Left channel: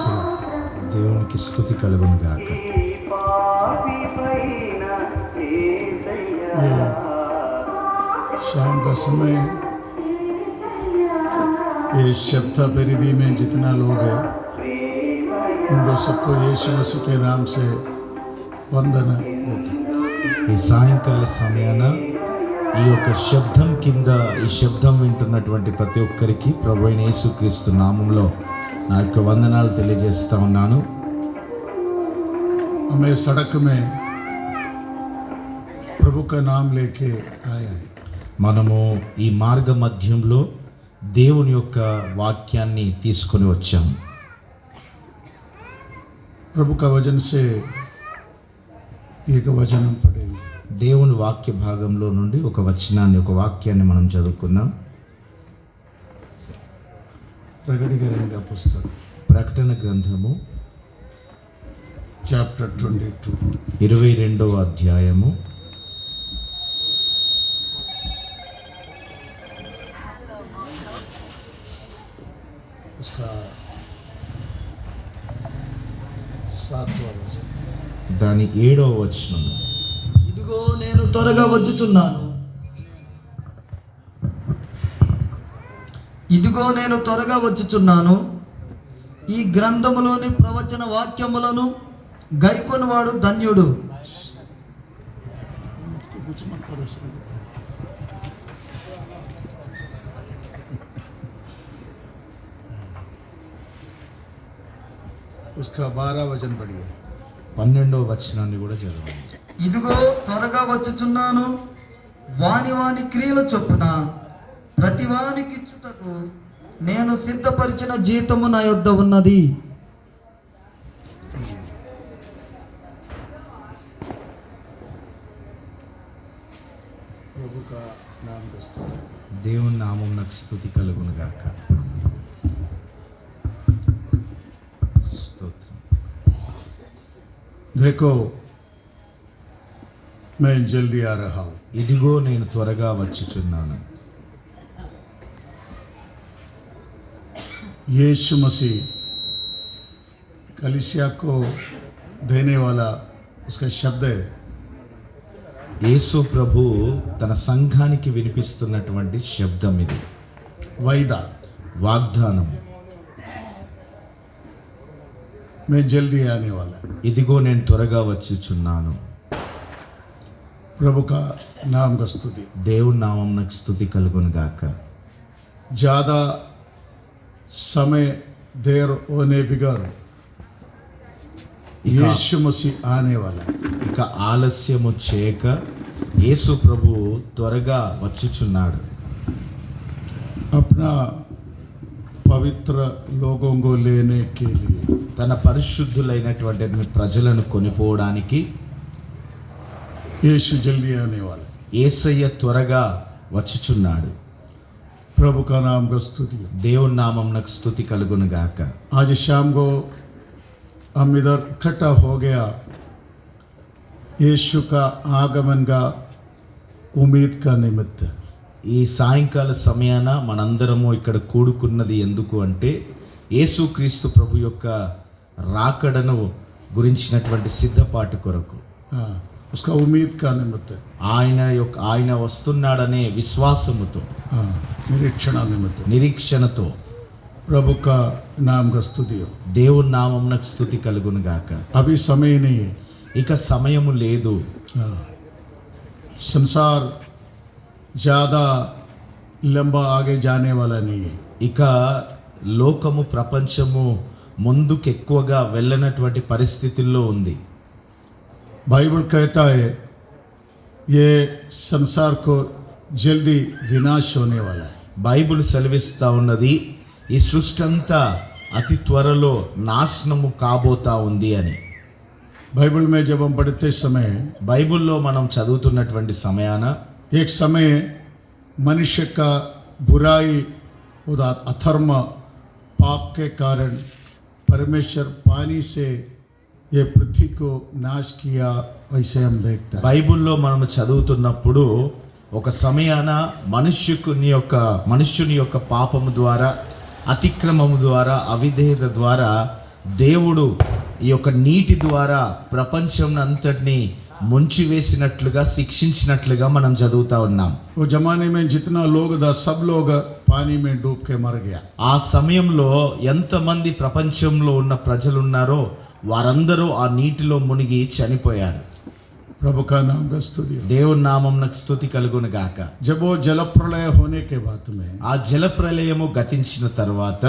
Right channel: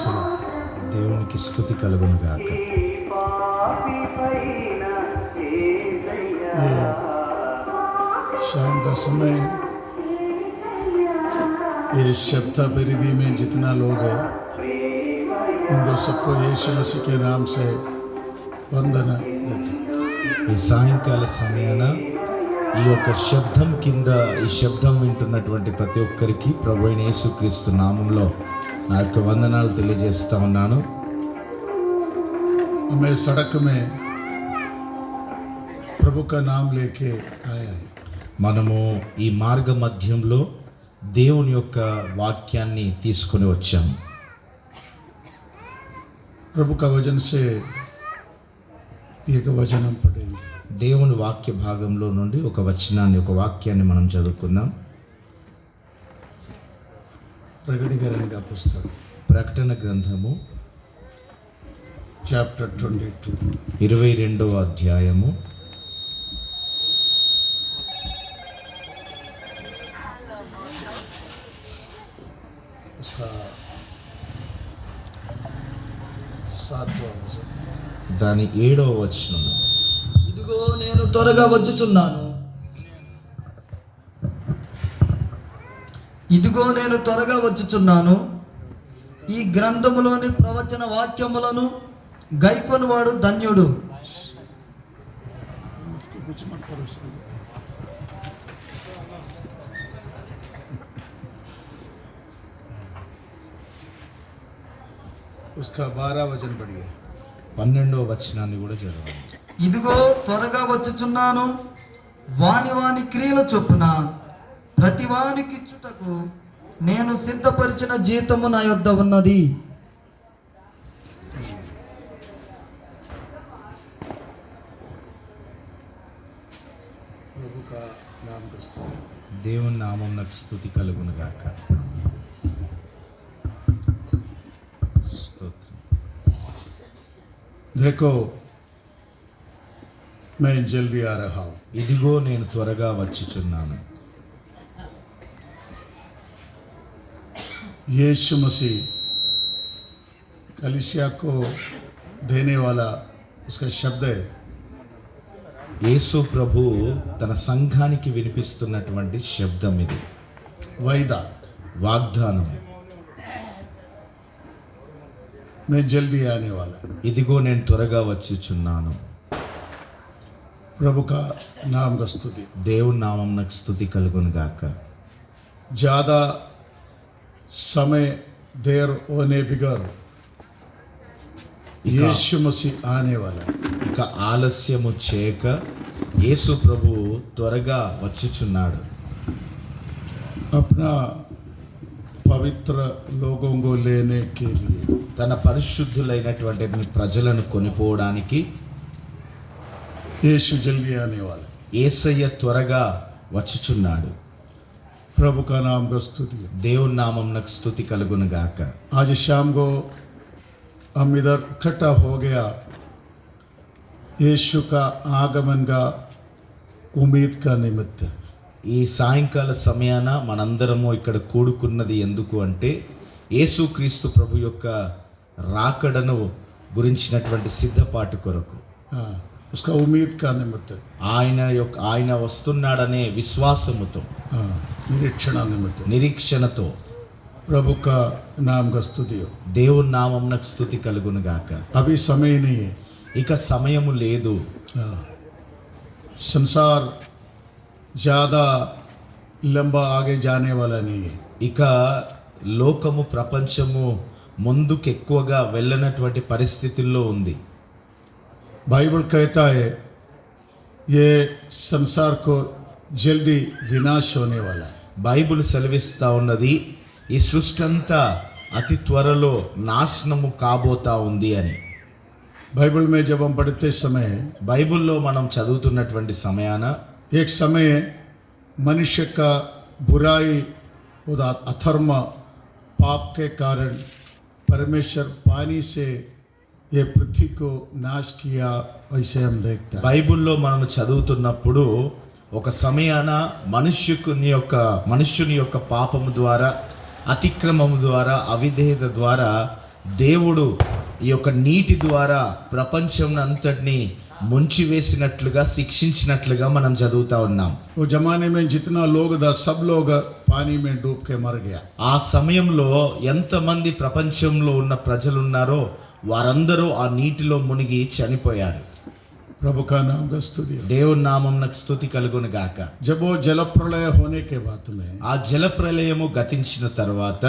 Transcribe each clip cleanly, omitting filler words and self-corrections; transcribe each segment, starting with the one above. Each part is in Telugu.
స్తోత్రం. దేవునికి స్తుతి కలుగును గాక. ये शाम का समय, ये सप्ताह परिधि में जितना लोग हैं उनको सबको यीशु मसीह के नाम से वंदना देते हैं. ఈ సాయంకాల సమయాన ఈ యొక్క శబ్దం కింద ఈ శబ్దం వింటున్నటువంటి ప్రతి ఒక్కరికి ప్రభు అయిన యేసుక్రీస్తు నామంలో నా యొక్క వందనాలు తెలియజేస్తా ఉన్నాను. हमें सड़क में प्रभु का नाम लेके आया है. మనము ఈ మార్గ మధ్యంలో దేవుని యొక్క వాక్యాన్ని తీసుకొని వచ్చాము. प्रभु का वचन से एक वचन हम पढ़ेंगे. దేవుని వాక్య భాగంలో నుండి ఒక వచనాన్ని, ఒక వాక్యాన్ని మనం చదువుకుందాం. प्रकटीकरण का पुस्तक ప్రకటన గ్రంథము चैप्टर 22. 22వ అధ్యాయము उसका 7वां वचन. దాని 7వ వచనము. ఇదిగో నేను త్వరగా వచ్చుచున్నాను. ఇదిగో నేను త్వరగా వచ్చుచున్నాను. ఈ గ్రంథములోని ప్రవచన వాక్యములను గైకొనివాడు ధన్యుడు. कुछ मत करो. उसका 12 वचन पढ़िए. 12వ వచనాన్ని కూడా చదవండి. ఇదిగో త్వరగా వచ్చుచున్నాను. వాని వాని క్రియల చొప్పున ప్రతి వానికి ఇచ్చుటకు నేను సిద్ధపరిచిన జీతము నా యొద్ద ఉన్నది. प्रभु का नाम का स्तोत्र. దేవుని నామమునకు స్తుతి కలుగును గాక. స్తోత్రం. देखो मैं जल्दी आ रहा हूँ. ఇదిగో నేను త్వరగా వచ్చుచున్నాను. यीशु मसीह कलीसिया को देने वाला उसका शब्द है. యేసు ప్రభు తన సంఘానికి వినిపిస్తున్నటువంటి శబ్దం ఇది. वायदा. వాగ్దానం. मैं जल्दी आने वाला. ఇదిగో నేను త్వరగా వచ్చుచున్నాను. प्रभु का नाम का स्तुति. దేవుని నామమునకు స్తుతి కలుగును గాక. ज़्यादा समय देर होने बिगर यीशु मसीह आने वाला है. ఇక ఆలస్యము చేయక యేసు ప్రభు త్వరగా వచ్చుచున్నాడు. अपना पवित्र लोगों को लेने के लिए తన పరిశుద్ధులైనటువంటి ప్రజలను కొనిపోవడానికి यीशु जल्दी आने वाला है. యేసయ్య త్వరగా వచ్చుచున్నాడు. प्रभु का नाम का स्तुति. దేవుని నామమునకు స్తుతి కలుగును గాక. आज शाम को हम इधर इकट्ठा हो गया यीशु का आगमन का उम्मीद का निमित्त. ఈ సాయంకాల సమయాన మనందరము ఇక్కడ కూడుకున్నది ఎందుకు అంటే యేసుక్రీస్తు ప్రభు యొక్క రాకడను గురించినటువంటి సిద్ధపాటి కొరకు, हाँ, उसका उम्मीद का निमित्त. ఆయన వస్తున్నాడనే విశ్వాసముతో, हाँ, निरीक्षण निमित्त. నిరీక్షణతో प्रभु का नाम का स्तुति हो. దేవుని నామమునకు స్తుతి కలుగును గాక. अभी समय नहीं है. ఇక సమయము లేదు. हाँ, संसार ज़्यादा लंबा आगे जाने वाला नहीं है. ఇక లోకము, ప్రపంచము ముందుకు ఎక్కువగా వెళ్ళనటువంటి పరిస్థితుల్లో ఉంది. बाइबल कहता है ये संसार को जल्दी विनाश होने वाला है. బైబిల్ సెలవిస్తా ఉన్నది ఈ సృష్టి అంతా అతి త్వరలో నాశనము కాబోతా ఉంది అని. बाइबल में जब हम पढ़ते समय బైబిల్లో మనం చదువుతున్నటువంటి సమయాన एक समय मनुष्य का बुराई और अधर्म पाप के कारण परमेश्वर पानी से ये पृथ्वी को नाश किया. वैसे हम देखते हैं. బైబిల్లో మనం చదువుతున్నప్పుడు ఒక సమయాన మనుష్యుని యొక్క పాపము ద్వారా, అతిక్రమము ద్వారా, అవిధేయత ద్వారా దేవుడు ఈ యొక్క నీటి ద్వారా ప్రపంచం అంతటిని ముంచివేసినట్లుగా శిక్షించినట్లుగా మనం చదువుతా ఉన్నాం. वो जमाने में जितना लोग था सब लोग पानी में डूब के मर गया. ఆ సమయంలో ఎంతమంది ప్రపంచంలో ఉన్న ప్రజలు ఉన్నారో వారందరూ ఆ నీటిలో మునిగి చనిపోయారు. प्रभु का नाम का स्तुति हो. దేవుని నామమునకు స్తుతి కలుగును గాక. जब वो जल प्रलय होने के बाद में ఆ జల ప్రళయము గతించిన తర్వాత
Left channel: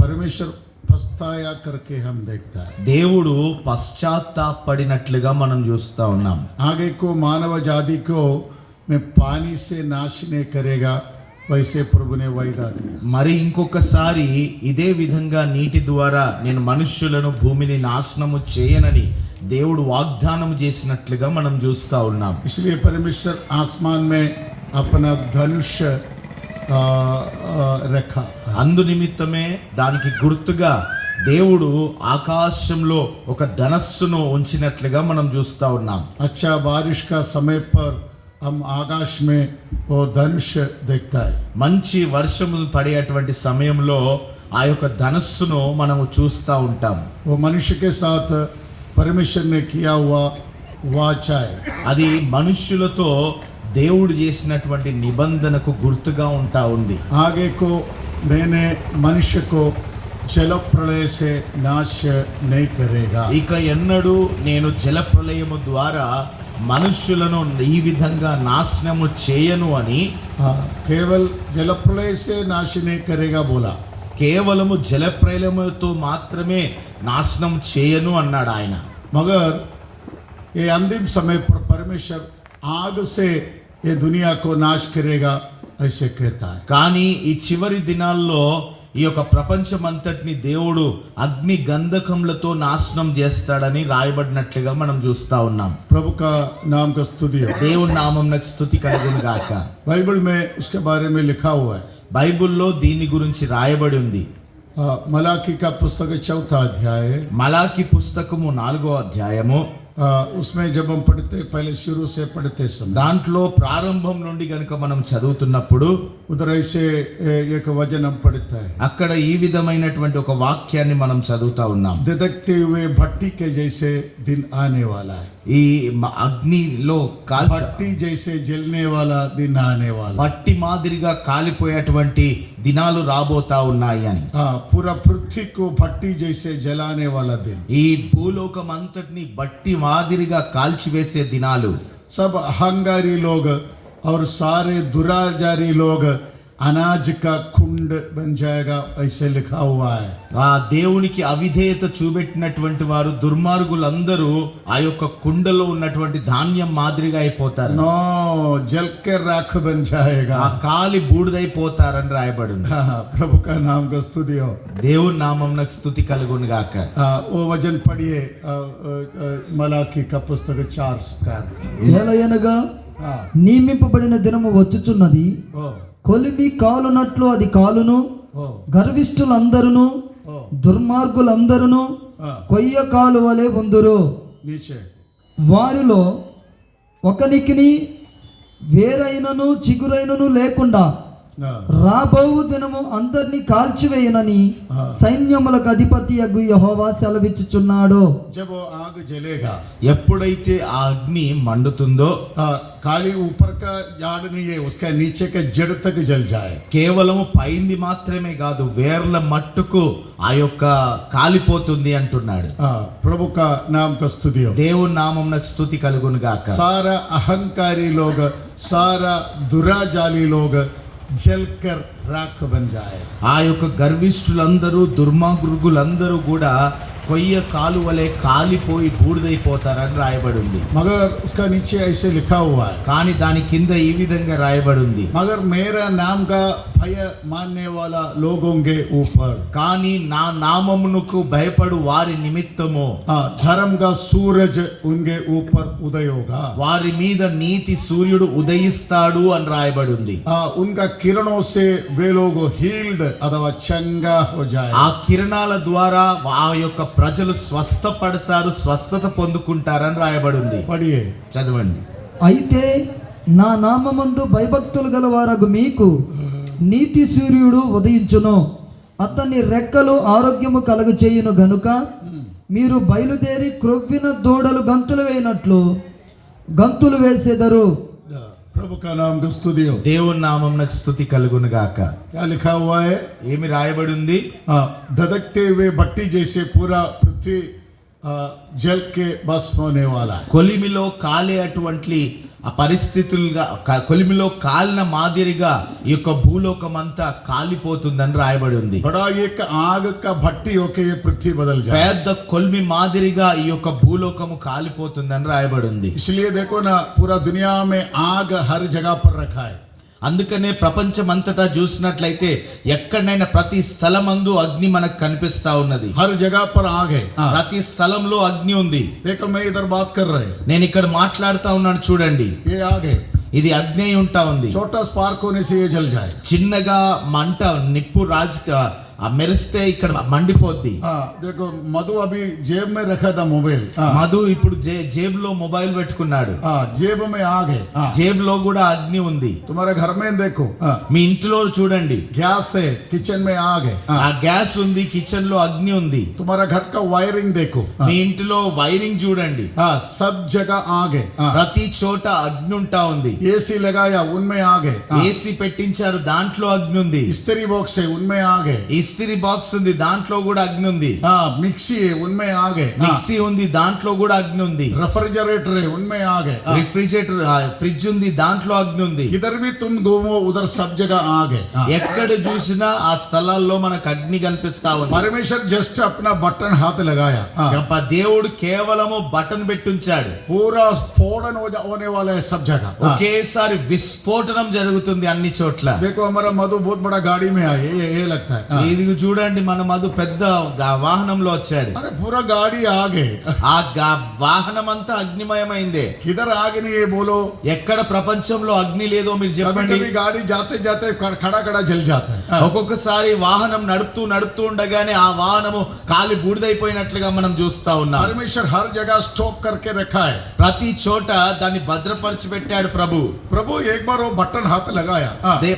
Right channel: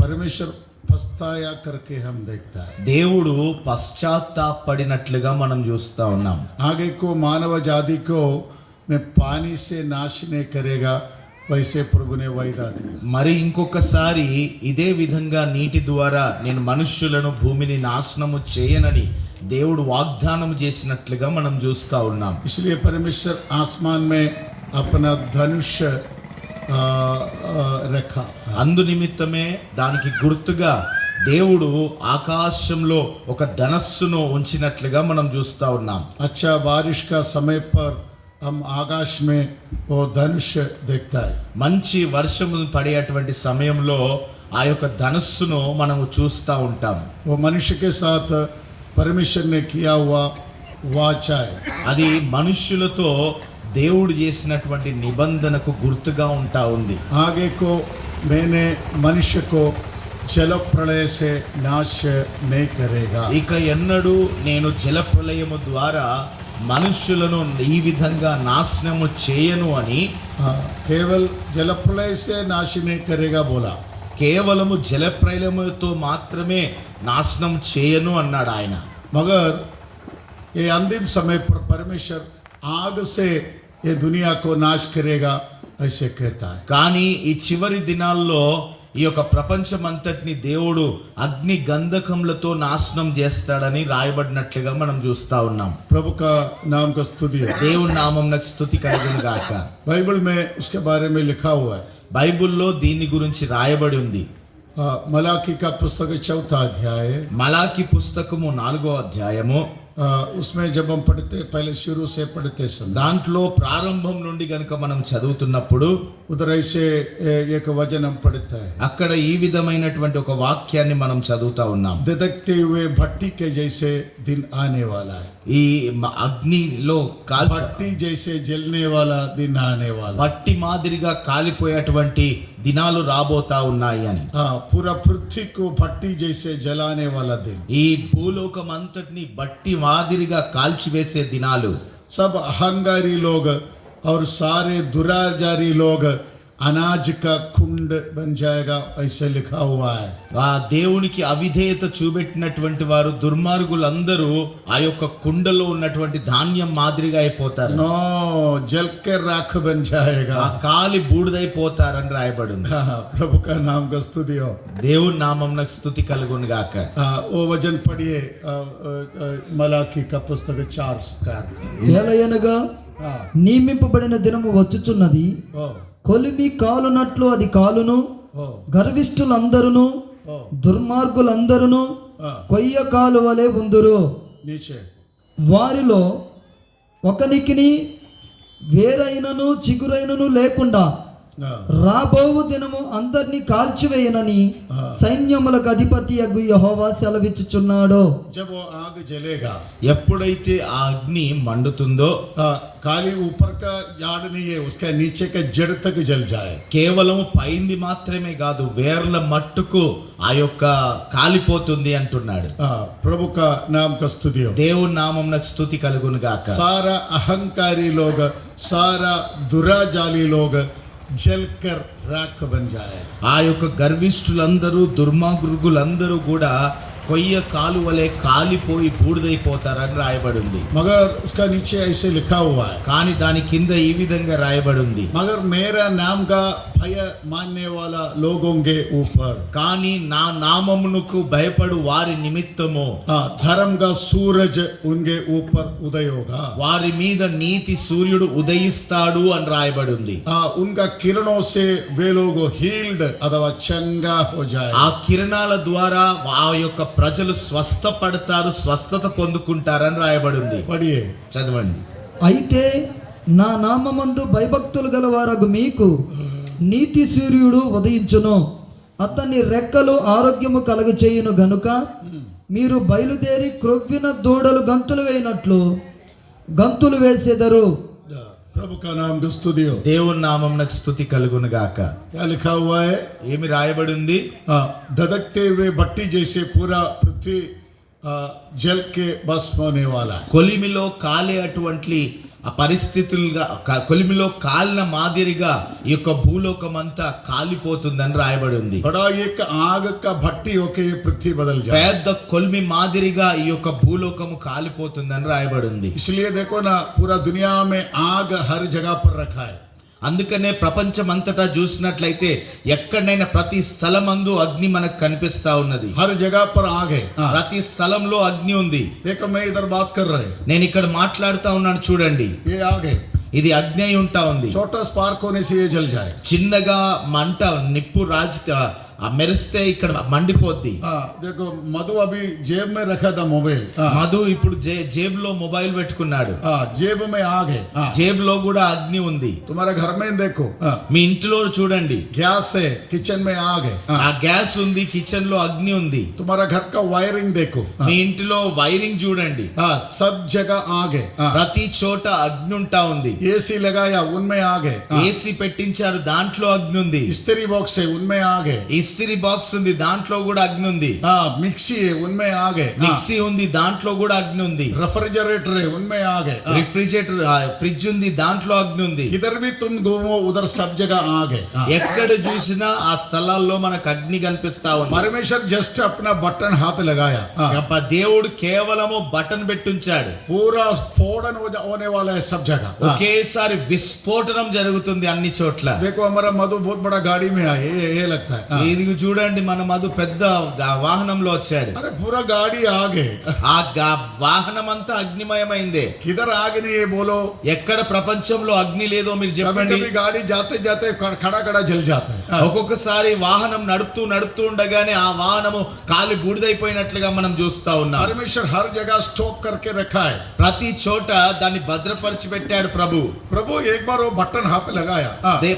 परमेश्वर पछताया करके हम देखता है. దేవుడు పశ్చాత్తాపడినట్లుగా మనం చూస్తా ఉన్నాం. आगे को मानव जाति को मैं पानी से नाश नहीं करेगा वैसे प्रभु ने वायदा दिया. మరి ఇంకొకసారి ఇదే విధంగా నీటి ద్వారా నేను మనుష్యులను భూమిని నాశనము చేయనని దేవుడు వాగ్దానం చేసినట్లుగా మనం చూస్తా ఉన్నాం. इसलिए परमेश्वर आसमान में अपना धनुष रखा. అందు నిమిత్తమే దానికి గుర్తుగా దేవుడు ఆకాశంలో ఒక ధనస్సును ఉంచినట్లుగా మనం చూస్తా ఉన్నాం. अच्छा बारिश का समय पर हम आकाश में वो धनुष देखता है. మంచి వర్షములు పడేటువంటి సమయంలో ఆ యొక్క ధనస్సును మనము చూస్తూ ఉంటాం. वो मनुष्य के साथ परमेश्वर ने किया हुआ वाचा है. అది మనుష్యులతో దేవుడు చేసినటువంటి నిబంధనకు గుర్తుగా ఉంటా ఉంది. आगे को मैंने मनुष्य को जल प्रलय से नाश नहीं करेगा. ఇక ఎన్నడూ నేను జల ప్రళయము ద్వారా మనుష్యులను ఈ విధంగా నాశనము చేయను అని केवल जल प्रलय से नाश नहीं करेगा बोला. కేవలము జల ప్రళయముతో మాత్రమే నాశనం చేయను అన్నాడు ఆయన. मगर ये अंतिम समय पर परमेश्वर आग से ये दुनिया को नाश करेगा ऐसे कहता है. కానీ ఈ చివరి దినాల్లో ఈ యొక్క ప్రపంచం అంతటిని దేవుడు అగ్ని గంధకములతో నాశనం చేస్తాడని రాయబడినట్లుగా మనం చూస్తా ఉన్నాం. प्रभु का नाम का स्तुति है. దేవుని నామమునకు స్తుతి కలుగును గాక. बाइबल में उसके बारे में लिखा हुआ है. బైబిల్లో దీని గురించి రాయబడి ఉంది. मलाकी का पुस्तक 4 अध्याय. మలాకి పుస్తకము 4వ అధ్యాయము. उसमें जब हम पढ़ते पहले शुरू से पढ़ते समय దాంట్లో ప్రారంభం నుండి గనుక మనం చదువుతున్నప్పుడు उधर ऐसे एक वचन हम पढ़ते हैं. అక్కడ ఈ విధమైనటువంటి ఒక వాక్యాన్ని మనం చదువుతా ఉన్నాం. धधकते हुए भट्टी के जैसे दिन आने वाला है. ఈ అగ్నిలో भट्टी जैसे जलने वाला दिन आने वाला. మట్టి మాదిరిగా కాలిపోయేటువంటి దినాలు రాబోతా ఉన్నాయి అని. पूरा पृथ्वी को भट्टी जैसे जलाने वाला दिन. ఈ భూలోకం అంతటిని బట్టి మాదిరిగా కాల్చివేసే దినాలు. सब अहंकारी लोग और सारे दुराचारी लोग अनाज का कुंड बन जाएगा ऐसे लिखा हुआ है. ఆ దేవునికి అవిధేయత చూపెట్టినటువంటి వారు దుర్మార్గులందరూ ఆ యొక్క కుండలో ఉన్నటువంటి ధాన్యం మాదిరిగా అయిపోతారు. नो जल के राख बन जाएगा. ఆ కాలి బూడిదైపోతారని రాయబడింది. प्रभु का नाम का स्तुति हो. దేవుని నామమునకు స్తుతి కలుగును గాక. वो वचन पढ़िए मलाकी का पुस्तक 4 ఏలయనగా నియమింపబడిన దినము వచ్చుచున్నది, ओ కొలిమి కాలునట్లు అది కాలును, ओ గర్విష్ఠులందరును దుర్మార్గులందరును కొయ్య కాలు వలె ఉందురు. नीचे వారిలో ఒకనికిని వేరైనను చిగురైనను లేకుండా రాబోవు దినము అందరినీ కాల్చివేయనని సైన్యములకు అధిపతి అగు యెహోవా సెలవిచ్చుచున్నాడు. जब वो आग जलेगा ఎప్పుడైతే ఆ అగ్ని మండుతుందో खाली ऊपर का झाड़ नहीं है, उसका नीचे का जड़ तक जल जाए. కేవలము పైంది మాత్రమే కాదు వేర్ల మట్టుకు ఆ యొక్క కాలిపోతుంది అంటున్నాడు. प्रभु का नाम का स्तुति हो. దేవుని నామమునకు స్తుతి కలుగును గాక. सारा अहंकारी लोग सारा दुराजाली लोग जलकर राख बन जाए. ఆ యొక్క గర్విష్ఠులందరూ దుర్మార్గులందరూ కూడా కొయ్య కాలు వలె కాలిపోయి బూడిదైపోతారని రాయబడి ఉంది. मगर उसका नीचे ऐसे लिखा हुआ है, కానీ దాని కింద ఈ విధంగా రాయబడి ఉంది. मगर मेरा नाम का भय मानने वाला लोगों के ऊपर కానీ నా నామమునకు భయపడు వారి నిమిత్తము धर्म का सूरज उनके ऊपर उदय होगा. వారి మీద నీతి సూర్యుడు ఉదయిస్తాడు అని రాయబడి ఉంది. उनका किरणों से वे लोग हील्ड अथवा चंगा हो जाए. ఆ కిరణాల ద్వారా ఆ యొక్క ప్రజలు స్వస్థపడతారు, స్వస్థత పొందుకుంటారని రాయబడి ఉంది. पढ़िए చదవండి. అయితే నా నామమందు భయభక్తులు గలవారగు మీకు నీతి సూర్యుడు ఉదయించును, అతని రెక్కలు ఆరోగ్యము కలుగచేయును గనుక మీరు బయలుదేరి క్రొవ్విన దూడలు గంతులు వేయినట్లు గంతులు వేసేదరు. प्रभु का नाम की स्तुति हो. దేవుని నామమునకు స్తుతి కలుగును గాక. क्या लिखा हुआ है? ఏమి రాయబడి ఉంది? धधकते हुए भट्टी जैसे पूरा पृथ्वी जल के भस्म होने वाला. కొలిమిలో కాలే అటువంటి ఆ పరిస్థితులుగా కొలిమిలో కాలిన మాదిరిగా ఈ యొక్క భూలోకం అంతా కాలిపోతుందని రాయబడి ఉంది. बड़ा एक आग का भट्टी होके ये पृथ्वी बदल जाए. పెద్ద కొలిమి మాదిరిగా ఈ యొక్క భూలోకము కాలిపోతుందని రాయబడి ఉంది. इसलिए देखो ना, पूरा दुनिया में आग हर जगह पर रखा है. అందుకనే ప్రపంచం అంతటా చూసినట్లయితే ఎక్కడైనా ప్రతి స్థలమందు అగ్ని మనకు కనిపిస్తా ఉన్నది. हर जगह पर आग है. ప్రతి స్థలంలో అగ్ని ఉంది. देखो मैं इधर बात कर रहे. నేను ఇక్కడ మాట్లాడుతా ఉన్నాను చూడండి. ये आग है. ఇది అగ్ని అయి ఉంటా ఉంది. छोटा स्पार्क होने से ये जल जाए. చిన్నగా మంట నిప్పు మెరిస్తే ఇక్కడ మండిపోద్ది. देखो मधु अभी जेब में रखा था मोबाइल. మధు ఇప్పుడు జేబులో మొబైల్ పెట్టుకున్నాడు. जेब में आग है. జేబులో కూడా అగ్ని ఉంది. तुम्हारे घर में देखो, మీ ఇంట్లో చూడండి, गैस है, किचन में आग है. ఆ గ్యాస్ ఉంది, కిచెన్ లో అగ్ని ఉంది. तुम्हारा घर का वायरिंग देखो, మీ ఇంటిలో వైరింగ్ చూడండి, सब जगह आग है. ప్రతి చోట అగ్ని ఉంటా ఉంది. एसी लगाया, उनमें आग है. ఏసీ పెట్టించారు, దాంట్లో అగ్ని ఉంది. इस्त्री बॉक्स है, उनमें आग है. ఇస్త్రీ బాక్స్ ఉంది, దాంట్లో కూడా అగ్ని ఉంది. मिक्सी है, उनमें आग है. మిక్సీ ఉంది, దాంట్లో కూడా అగ్ని ఉంది. रेफ्रिजरेटर है, उनमें आग है. రిఫ్రిజిరేటర్ ఫ్రిడ్జ్ ఉంది, దాంట్లో అగ్ని ఉంది. इधर भी तुम घूमो, उधर सब जगह आग है. ఎక్కడ చూసినా ఆ స్థలాల్లో మనకు అగ్ని కనిపిస్తా ఉంది. परमेश्वर जस्ट अपना बटन हाथ लगाया, దేవుడు కేవలము బటన్ పెట్టుంచాడు. पूरा स्फोटन होने वाला है सब जगह. ఒకేసారి విస్ఫోటనం జరుగుతుంది అన్ని చోట్ల. देखो हमारा मधु बहुत बड़ा गाड़ी में आए, ये लगता है. ఇది చూడండి, మన మధు పెద్ద వాహనంలో వచ్చాడు. अरे पूरा गाड़ी आगे. ఆ వాహనం అంతా అగ్నిమయమైందే. किधर आग नहीं है बोलो? ఎక్కడ ప్రపంచంలో అగ్ని లేదో మీరు कभी చెప్పండి. कभी गाड़ी जाते जाते खड़ा खड़ा जल जाता है. ఒక్కొక్కసారి వాహనం నడుపుతూ ఉండగానే ఆ వాహనము కాలి బూడిదైపోయినట్లుగా మనం చూస్తా ఉన్నాం. परमेश्वर हर जगह स्टॉप करके रखा है. ప్రతి చోట దాన్ని భద్రపరిచి పెట్టాడు ప్రభు. प्रभु एक बार वो बटन हाथ लगाया,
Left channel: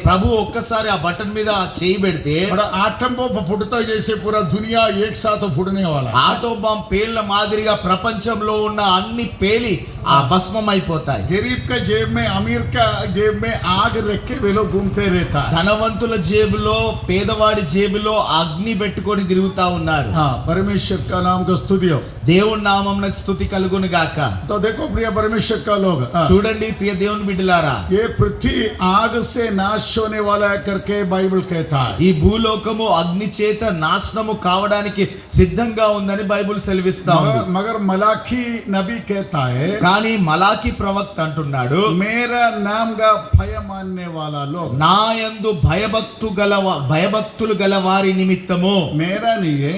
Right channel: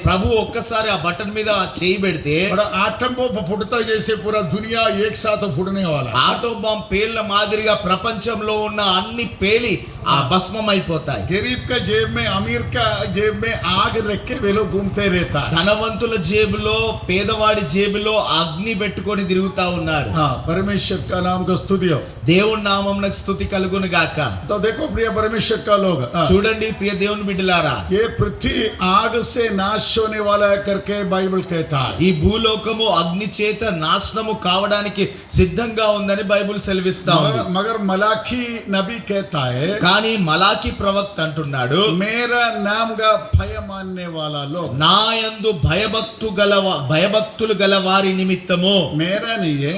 ప్రభు ఒక్కసారి ఆ బటన్ మీద చేయి పెడితే बड़ा आटम बम फुटता जैसे पूरा दुनिया एक साथ फुटने वाला. ఆటో బాంబ్ పేలిన మాదిరిగా ప్రపంచంలో ఉన్న అన్ని పేలి ఆ భస్మం అయిపోతాయి. गरीब का जेब में, अमीर का जेब में आग रख के वे लोग घूमते रहता है. ధనవంతుల జేబులో, పేదవాడి జేబులో అగ్ని పెట్టుకొని తిరుగుతా ఉన్నారు. परमेश्वर का नाम का स्तुति हो. దేవుని నామమునకు స్తుతి కలుగును గాక. तो देखो प्रिय परमेश्वर का लोग, చూడండి ప్రియ దేవుని బిడ్డలారా, ये पृथ्वी आग से नाश होने वाला है करके बाइबल कहता है. ఈ భూలోకము అగ్ని చేత నాశనము కావడానికి సిద్ధంగా ఉందని బైబిల్ సెలవిస్తా ఉంది. मगर मलाकी नबी कहता है, కానీ మలాకి ప్రవక్త అంటున్నాడు, मेरा नाम का भय मानने वाला लोग, నా యందు భయభక్తులు గల వారి నిమిత్తము, मेरा नहीं है,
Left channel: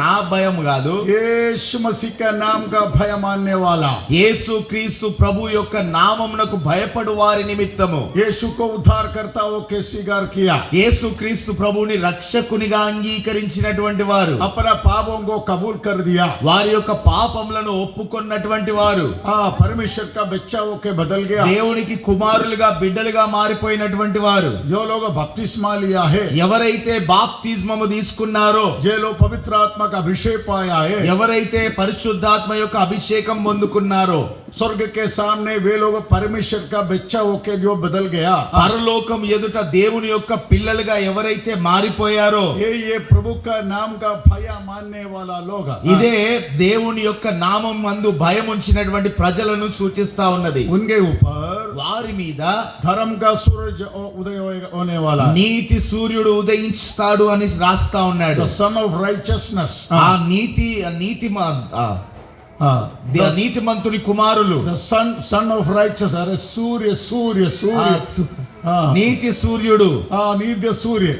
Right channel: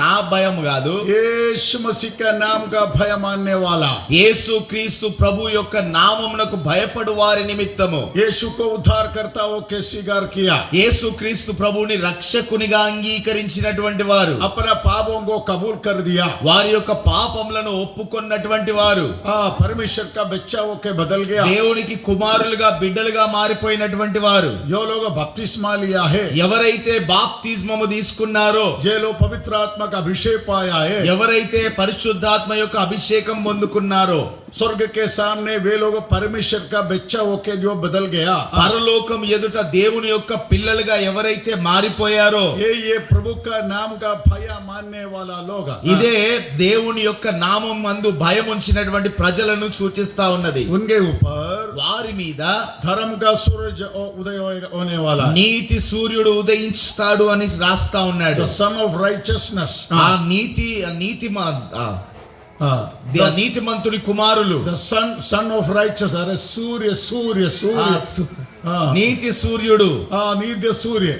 నా భయం కాదు, यीशु मसीह का नाम का भय मानने वाला, యేసు క్రీస్తు ప్రభు యొక్క నామమునకు భయపడు వారి నిమిత్తము, यीशु को उद्धार करता हो के स्वीकार किया, యేసు క్రీస్తు ప్రభుని రక్షకునిగా అంగీకరించినటువంటి వారు, अपना पापों को कबूल कर दिया, వారి యొక్క పాపములను ఒప్పుకొన్నటువంటి వారు, परमेश्वर का बच्चा होके बदल गया, దేవునికి కుమారులుగా బిడ్డలుగా మారిపోయినటువంటి వారు, जो लोग बपतिस्मा लिया है, ఎవరైతే బాప్తిస్మము తీసుకున్నారో, जो लोग पवित्र आत्मा का अभिषेक पाया है, ఎవరైతే పరిశుద్ధాత్మ యొక్క అభిషేకం పొందుకున్నారో, स्वर्ग के सामने वे लोग परमेश्वर का बच्चा होके जो बदल गया, పరలోకం ఎదుట దేవుని యొక్క పిల్లలుగా ఎవరైతే మారిపోయారో, ये प्रभु का नाम का भय मानने वाला लोग, ఇదే దేవుని యొక్క నామం మందు భయం ఉంచినటువంటి ప్రజలను సూచిస్తా ఉన్నది. उनके ऊपर వారి మీద धर्म का सूरज उदय होने वाला, నీతి సూర్యుడు ఉదయించుతాడు అని రాస్తా ఉన్నాడు. the son of righteousness, ఆ నీతిమంతుని కుమారులు, the son of righteousness, अरे सूर्य सूर्य सूर्य, నీతి సూర్యుడు, नित्य सूर्य,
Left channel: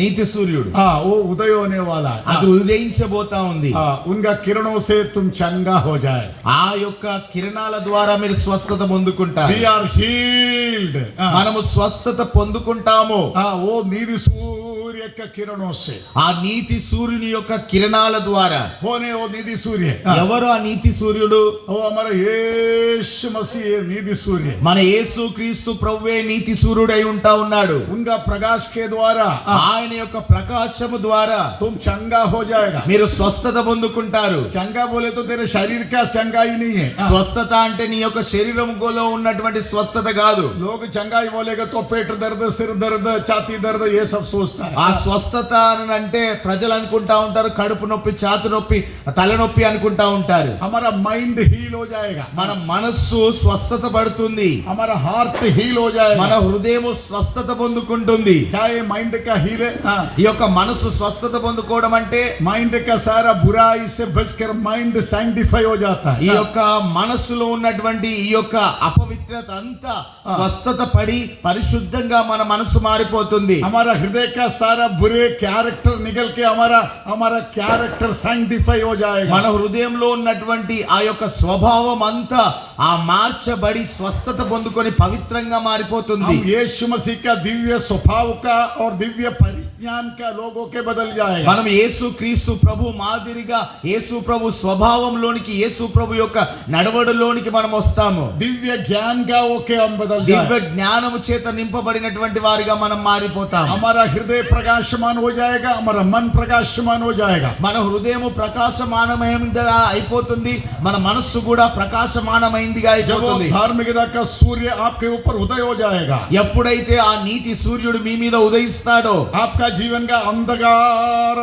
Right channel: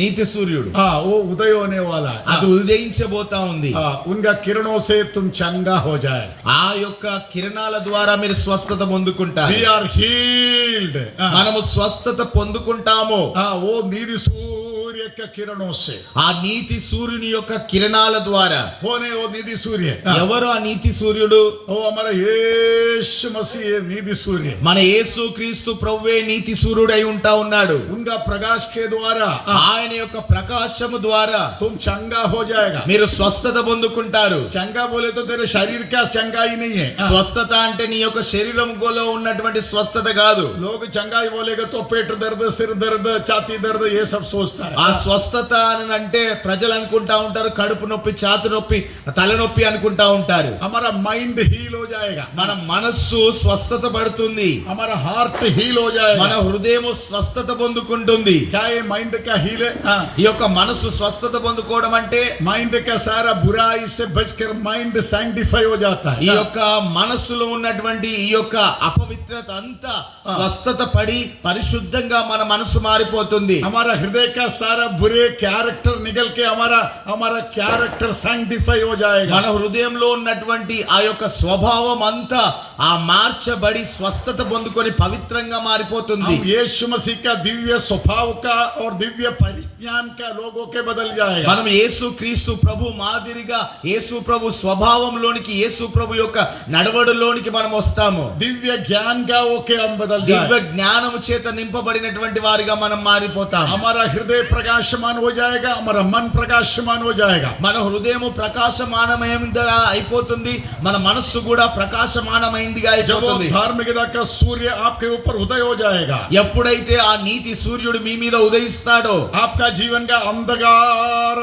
నీతి సూర్యుడు वो उदय होने वाला, అది ఉదయించబోతా ఉంది. उनका किरणों से तुम चंगा हो जाए, ఆ యొక్క కిరణాల ద్వారా మీరు స్వస్థత పొందుకుంటారు. we are healed, మనము స్వస్థత పొందుకుంటాము. वो निधि सूर्य सूर्य का किरणों से ఆ నీతి సూర్యుని యొక్క కిరణాల ద్వారా होने वो निधि सूर्य ఎవరు ఆ నీతి సూర్యుడు? वो हमारा यीशु मसीह ये निधि सूर्य మన యేసు క్రీస్తు ప్రభువే నీతి సూర్యుడై ఉంటా ఉన్నాడు. उनका प्रकाश के द्वारा ఆయన యొక్క ప్రకాశము ద్వారా तुम चंगा हो जाएगा। మీరు స్వస్థత పొందుకుంటారు. चंगा बोले तो तेरे शरीर का चंगा ही नहीं है। స్వస్థత అంటే నీ యొక్క శరీరంలో ఉన్నటువంటి స్వస్థత కాదు. लोग चंगाई बोलेगा तो पेट दर्द, सिर दर्द, छाती दर्द ये सब सोचता है। ఆ స్వస్థత అని అంటే ప్రజలు అనుకుంటా ఉంటారు కడుపు నొప్పి, ఛాతి నొప్పి, తలనొప్పి అనుకుంటా ఉంటారు. हमारा माइंड हील हो जाएगा, మన మనస్సు స్వస్థత పడుతుంది, हमारा हार्ट हील हो जाएगा। మన హృదయం స్వస్థత పొందుకుంటుంది. क्या ये माइंड का हील है? ఈ యొక్క మనస్సు స్వస్థత పొందుకోవడం అంటే माइंड का सारा बुराई से बचकर माइंड सैंक्टिफाई हो जाता ఈ है। యొక్క మనస్సులో ఉన్నటువంటి ఈ యొక్క అపవిత్రత అంతా స్వస్థత పడి పరిశుద్ధంగా మన మనస్సు మారిపోతుంది. हमारा हृदय का सारा बुरे कैरेक्टर निकल के हमारा कैरेक्टर सैंक्टिफाई हो जाएगा। మన హృదయంలో ఉన్నటువంటి ఆ యొక్క స్వభావం అంతా ఆ మార్చబడి స్వస్థత పొందుకొని పవిత్రంగా మారిపోతుంది. हम यीशु मसीह का दिव्य स्वभाव का और दिव्य परिज्ञान का लोगों के बदल जाएगा। మనం యేసు క్రీస్తు ప్రభు మాదిరిగా యేసు ప్రభు స్వభావంలోనికి, యేసు ప్రభు యొక్క నడవడిలోనికి మనం వస్తాము. दिव्य ज्ञान का ओके हम बदल దివ్య जाएगा। జ్ఞానము చేత నింపబడినటువంటి వారిగా మనం మారిపోతాం. हमारा हृदय प्रकाशमान हो जाएगा, हमारा मन प्रकाशमान हो जाएगा। మన హృదయము ప్రకాశమానమైనదిగా అయిపోతుంది, మన మనస్సు కూడా ప్రకాశమానమైనదిగా जब वो అయిపోతుంది. धार्मिकता का सूर्य आपके ऊपर उदय हो जाएगा, ఎప్పుడైతే ఆ నీతి సూర్యుడు మీ మీద ఉదయిస్తాడో आपका जीवन का अंधकार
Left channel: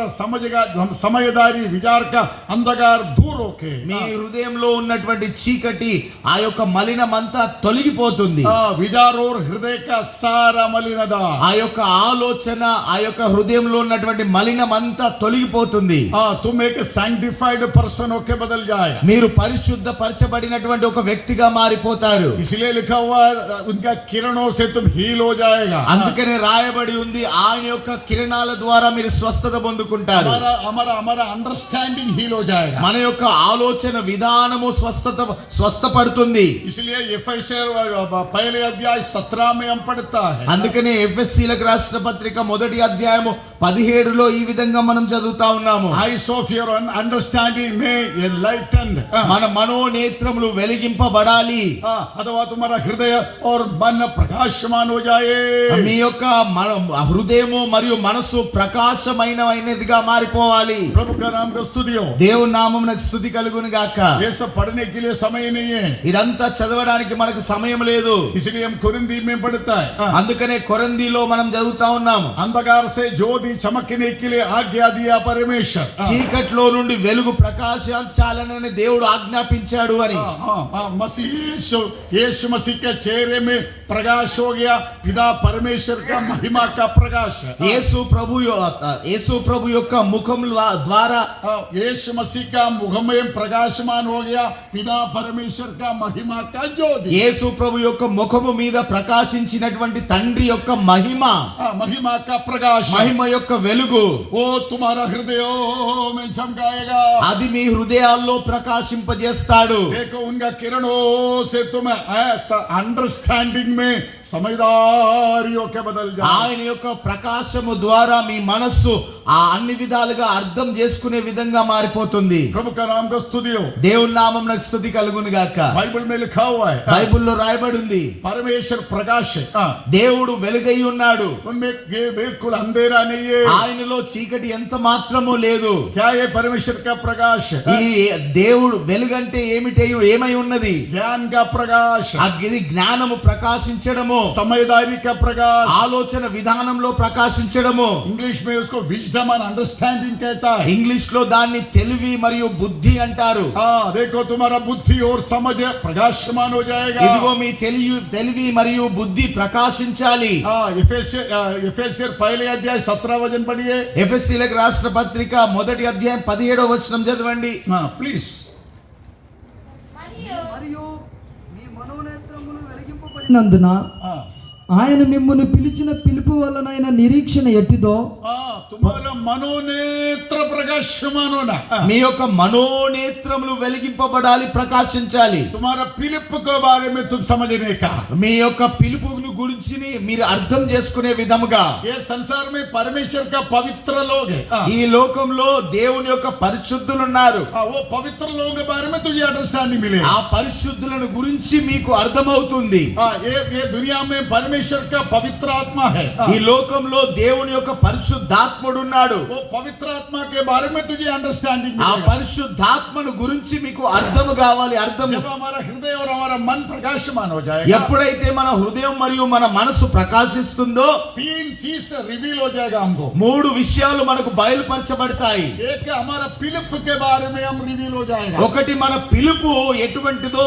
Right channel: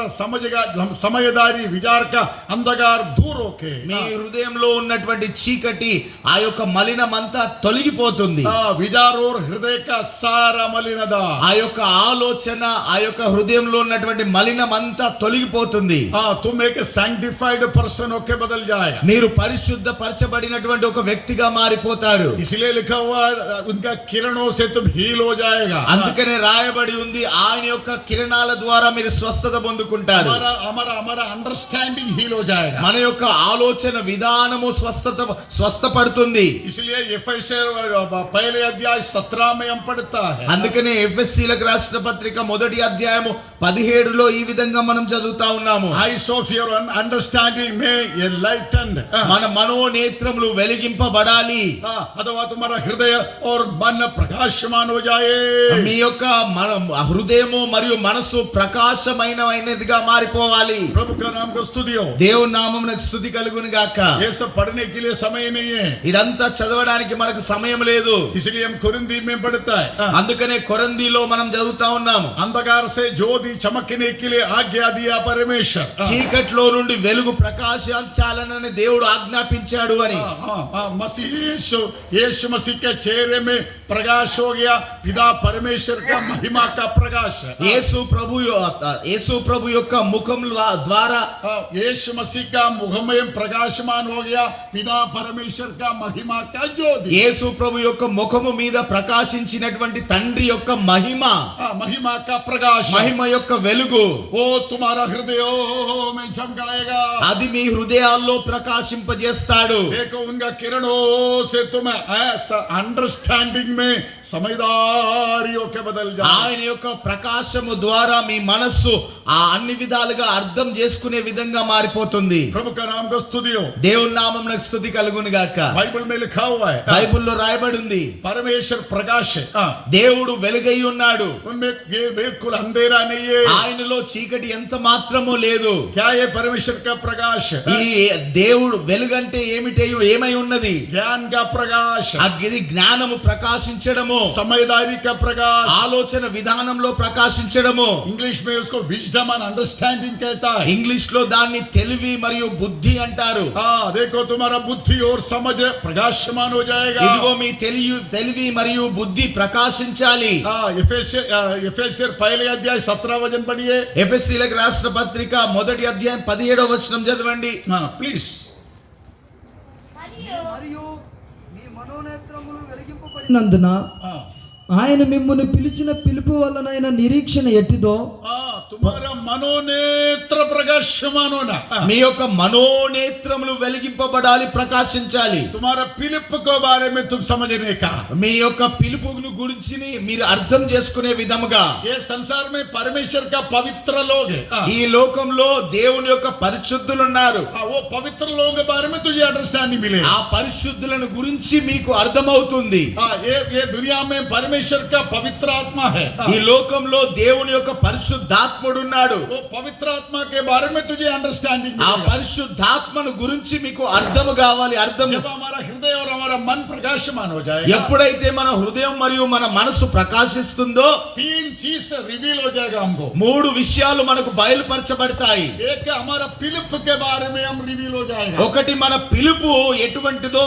समझदारी विचार का अंधकार दूर होके మీ హృదయంలో ఉన్నటువంటి చీకటి ఆ యొక్క మలినమంతా తొలగిపోతుంది. विचार और हृदय का सारा मलिनता ఆ యొక్క ఆలోచన, ఆ యొక్క హృదయంలో ఉన్నటువంటి మలినమంతా తొలగిపోతుంది. तुम एक सैंक्टिफाइड पर्सन होके बदल जाएगा। మీరు పరిశుద్ధపరచబడినటువంటి ఒక వ్యక్తిగా మారిపోతారు. इसलिए लिखा हुआ उनका किरणों से तुम हील हो जाएगा। అందుకనే రాయబడి ఉంది ఆయన యొక్క కిరణాల ద్వారా మీరు స్వస్థత పొందుకుంటారు. हमारा हमारा हमारा अंडरस्टैंडिंग हील हो जाएगा। మన యొక్క ఆలోచన విధానము స్వస్థపడుతుంది. इसलिए एफेसर पहले अध्याय 17 में हम पढ़ता है। అందుకనే ఎఫెసీలకు రాసిన పత్రిక మొదటి అధ్యాయము 17లో ఈ విధంగా మనం చదువుతా ఉన్నాము. Eyes of your understanding may enlightened। మన మనోనేత్రములు వెలిగింపబడాలి. अथवा तुम्हारा हृदय और मन प्रकाशमान हो जाए। మీ యొక్క హృదయము మరియు మనసు ప్రకాశమైనదిగా మారిపోవాలి. प्रभु का नाम को स्तुति हो। దేవుని నామమునకు స్తుతి కలుగును గాక. ये सब पढ़ने के लिए समय नहीं है, ఇదంతా చదవడానికి మనకు సమయం లేదు. इसलिए हम कुरिन्दी में पढ़ता है। అందుకనే కొరింథీలో మనం చదువుతా ఉన్నాము. अंधकार से ज्योति चमकने के लिए आज्ञा दिया परमेश्वर। చీకట్లో నుండి వెలుగు ప్రకాశించాలని దేవుడు ఆజ్ఞాపించాడు అని. मसीह यीशु मसीह के चेहरे में प्रकाश हो गया, पिता परमेश्वर का महिमा का प्रकाश। యేసు ప్రభు యొక్క ముఖం ద్వారా यीशु मसीह का मुख में प्रकाशमान हो गया, पिता परमेश्वर का महिमा का ज्योति। యేసు ప్రభు యొక్క ముఖము మీద ప్రకాశించినటువంటి తండ్రి యొక్క महिमा का प्रकाश, మహిమ యొక్క వెలుగు वो तुम्हारा हृदय में चमकाएगा। అది మీ హృదయాల్లో ప్రకాశింపజేస్తాడు. देखो उनका किरणों से तुम अंडरस्टैंडिंग में समझदारियों के बदल जाओ। ఆయన యొక్క ప్రకాశము ద్వారా మీ మనస్సు ఆ అన్ని విధాలుగా అర్థం చేసుకునే విధంగా మారిపోతుంది. प्रभु का नाम को स्तुति हो। దేవుని నామమునకు స్తుతి కలుగును గాక. बाइबल में लिखा हुआ है, బైబిల్లో రాయబడి ఉంది परमेश्वर प्रकाश है। దేవుడు వెలుగై ఉన్నాడు, उनमें ये बिल्कुल अंधेरा नहीं है। ఆయనలో చీకటి ఎంత మాత్రమూ లేదు. क्या ये परमेश्वर का प्रकाश है? ఈ దేవుడు వెలుగంటే ఏమై ఉన్నది? ज्ञान का प्रकाश, ఇది జ్ఞానము ప్రకాశించడము, समझदारी का प्रकाश। ఆలోచన విధానంలో ప్రకాశించడము. इंग्लिश में उसको विजडम एंड अंडरस्टैंडिंग कहता है। ఇంగ్లీష్ లో దాన్ని తెలివి మరియు బుద్ధి అంటారు. देखो तुम्हारा बुद्धि और समझ प्रकाशमान हो जाएगा। ఇదిగో మీ తెలివి మరియు బుద్ధి ప్రకాశించాలి. एफेसियर पहले अध्याय 17 वचन पढ़िए। ఎఫెసీలకు రాసిన పత్రిక మొదటి అధ్యాయం 17వ వచనం చదవండి. प्लीज। మరియు మీ మనోనేత్రములు వెలిగింపబడినందున ఆయన మిమ్మును పిలిచిన పిలుపు వలనైన నిరీక్షణ ఎట్టిదో तुम्हारा మనోనేత్ర ప్రకాశమాన్ होना మీ యొక్క మనోనేత్రములు వెలిగింపబడాలి, ప్రకాశించాలి. तुम्हारा పిలుపు को बारे में तुम समझने का మీ యొక్క పిలుపును గురించి మీరు అర్థం చేసుకునే విధముగా. ये संसार में परमेश्वर का पवित्र लोग है ఈ లోకంలో దేవుని యొక్క పరిశుద్ధులు ఉన్నారు. वो पवित्र लोगों के बारे में तुझे अंडरस्टैंडिंग मिलेगा. ఆ పరిశుద్ధులను గురించి మీకు అర్థమవుతుంది. ये दुनिया में परमेश्वर का पवित्र आत्मा है. ఈ లోకంలో దేవుని యొక్క పరిశుద్ధాత్ముడు ఉన్నాడు. वो पवित्र आत्मा के बारे में तुझे अंडरस्टैंडिंग ఆ मिलेगा. పరిశుద్ధాత్మను గురించి మీకు అర్థము కావాలి. అర్థము जब हमारा हृदय और हमारा मन प्रकाशमान हो जाएगा, ఎప్పుడైతే మన హృదయం మరియు మన మనసు ప్రకాశిస్తుందో तीन चीज रिवील हो जाएगा हमको. మూడు విషయాలు మనకు బయలుపరచబడతాయి. एक हमारा పిలుపు के बारे में हम रिवील हो जाएगा. ఒకటి మన పిలుపు ఎటువంటిదో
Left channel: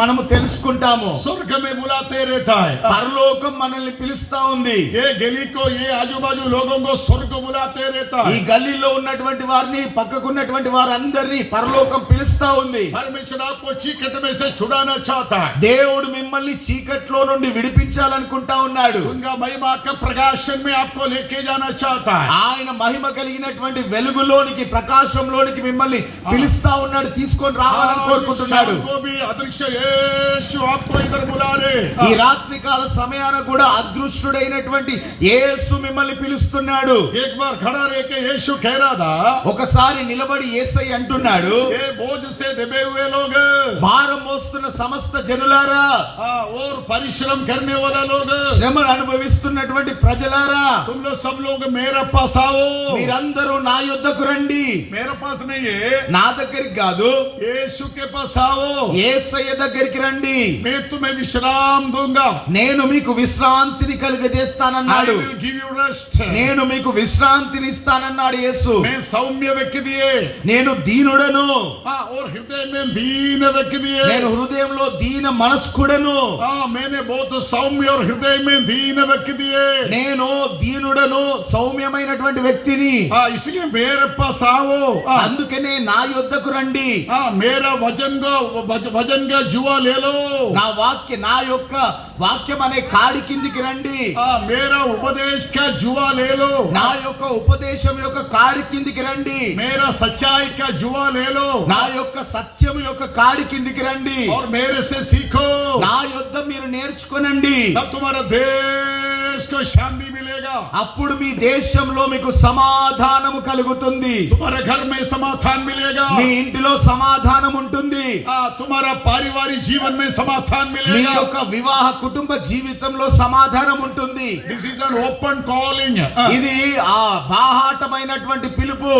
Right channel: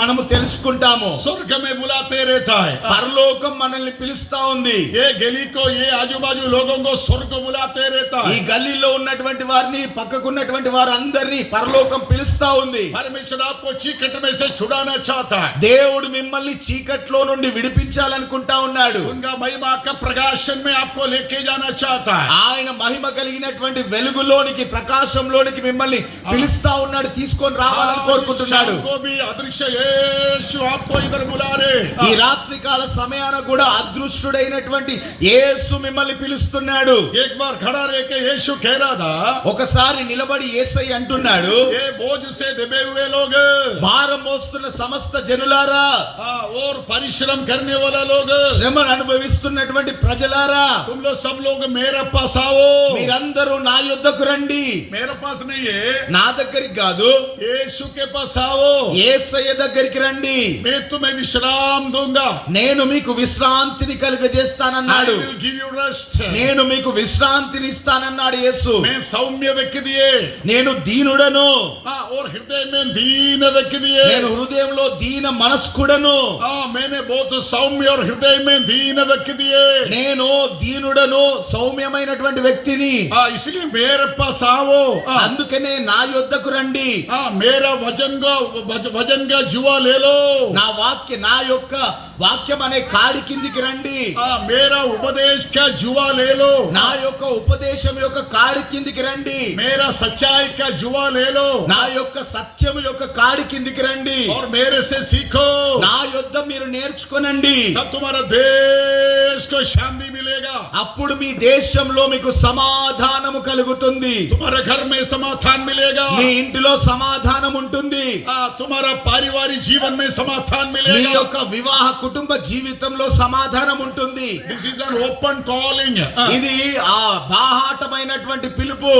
మనము తెలుసుకుంటాము. स्वर्ग में बुलाते रहता है. పరలోకం మనల్ని పిలుస్తా ఉంది. ये गली को, ये आजू बाजू लोगों को स्वर्ग बुलाते रहता ఈ है. గల్లీలో ఉన్నటువంటి వారిని, పక్కకున్నటువంటి వారందరినీ పరలోకం పిలుస్తా ఉంది. परमेश्वर आपको चीकट में से छुड़ाना चाहता है. దేవుడు మిమ్మల్ని చీకట్లో నుండి విడిపించాలనుకుంటా ఉన్నాడు. उनका महिमा का प्रकाशन में आपको लेके जाना चाहता है. ఆయన మహిమ కలిగినటువంటి వెలుగులోనికి, ప్రకాశంలోనికి మిమ్మల్ని పిలుస్తా ఉన్నాడు, తీసుకొని రావాలని కోరుకుంటున్నాడు. शाम को भी अदृश्य यीशु आपको इधर बुला रहे. ఈ రాత్రి కాల సమయాన కూడా అదృష్టుడైనటువంటి యేసు మిమ్మల్ని పిలుస్తున్నాడు. एक बार खड़ा रह के यीशु कह रहा था, ఒకసారి నిలబడి యేసయ్య అంటున్నాడు, ये बोझ से दबे हुए लोग, భారం మోస్తున్న సమస్త జనులారా, और परिश्रम करने वाला लोग, శ్రమను అనుభవిస్తున్నటువంటి ప్రజలారా, तुम लोग सब लोग मेरे पास आओ. మీరందరూ నా యొద్దకు రండి. मेरे पास नहीं है, నా దగ్గరికి కాదు, यीशु के पास आओ. యేసయ్య దగ్గరికి రండి. मैं तुम्हें विश्राम दूंगा. నేను మీకు విశ్రాంతిని I కలుగజేస్తానన్నాడు. will give you rest. నేను మీకు విశ్రాంతిని ఇస్తానన్నాడు యేసు. मैं सौम्य व्यक्ति दिए, నేను దీనుడను, और हृदय में दीन व्यक्ति दिए. నేను హృదయంలో దీన మనస్కుడను, मैंने बहुत सौम्य और हृदय में दीन व्यक्ति दिए. నేను దీనుడను, సౌమ్యమైనటువంటి వ్యక్తిని. इसलिए मेरे पास आओ. అందుకనే నా యొద్దకు రండి. मेरा वजन का जुआ ले लो. నా యొక్క వాక్యం అనే కాడి కిందికి రండి. मेरा उपदेश का जुआ ले लो. నా యొక్క ఉపదేశం యొక్క కాడి కిందికి రండి. मेरा सच्चाई का जुआ ले लो. నా యొక్క సత్యం యొక్క కాడి కిందికి రండి. और मेरे से सीखो. నా యొద్ద మీరు నేర్చుకోనండి. तब तुम्हारा देश को शांति मिलेगा. అప్పుడు మీ దేశంలో మీకు సమాధానము కలుగుతుంది. तुम्हारे घर में समाधान मिलेगा. మీ ఇంటిలో సమాధానం ఉంటుంది. तुम्हारा पारिवारिक जीवन में समाधान మీ मिलेगा. యొక్క వివాహ కుటుంబ జీవితంలో సమాధానం ఉంటుంది. This is an open calling. ఇది ఆ బాహాటమైనటువంటి పిలుపు.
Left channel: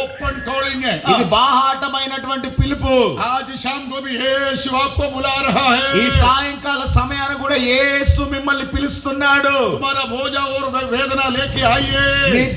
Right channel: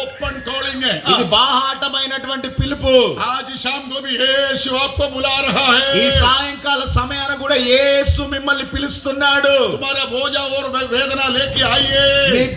ओपन कॉलिंग है. ఇది బాహాటమైనటువంటి పిలుపు. आज शाम को भी यीशु आपको बुला रहा ఈ है. సాయంకాల సమయాన కూడా యేసు మిమ్మల్ని పిలుస్తున్నాడు. तुम्हारा बोझा और वेदना लेके మీ आइए.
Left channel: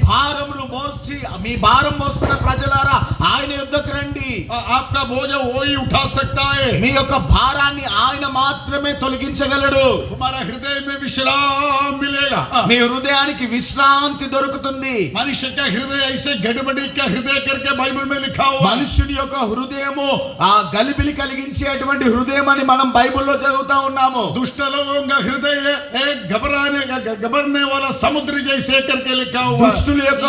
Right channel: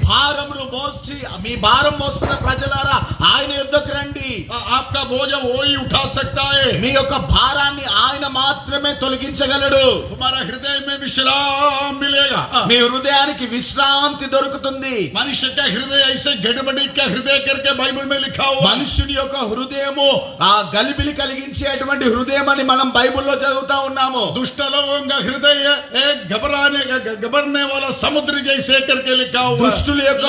భారమును మోసి, మీ భారం మోస్తున్న ప్రజలారా ఆయన యుద్ధకు రండి. आपका बोझा वो ही उठा सकता है. మీ యొక్క భారాన్ని ఆయన మాత్రమే తొలగించగలడు. तुम्हारा हृदय में विश्राम मिलेगा. మీ హృదయానికి విశ్రాంతి దొరుకుతుంది. मनुष्य का हृदय ऐसे गड़बड़ी का हृदय करके बाइबल में लिखा हुआ. మనుషుని యొక్క హృదయము ఆ గలిబిలి కలిగించేటువంటి హృదయం అని మనం బైబిల్లో చదువుతా ఉన్నాము. दुष्ट लोगों का हृदय एक घबराने वाला समुद्र जैसे करके लिखा हुआ. దుష్టుల యొక్క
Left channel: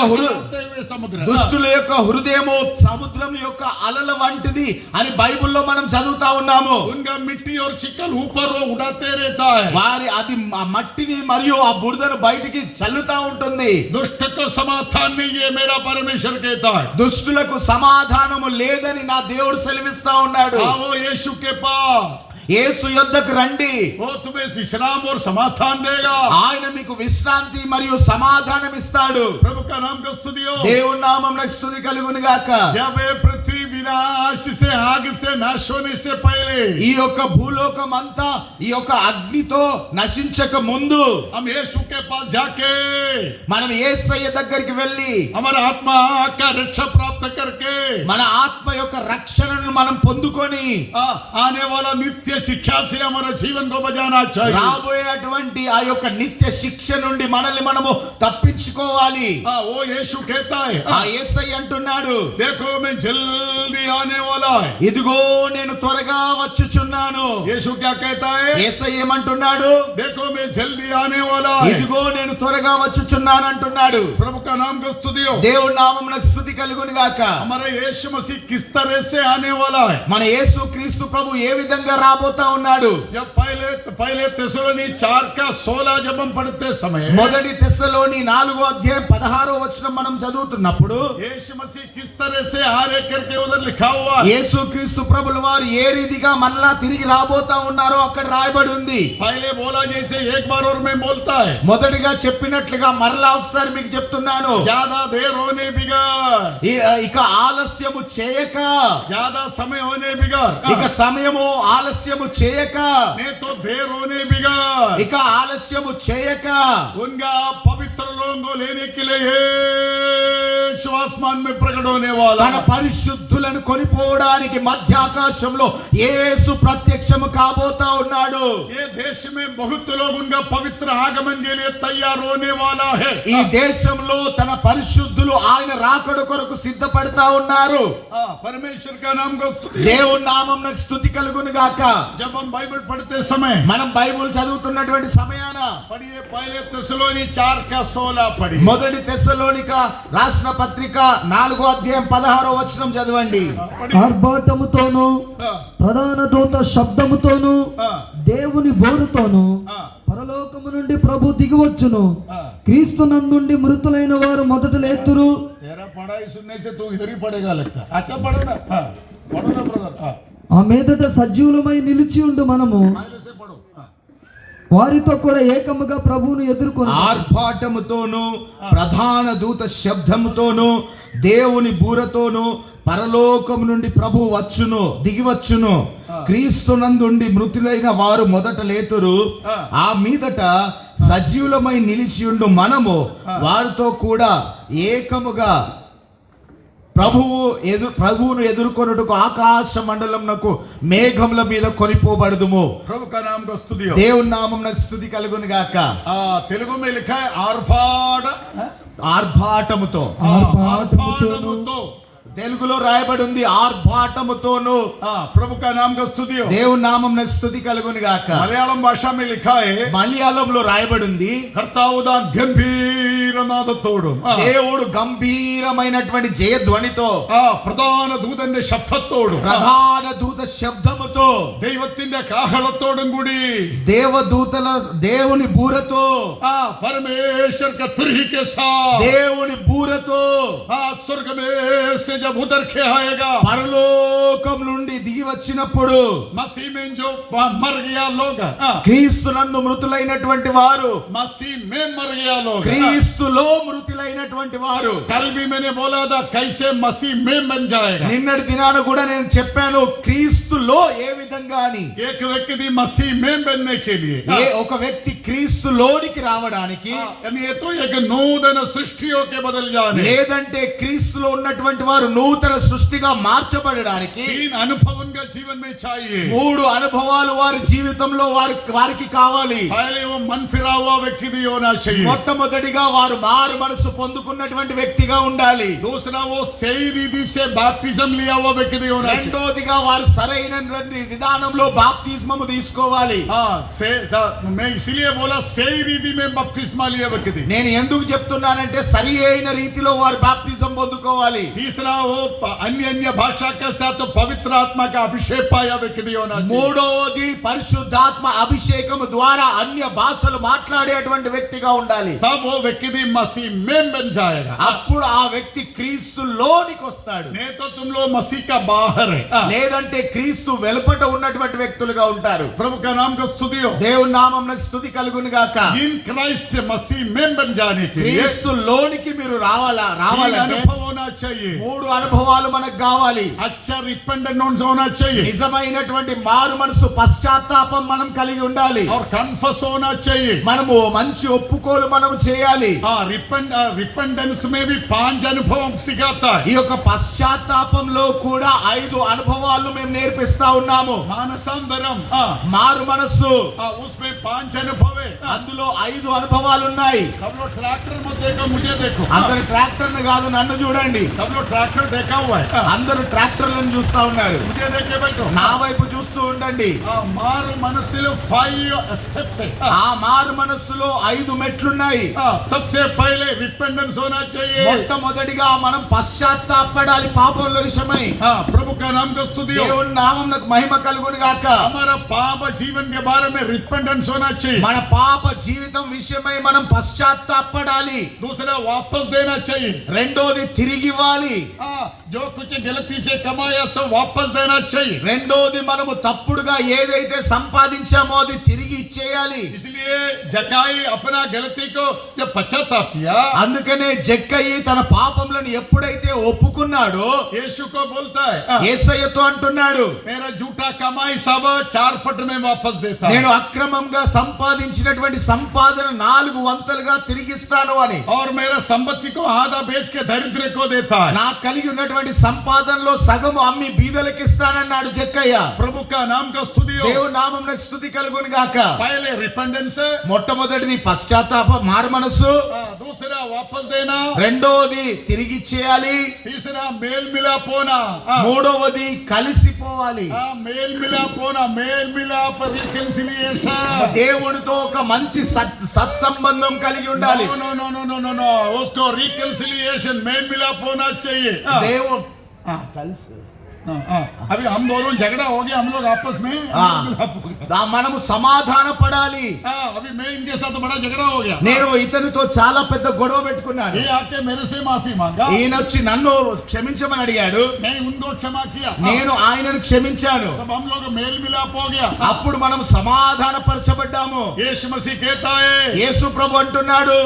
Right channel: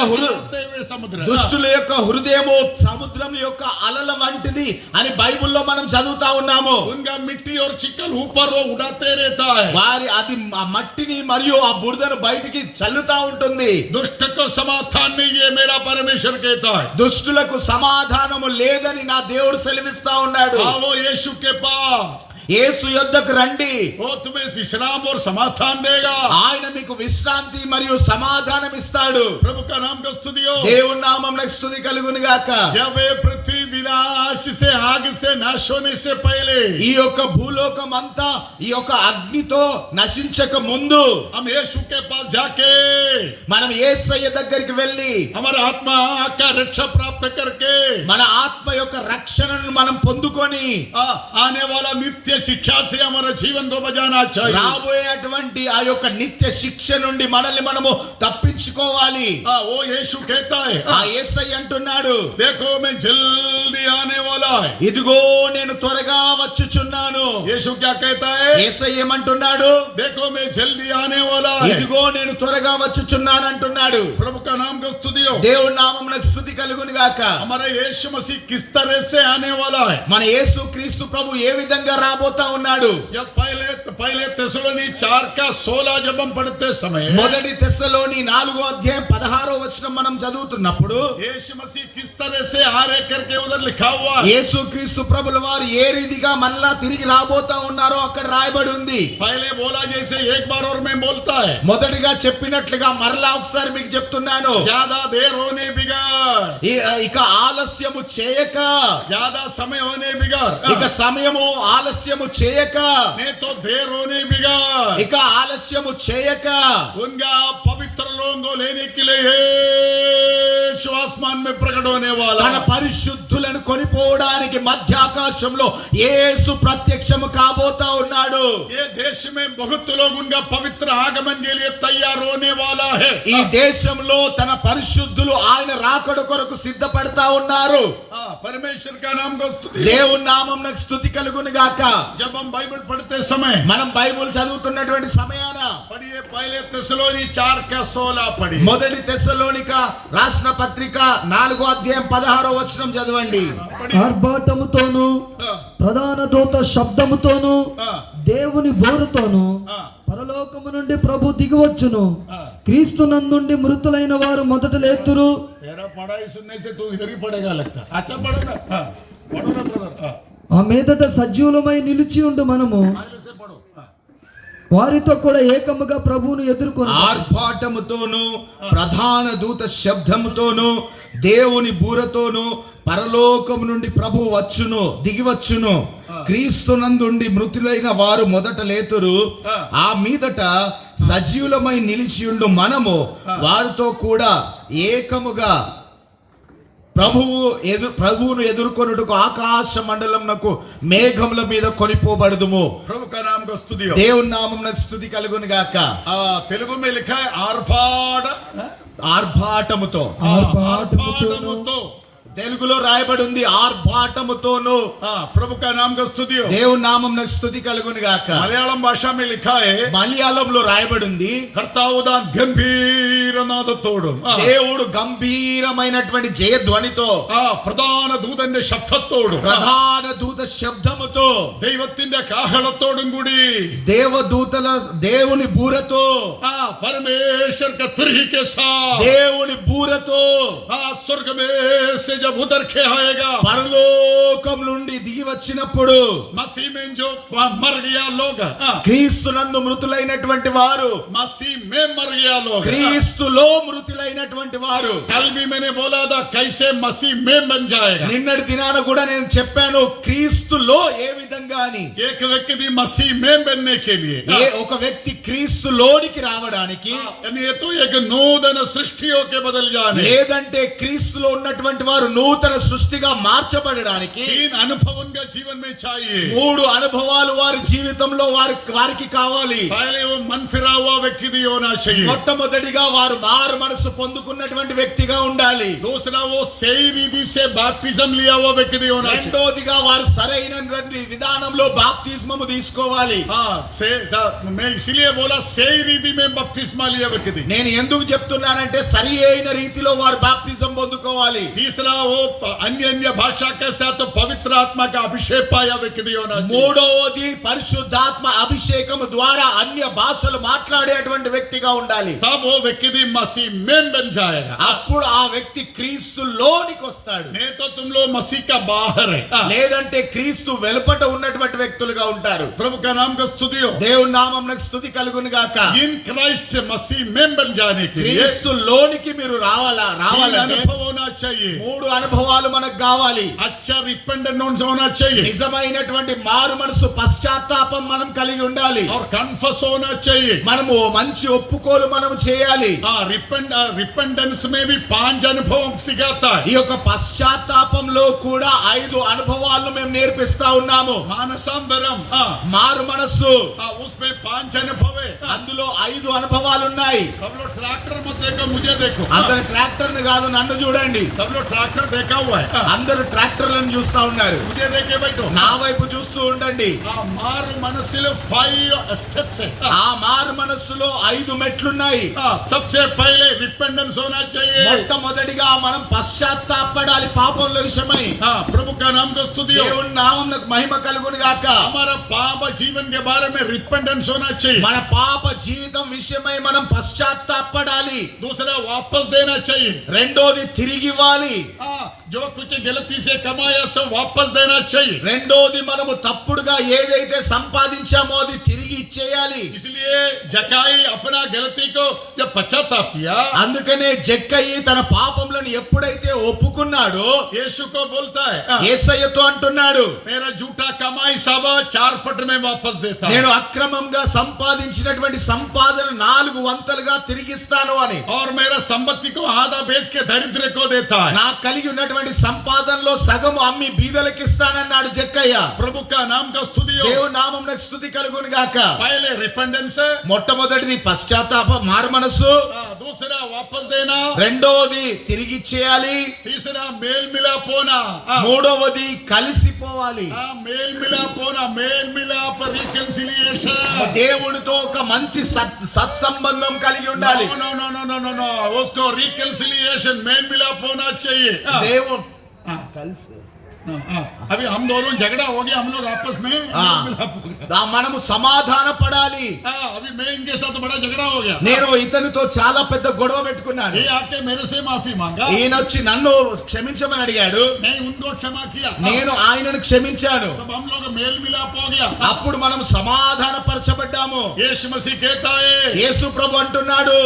समुद्र. దుష్టుల యొక్క హృదయము సముద్రం యొక్క అలల వంటిది అని బైబిల్లో మనం చదువుతా ఉన్నాము. उनका मिट्टी और चिकन ऊपर वो उड़ाते रहता है. వారి అది మట్టిని మరియు ఆ బురదను బయటికి చల్లుతా ఉంటుంది. दुष्ट को समाधान नहीं है, मेरा परमेश्वर कहता है. దుష్టులకు సమాధానము లేదని నా దేవుడు సెలవిస్తా ఉన్నాడు. आओ यीशु के पास. యేసు యొద్దకు రండి. वो तुम्हें विश्राम और समाधान देगा. ఆయన మీకు విశ్రాంతి మరియు సమాధానం ఇస్తాడు. प्रभु का नाम का स्तुति हो. దేవుని నామమునకు స్తుతి కలుగును గాక. जब ये पृथ्वी विनाश से, आग से नाश होने से पहले ఈ యొక్క భూలోకం అంతా ఈ యొక్క అగ్నితో నశించక ముందు हम यीशु के पास जाके మనం యేసయ్య దగ్గరికి వెళ్ళి हमारा आत्मा का रक्षा प्राप्त करके మన ఆత్మ యొక్క రక్షణను మనం పొందుకొని आने वाला नित्य नित्य शिक्षा से हमारा जीवन को बचाना चाहिए। రాబోయేటువంటి ఆ యొక్క నిత్య శిక్ష నుండి మనల్ని మనము తప్పించుకోవాలి. वो यीशु कहता है, ఆ యేసయ్య అంటున్నాడు, देखो मैं जल्दी आने वाला है। ఇదిగో నేను త్వరగా వచ్చుచున్నాను. यीशु क्या कहता है? యేసయ్య ఏమంటున్నాడు? देखो मैं जल्दी आने वाला है। ఇదిగో నేను త్వరగా వచ్చుచున్నాను అంటున్నాడు. प्रभु का नाम को स्तुति हो। దేవుని నామమునకు స్తుతి కలుగును గాక. हमारा यीशु मसीह किस तरह से आने वाला है? మన యేసు క్రీస్తు ప్రభు ఏ విధంగా రాబోతా ఉన్నాడు? जब पहले తెస్సలోని 4:16 जब हम पढ़ते समय, మొదటి తెస్సలోని 4వ అధ్యాయం 16వ వచనం మనం చదువుతున్నప్పుడు यीशु मसीह किस तरह से आ रहे करके उधर लिखा हुआ है। యేసు క్రీస్తు ప్రభుల వారు ఏ రీతిగా మళ్ళా తిరిగి రాబోతా ఉన్నారో అక్కడ రాయబడి ఉంది. पहले बोला जैसे एक बार और मैं बोलता है, మొదటిగా చెప్పినట్లుగా మరలా ఒకసారి మీకు చెప్తున్నాను. ज्यादा देर होने बिगाड़, ఇక ఆలస్యము చేయక, ज्यादा समय होने बिगाड़, ఇక సమయము ఆలస్యము చేయక, नहीं तो देर होने बिगाड़। ఇక ఆలస్యము చేయక उनका पवित्र लोगों को लेने के लिए यीशु आसमान में प्रकट होने वाला తన है। పరిశుద్ధులను కొనిపోవడానికి మధ్య ఆకాశంలో యేసు ప్రత్యక్షము కాబోతా ఉన్నాడు. ये देश में बहुत लोग उनका पवित्र आगमन के लिए तैयार होने वाला है। ఈ దేశంలో తన పరిశుద్ధులు ఆయన రాకడ కొరకు సిద్ధపడతా ఉన్నారు. परमेश्वर का नाम को स्तुति। దేవుని నామమునకు స్తుతి కలుగును గాక. जब हम बाइबल पढ़ते समय మనం బైబిల్ చదువుతున్నటువంటి సమయాన पढ़िए, पहले తెస్సలోని 4:16 पढ़िए। మొదటి తెస్సలోనిక రాసిన పత్రిక 4వ అధ్యాయం 16వ వచనం చదవండి. ఆర్భాటముతోను ప్రధాన దూత శబ్దముతోను దేవుని బోరుతోను పరలోకము నుండి ప్రభు దిగివచ్చును. క్రీస్తు నందుండి మృతులైన వారు మొదట లేతురు. तेरा पढ़ाई सुनने से तू इधर ही पढ़ेगा लगता। अच्छा पढ़ो ना, पढ़ो ना ब्रदर। ఆ మీదట సజీవులమై నిలిచి ఉండు మనము पहले से पढ़ो। వారితో కూడా ఏకముగా ప్రభువును ఎదుర్కొని ఆర్భాటముతోను ప్రధాన దూత శబ్దముతోను దేవుని బూరతోను పరలోకము నుండి ప్రభు వచ్చును, దిగివచ్చును. క్రీస్తునందుండి మృతులైన వారు మొదట లేతురు. ఆ మీదట సజీవులమై నిలిచియుండు మనము వారితో కూడా ఏకముగా ప్రభువును ఎదుర్కొనుటకు ఆకాశ మండలమునకు మేఘముల మీద కొనిపోబడదుము. प्रभु का नाम को स्तुति हो। దేవుని నామమునకు స్తుతి కలుగును గాక. तेलुगु में लिखा है आर्भाट, ఆర్భాటముతో. आर्भाटमुतो। తెలుగులో రాయబడి ఉంది ఆర్భాటముతోను. प्रभु का नाम को स्तुति हो। దేవుని నామమునకు స్తుతి కలుగును గాక. मलयालम भाषा में लिखा है మలయాళంలో రాయబడి ఉంది కర్తావు దాని గంభీర నాదతోడు, దేవుడు గంభీరమైనటువంటి జయధ్వనితో, പ്രധാന ദൂതന്റെ ശബ്ദത്തോടും ప్రధాన దూత శబ్దముతో, ദൈവത്തിന്റെ കാഹളത്തോടും കൂടി దేవదూతల దేవుని బూరతో, परमेश्वर का तुरही के साथ దేవుని బూరతో स्वर्ग में से जब उतर के आएगा, పరలోకం నుండి దిగి వచ్చినప్పుడు मसीह में जो मर गया लोग, క్రీస్తునందు మృతులైనటువంటి వారు, मसीह में मर गया लोग, క్రీస్తులో మృతులైనటువంటి వారు. कल भी मैंने बोला था कैसे मसीह में बन जाएगा। నిన్నటి దినాన కూడా నేను చెప్పాను క్రీస్తులో ఏ విధంగా అని. एक व्यक्ति मसीह में बनने के लिए ఒక వ్యక్తి క్రీస్తులోనికి రావడానికి, ये तो एक नूतन सृष्टियों के बदल जाने, లేదంటే క్రీస్తులో ఉన్నటువంటి వారు నూతన సృష్టిగా మార్చబడడానికి 3 अनुभव उनका जीवन में चाहिए। 3 అనుభవాలు వారి జీవితంలో వారికి కావాలి. पहले वो मन फिरा हुआ व्यक्ति होना चाहिए। మొట్టమొదటిగా వారు మారు మనసు పొందుకున్నటువంటి వ్యక్తిగా ఉండాలి. दूसरा वो सही रीति से बैप्टिज्म लिया हुआ व्यक्ति होना चाहिए। రెండోదిగా వారు సరైనటువంటి విధానంలో బాప్తిస్మము తీసుకోవాలి. मैं इसीलिए बोला सही रीति में बपतिस्मा लिया व्यक्ति। నేను ఎందుకు చెప్తున్నానంటే సరి అయిన రీతిలో వారు బాప్తిజం పొందుకోవాలి. तीसरा वो अन्य अन्य भाषा के साथ पवित्र आत्मा का अभिषेक पाया व्यक्ति होना चाहिए। మూడవది పరిశుద్ధాత్మ అభిషేకము ద్వారా అన్య భాషలు మాట్లాడేటువంటి వ్యక్తిగా ఉండాలి. तब वो व्यक्ति मसीह में बन जाएगा। అప్పుడు ఆ వ్యక్తి క్రీస్తులోనికి వస్తాడు. नहीं तो तुम लोग मसीह का बाहर है। లేదంటే క్రీస్తు వెలుపట ఉన్నటువంటి వ్యక్తులుగా ఉంటారు. प्रभु का नाम का स्तुति हो। దేవుని నామమునకు స్తుతి కలుగును గాక. इन क्राइस्ट मसीह में बन जाने के लिए క్రీస్తులోనికి మీరు రావాలంటే अनुभव होना चाहिए। 3 అనుభవాలు మనకు కావాలి. अच्छा रिपेंटेंस होना चाहिए నిజమైనటువంటి మారు మనసు పశ్చాత్తాపం మనం కలిగి ఉండాలి. और कन्फेस होना चाहिए। మనము మంచి ఒప్పుకోలు మనము చేయాలి. रिपेंडेंस में भी 5 अनुभव सिखाता है। ఈ యొక్క పశ్చాత్తాపంలో కూడా 5 అనుభవాలను మేము నేర్పిస్తా ఉన్నాము. मानसांतरम మారు మనస్సు, उसमें 5 अनुभव है। అందులో 5 అనుభవాలు ఉన్నాయి. सब लोग ट्रैक्टर मत देखो, मुझे देखो। అందరు ట్రాక్టర్ని కాదు, నన్ను చూడండి. सब लोग ट्रैक्टर देखा हुआ है, అందరు ట్రాక్టర్లను చూస్తా ఉన్నారు. मुझे देखे बैठो। నా వైపు చూస్తూ ఉండండి. मारू मनस्సులో 5 स्टेप्स है। ఆ మారు మనస్సులో 5 మెట్లున్నాయి. सबसे पहले रिपेंडेंस होना चाहिए। మొట్టమొదటిగా మనం పశ్చాత్తాపడాలి పాపంలో విషయమై. प्रभु का नाम को स्तुति हो। దేవుని నామమునకు మహిమ కలుగును గాక. हमारा पाप जीवन के बारे में रिपेंडेंस होना चाहिए। మన పాప జీవితం విషయమై మనం పశ్చాత్తాపడాలి. दूसरा वापस देना चाहिए। రెండోది తిరిగి ఇవ్వాలి. जो कुछ गलती से कमाया सब वापस देना चाहिए। రెండోది మనము తప్పుడుగా ఏదైతే సంపాదించామో అది తిరిగి ఇచ్చేయాలి. इसलिए जकाई अपना गलती को जब पश्चाताप किया, అందుకనే జక్కయి తన పాపములను ఎప్పుడైతే ఒప్పుకున్నాడో यीशु को बोलता है, యేసయ్యతో అంటున్నాడు, मेरा झूठा कमाई सब 4 पट में वापस देता నేను हूं। అక్రమంగా సంపాదించినటువంటి సంపాదన 4 వంతులుగా తిరిగిస్తాను అని. और मेरा संपत्ति को आधा बेच के दरिद्र को देता है। నాకు కలిగి ఉన్నటువంటి సంపాదనలో సగము అమ్మి బీదలకు ఇస్తానన్నాడు జక్కయ్య. प्रभु का नाम का स्तुति हो। దేవుని నామమునకు స్తుతి కలుగును గాక. पहले रिपेंडेंस, మొట్టమొదటిది పశ్చాత్తాప మారు మనస్సు, दूसरा वापस देना, రెండోది తిరిగి ఇచ్చేయాలి, तीसरा मेल मिलाप होना, మూడవది కలిసిపోవాలి. मेल मिलाप होना, मेल मिलाप रिकंसिलिएशन। దేవునితో ఒక మంచి సత్సంబంధం కలిగి ఉండాలి. No no no no no no, उसको रिकंसिलिएशन मेल मिलाप होना चाहिए। దేవుడు अभी हम दोनों झगड़ा हो गया, हम लोग आपस में मेल मिलाप हो गया। మనము సమాధాన పడాలి. अभी मैं इनके साथ बड़ा झगड़ा हो गया। నేను ఇతనితో చాలా పెద్ద గొడవ పెట్టుకున్నాను. ये आके मेरे से माफी मांगा, ఈయన వచ్చి నన్ను క్షమించమని అడిగాడు. मैं उनको क्षमा किया, నేను ఆయనను క్షమించాను. तब हम लोग मेल मिलाप हो गया। అప్పుడు మనం సమాధాన పరచబడ్డాము. यीशु मसीह कहता है, యేసు ప్రభు అంటున్నాడు,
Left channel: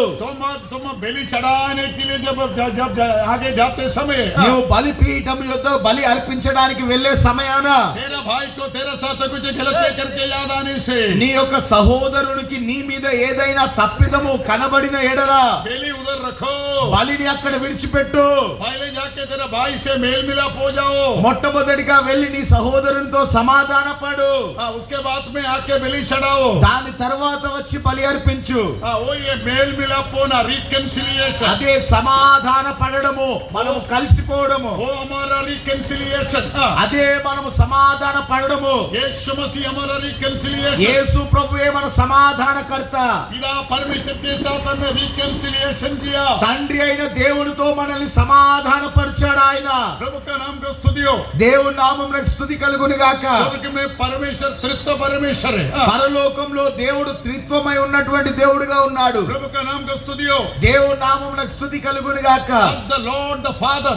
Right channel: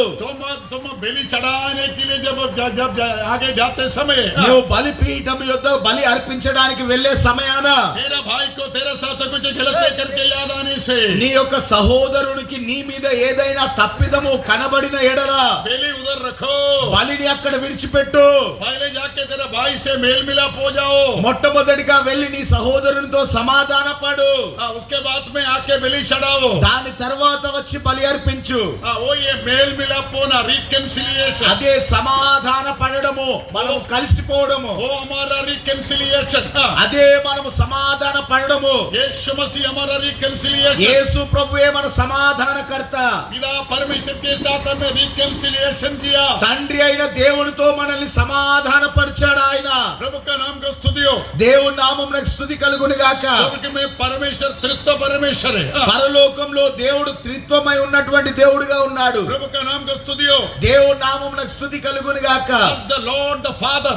तुम बलि चढ़ाने के लिए जब जब आगे जाते समय నువ్వు బలిపీఠం యొద్ద బలి అర్పించడానికి వెళ్ళే సమయాన तेरा भाई को तेरे साथ कुछ गलत करके याद आने से నీ యొక్క సహోదరునికి నీ మీద ఏదైనా తప్పిదము కనబడిన ఎడల बलि उधर रखो, బలిని అక్కడ విడిచిపెట్టు. पहले जाके तेरे भाई से मेल मिलाप हो जाओ, మొట్టమొదటిగా వెళ్ళి నీ సహోదరునితో సమాధాన పడు. उसके बाद में आके बलि चढ़ाओ। దాని తర్వాత వచ్చి బలి అర్పించు. वो ये मेल मिलाप होना, रिकंसिलिएशन, అదే సమాధాన పడడము, మనం కలిసిపోవడము. वो हमारा रिकंसिलिएशन। అదే మనము సమాధాన పడడము. यीशु मसीह हमारा रिकंसिलिएशन। యేసు ప్రభువే మన సమాధానకర్త. पिता परमेश्वर के साथ हमें रिकंसिलिएशन किया। తండ్రి అయిన దేవునితో మనల్ని సమాధానపరిచాడు ఆయన. प्रभु का नाम को स्तुति हो। దేవుని నామమునకు స్తుతి కలుగును గాక. स्वर्ग में परमेश्वर तृत्व परमेश्वर है। పరలోకంలో దేవుడు త్రిత్వమై ఉన్నటువంటి దేవుడుగా ఉన్నాడు. प्रभु का नाम को स्तुति हो। దేవుని నామమునకు స్తుతి కలుగును గాక. As the Lord the Father,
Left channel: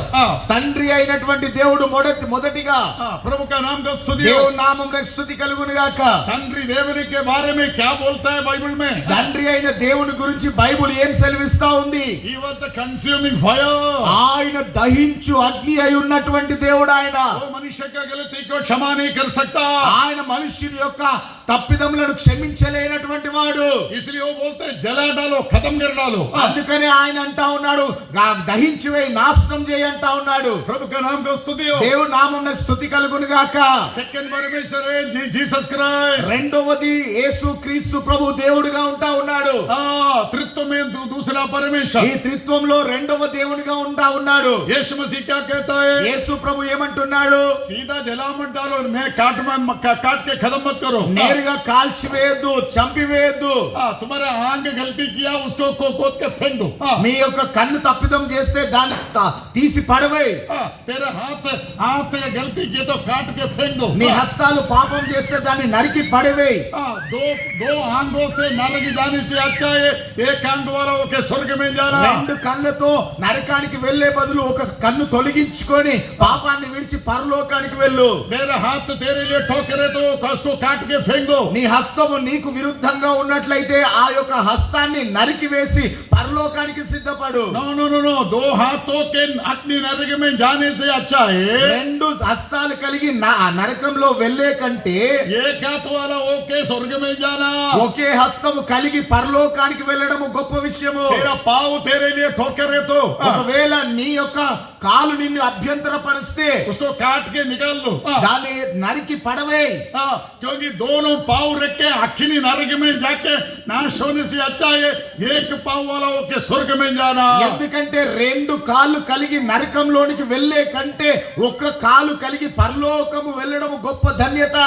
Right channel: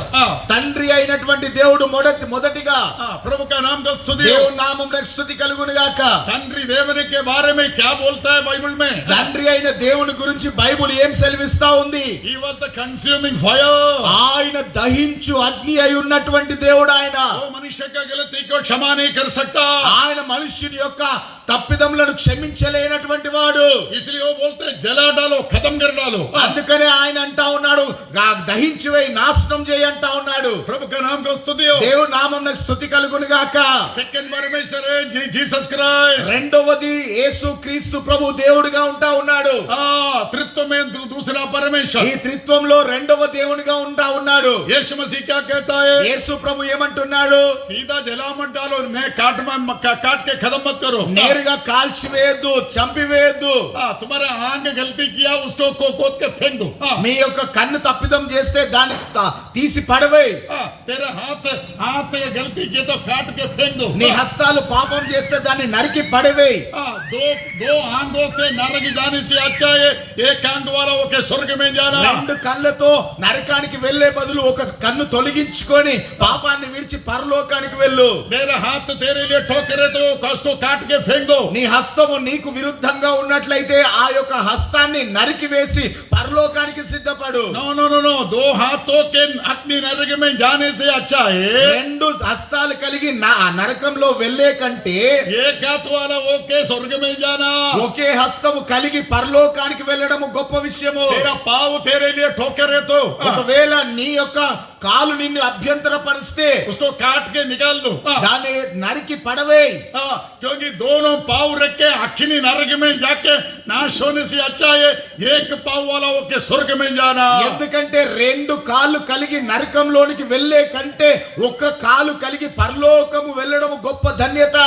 తండ్రి అయినటువంటి దేవుడు మొదటిగా प्रभु का नाम को स्तुति हो। దేవుని నామమునకు స్తుతి కలుగును గాక. तंड्री దేవుని के बारे में क्या बोलता है बाइबल में? తండ్రి అయిన దేవుని గురించి బైబిల్ ఏం సెలవిస్తా ఉంది? He was the consuming fire। ఆయన దహించు అగ్ని అయి ఉన్నటువంటి దేవుడు ఆయన. वो मनुष्य का गलती को क्षमा नहीं कर सकता, ఆయన మనుష్యుని యొక్క తప్పిదములను క్షమించలేనటువంటి వాడు. इसलिए वो बोलते हैं जला डालो, खत्म कर डालो। అందుకనే ఆయన అంటా ఉన్నాడు, దహించి వేయి, నాశనం చేయి అంటా ఉన్నాడు. प्रभु का नाम को स्तुति हो। దేవుని నామమునకు స్తుతి కలుగును గాక. सेकंड परमेश्वर है जीसस क्राइस्ट। రెండవది యేసు క్రీస్తు ప్రభు దేవుడిగా ఉంటా ఉన్నాడు. तृत्व में दूसरा परमेश्वर, ఈ త్రిత్వంలో రెండవ దేవునిగా ఉంటా ఉన్నాడు. यीशु मसीह क्या कहता है? యేసు ప్రభు ఏమంటున్నాడు? सीधा जला मत डालो, मैं काट के खत्म मत करो। నేరుగా కాల్చివేయద్దు, చంపివేయద్దు. तुम्हारे आंग गलती किया उसको खोद के फेंक दो। మీ యొక్క కన్ను తప్పిదం చేస్తే దాన్ని తీసి పడవేయ్. तेरे हाथ गलती किया तो काट के फेंक दो। నీ హస్తాలు పాపం చేస్తే దాన్ని నరికి పడవేయ్. दो आंगों से नरक जाने से अच्छा है एक आंग वाला होके स्वर्ग में जाना। రెండు కళ్ళతో నరకానికి వెళ్లే బదులు ఒక కన్ను తొలగించుకొని పాపాన్ని విడిచి పరలోకానికి వెళ్ళు. मेरा हाथ तेरे लिए ठोकरे तो उसको काट के फेंक दो। నీ హస్తము నీకు విరుద్ధంగా ఉన్నట్లయితే ఆ యొక్క హస్తాన్ని నరికివేసి పరలోకానికి సిద్ధపడు. नो नो नो नो, दो हाथों के अग्नि नरक में जाने से अच्छा है రెండు హస్తాలు కలిగి నరకంలో వెళ్ళే కంటే एक हाथ वाला ओके स्वर्ग में जाना। ఒకే హస్తము కలిగి పరలోకానికి వెళ్ళడము గొప్ప విషయము. तेरा पाव तेरे लिए ठोकर है तो ఒకవేళ నీ యొక్క కాలు నిన్ను అభ్యంతరపరిస్తే उसको काट के निकाल दो। దాన్ని నరికి పడవేయ్. क्योंकि दोनों पाव रख के अग्नि नरक में जाके नाश होने से अच्छा है एक पाव वाला ओके स्वर्ग में जाना। ఎందుకంటే రెండు కాళ్ళు కలిగి నరకంలోనికి వెళ్ళే కంటే ఒక్క కాలు కలిగి పరలోకము వెళ్ళడము గొప్ప ధన్యత.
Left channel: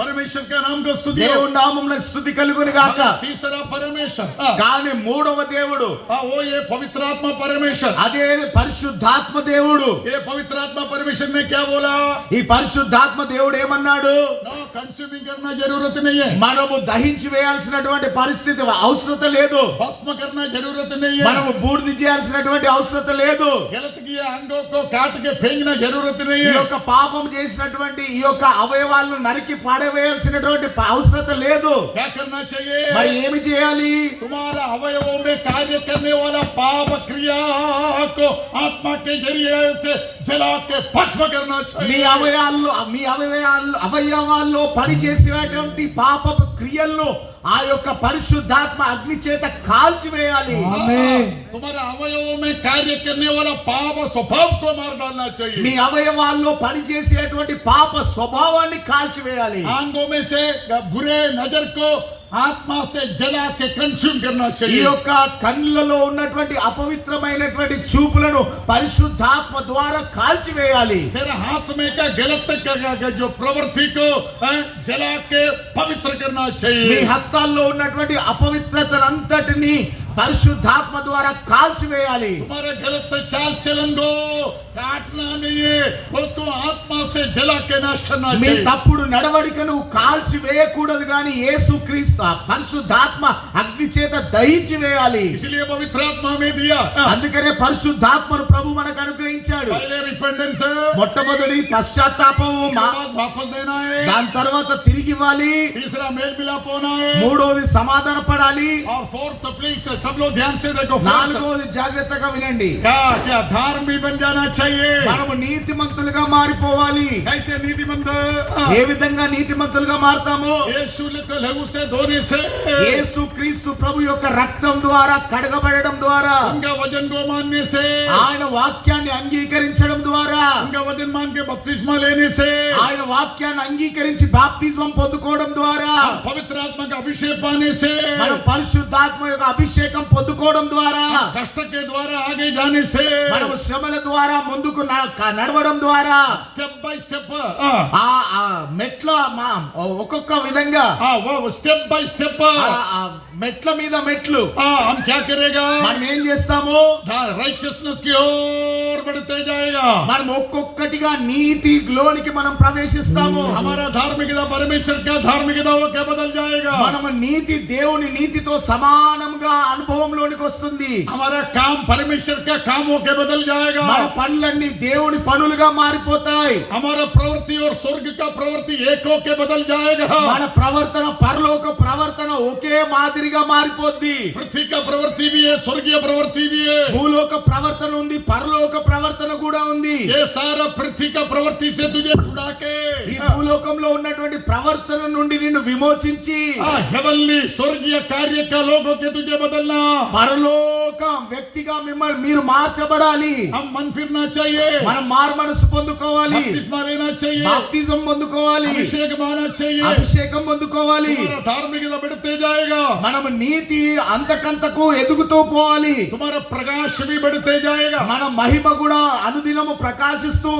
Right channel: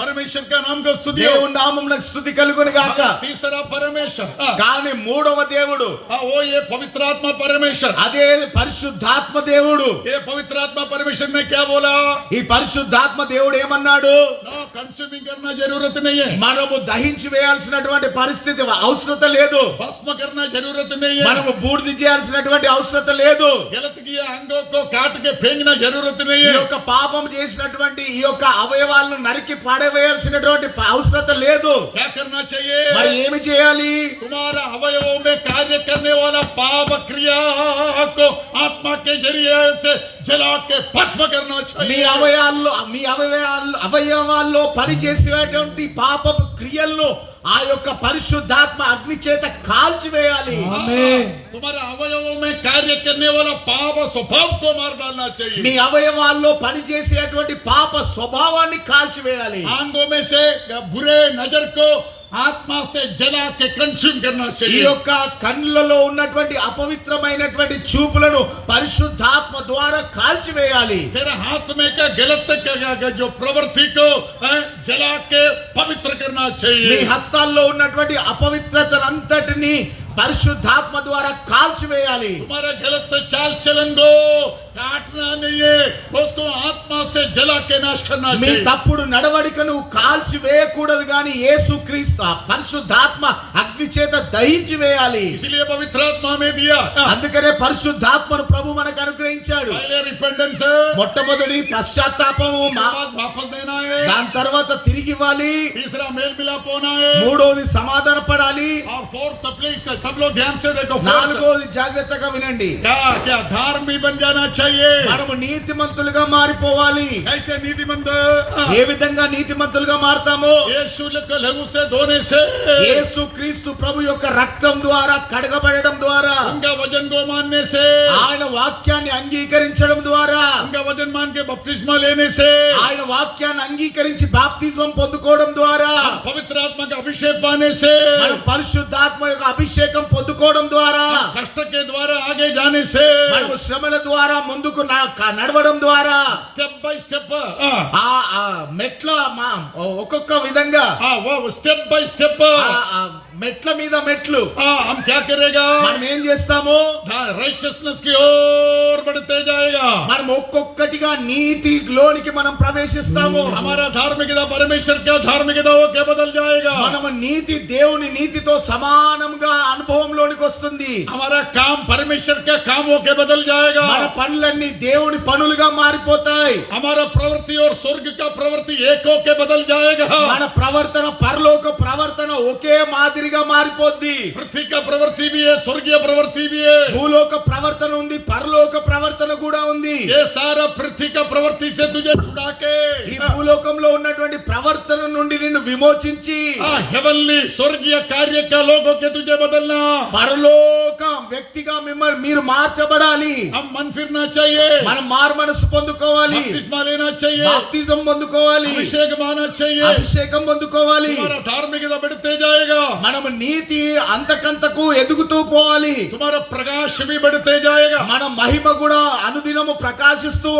परमेश्वर का नाम को स्तुति हो। దేవుని నామమునకు స్తుతి కలుగును గాక. तीसरा परमेश्वर కానీ మూడవ దేవుడు वो ये पवित्र आत्मा परमेश्वर। అదే పరిశుద్ధాత్మ దేవుడు. ये पवित्र आत्मा परमेश्वर ने क्या बोला? ఈ పరిశుద్ధాత్మ దేవుడు ఏమన్నాడు? नो कंज्यूमिंग करना जरूरत नहीं है, మనము దహించి వేయాల్సినటువంటి పరిస్థితి అవసరత లేదు. भस्म करना जरूरत नहीं है, మనము బూడిద చేయాల్సినటువంటి అవసరత లేదు. गलत किए अंगों को काट के फेंकना जरूरत नहीं ఈ है। యొక్క పాపం చేసినటువంటి ఈ యొక్క అవయవాలను నరికి పడవేయాల్సినటువంటి అవసరత లేదు. क्या करना चाहिए? మరి ఏమి చేయాలి? तुम्हारा अवयवों में कार्य करने वाला पाप क्रिया को आत्मा के जरिए से जला के भस्म करना మీ चाहिए। అవయవాల్లో పనిచేసేటువంటి పాపపు క్రియలను ఆ యొక్క పరిశుద్ధాత్మ అగ్ని చేత కాల్చివేయాలి. तुम्हारे अवयवों में कार्य करने वाला पाप स्वभाव को मार डालना మీ चाहिए। అవయవాల్లో పనిచేసేటువంటి పాప స్వభావాన్ని కాల్చివేయాలి. आंगों में से बुरे नजर को आत्मा से जला के कंज्यूम करना ఈ चाहिए। యొక్క కన్నులలో ఉన్నటువంటి అపవిత్రమైనటువంటి చూపులను పరిశుద్ధాత్మ ద్వారా కాల్చివేయాలి. तेरे हाथ में का गलत का जो प्रवृत्ति को जला के पवित्र करना మీ चाहिए। హస్తాల్లో ఉన్నటువంటి అపవిత్రతనంతటిని పరిశుద్ధాత్మ ద్వారా కాల్చివేయాలి. तुम्हारा गलत चाल चलन को काटना नहीं है, उसको आत्मा से जला के नाश करना మీ चाहिए। తప్పుడు నడవడికను కాల్చివేయకూడదు గాని యేసుక్రీస్తు పరిశుద్ధాత్మ అగ్ని చేత దహించి వేయాలి. इसलिए पवित्र आत्मा में दिया అందుకనే పరిశుద్ధాత్మను ప్రభు మనకు అనుగ్రహించాడు. पहले रिपेंटेंस, మొట్టమొదటి పశ్చాత్తాపము, वापस देना है। దాని తర్వాత తిరిగి ఇవ్వాలి. तीसरा मेल मिलाप होना है। మూడోది సమాధాన పడాలి. और फोर्थ प्लीज सब लोग ध्यान से देखो, फोर्थ నాలుగోది జాగ్రత్తగా వినండి. क्या क्या धार्मिक बन जाना चाहिए। మనము నీతిమంతులుగా మారిపోవాలి. ऐसे नीतिमंत ఏ విధంగా నీతిమంతులుగా మారతాము? यीशु के लहू से धोने से, యేసుక్రీస్తు ప్రభు యొక్క రక్తం ద్వారా కడగబడడం ద్వారా, उनका वजन को मानने से, ఆయన వాక్యాన్ని అంగీకరించడం ద్వారా, उनका वजन मान के बपतिस्मा लेने से, ఆయన వాక్యాన్ని అంగీకరించి బాప్తిజం పొందుకోవడం ద్వారా, पवित्र आत्मा का अभिषेक पाने से, మన పరిశుద్ధాత్మ యొక్క అభిషేకం పొందుకోవడం ద్వారా, कष्ट के द्वारा आगे जाने से, మనము శ్రమల ద్వారా ముందుకు నడవడం ద్వారా, स्टेप बाय स्टेप ఆ మెట్ల ఒక్కొక్క విధంగా वो स्टेप बाय स्टेप ఆ మెట్ల మీద మెట్లు हम क्या करेगा? మనం ఏం చేస్తాము? राइचियसनेस की ओर बढ़ते जाएगा। మనం ఒక్కొక్కటిగా నీతిలోనికి మనం ప్రవేశిస్తాము. हमारा धार्मिकता परमेश्वर का धार्मिकता वो क्या बदल जाएगा। మనము నీతి దేవుని నీతితో సమానంగా అనుభవంలోనికి వస్తుంది. हमारा काम परमेश्वर का काम वो क्या बदल जाएगा। మన పనులన్నీ దేవుని పనులుగా మారిపోతాయి. हमारा प्रवृत्ति और स्वर्ग का प्रवृत्ति एक होके बदल जाएगा। మన ప్రవర్తన పరలోక ప్రవర్తన ఒకే మాదిరిగా మారిపోద్ది. पृथ्वी का प्रवृत्ति भी है, स्वर्गीय प्रवृत्ति भी है। భూలోక ప్రవర్తన ఉంది, పరలోక ప్రవర్తన కూడా ఉంది. ये सारा पृथ्वी का प्रवृत्ति से तुझे छुड़ा के ఈ భూలోకంలో ఉన్నటువంటి ప్రవర్తన నుండి నిన్ను విమోచించి हेवनली स्वर्गीय कार्य का लोगों के तुझे बदलना। పరలోక వ్యక్తిగా మిమ్మల్ని మీరు మార్చబడాలి. हम मन फिरना चाहिए, మనం మారు మనసు పొందుకోవాలి. बपतिस्मा लेना चाहिए, బాప్తిజం పొందుకోవాలి. अभिषेक माना चाहिए। అభిషేకం పొందుకోవాలి. तुम्हारा धार्मिकता बढ़ते जाएगा, మనము నీతి అంతకంతకు ఎదుగుతూ పోవాలి. तुम्हारा प्रकाश भी बढ़ते जाएगा। మన మహిమ కూడా అనుదినము ప్రకాశిస్తూ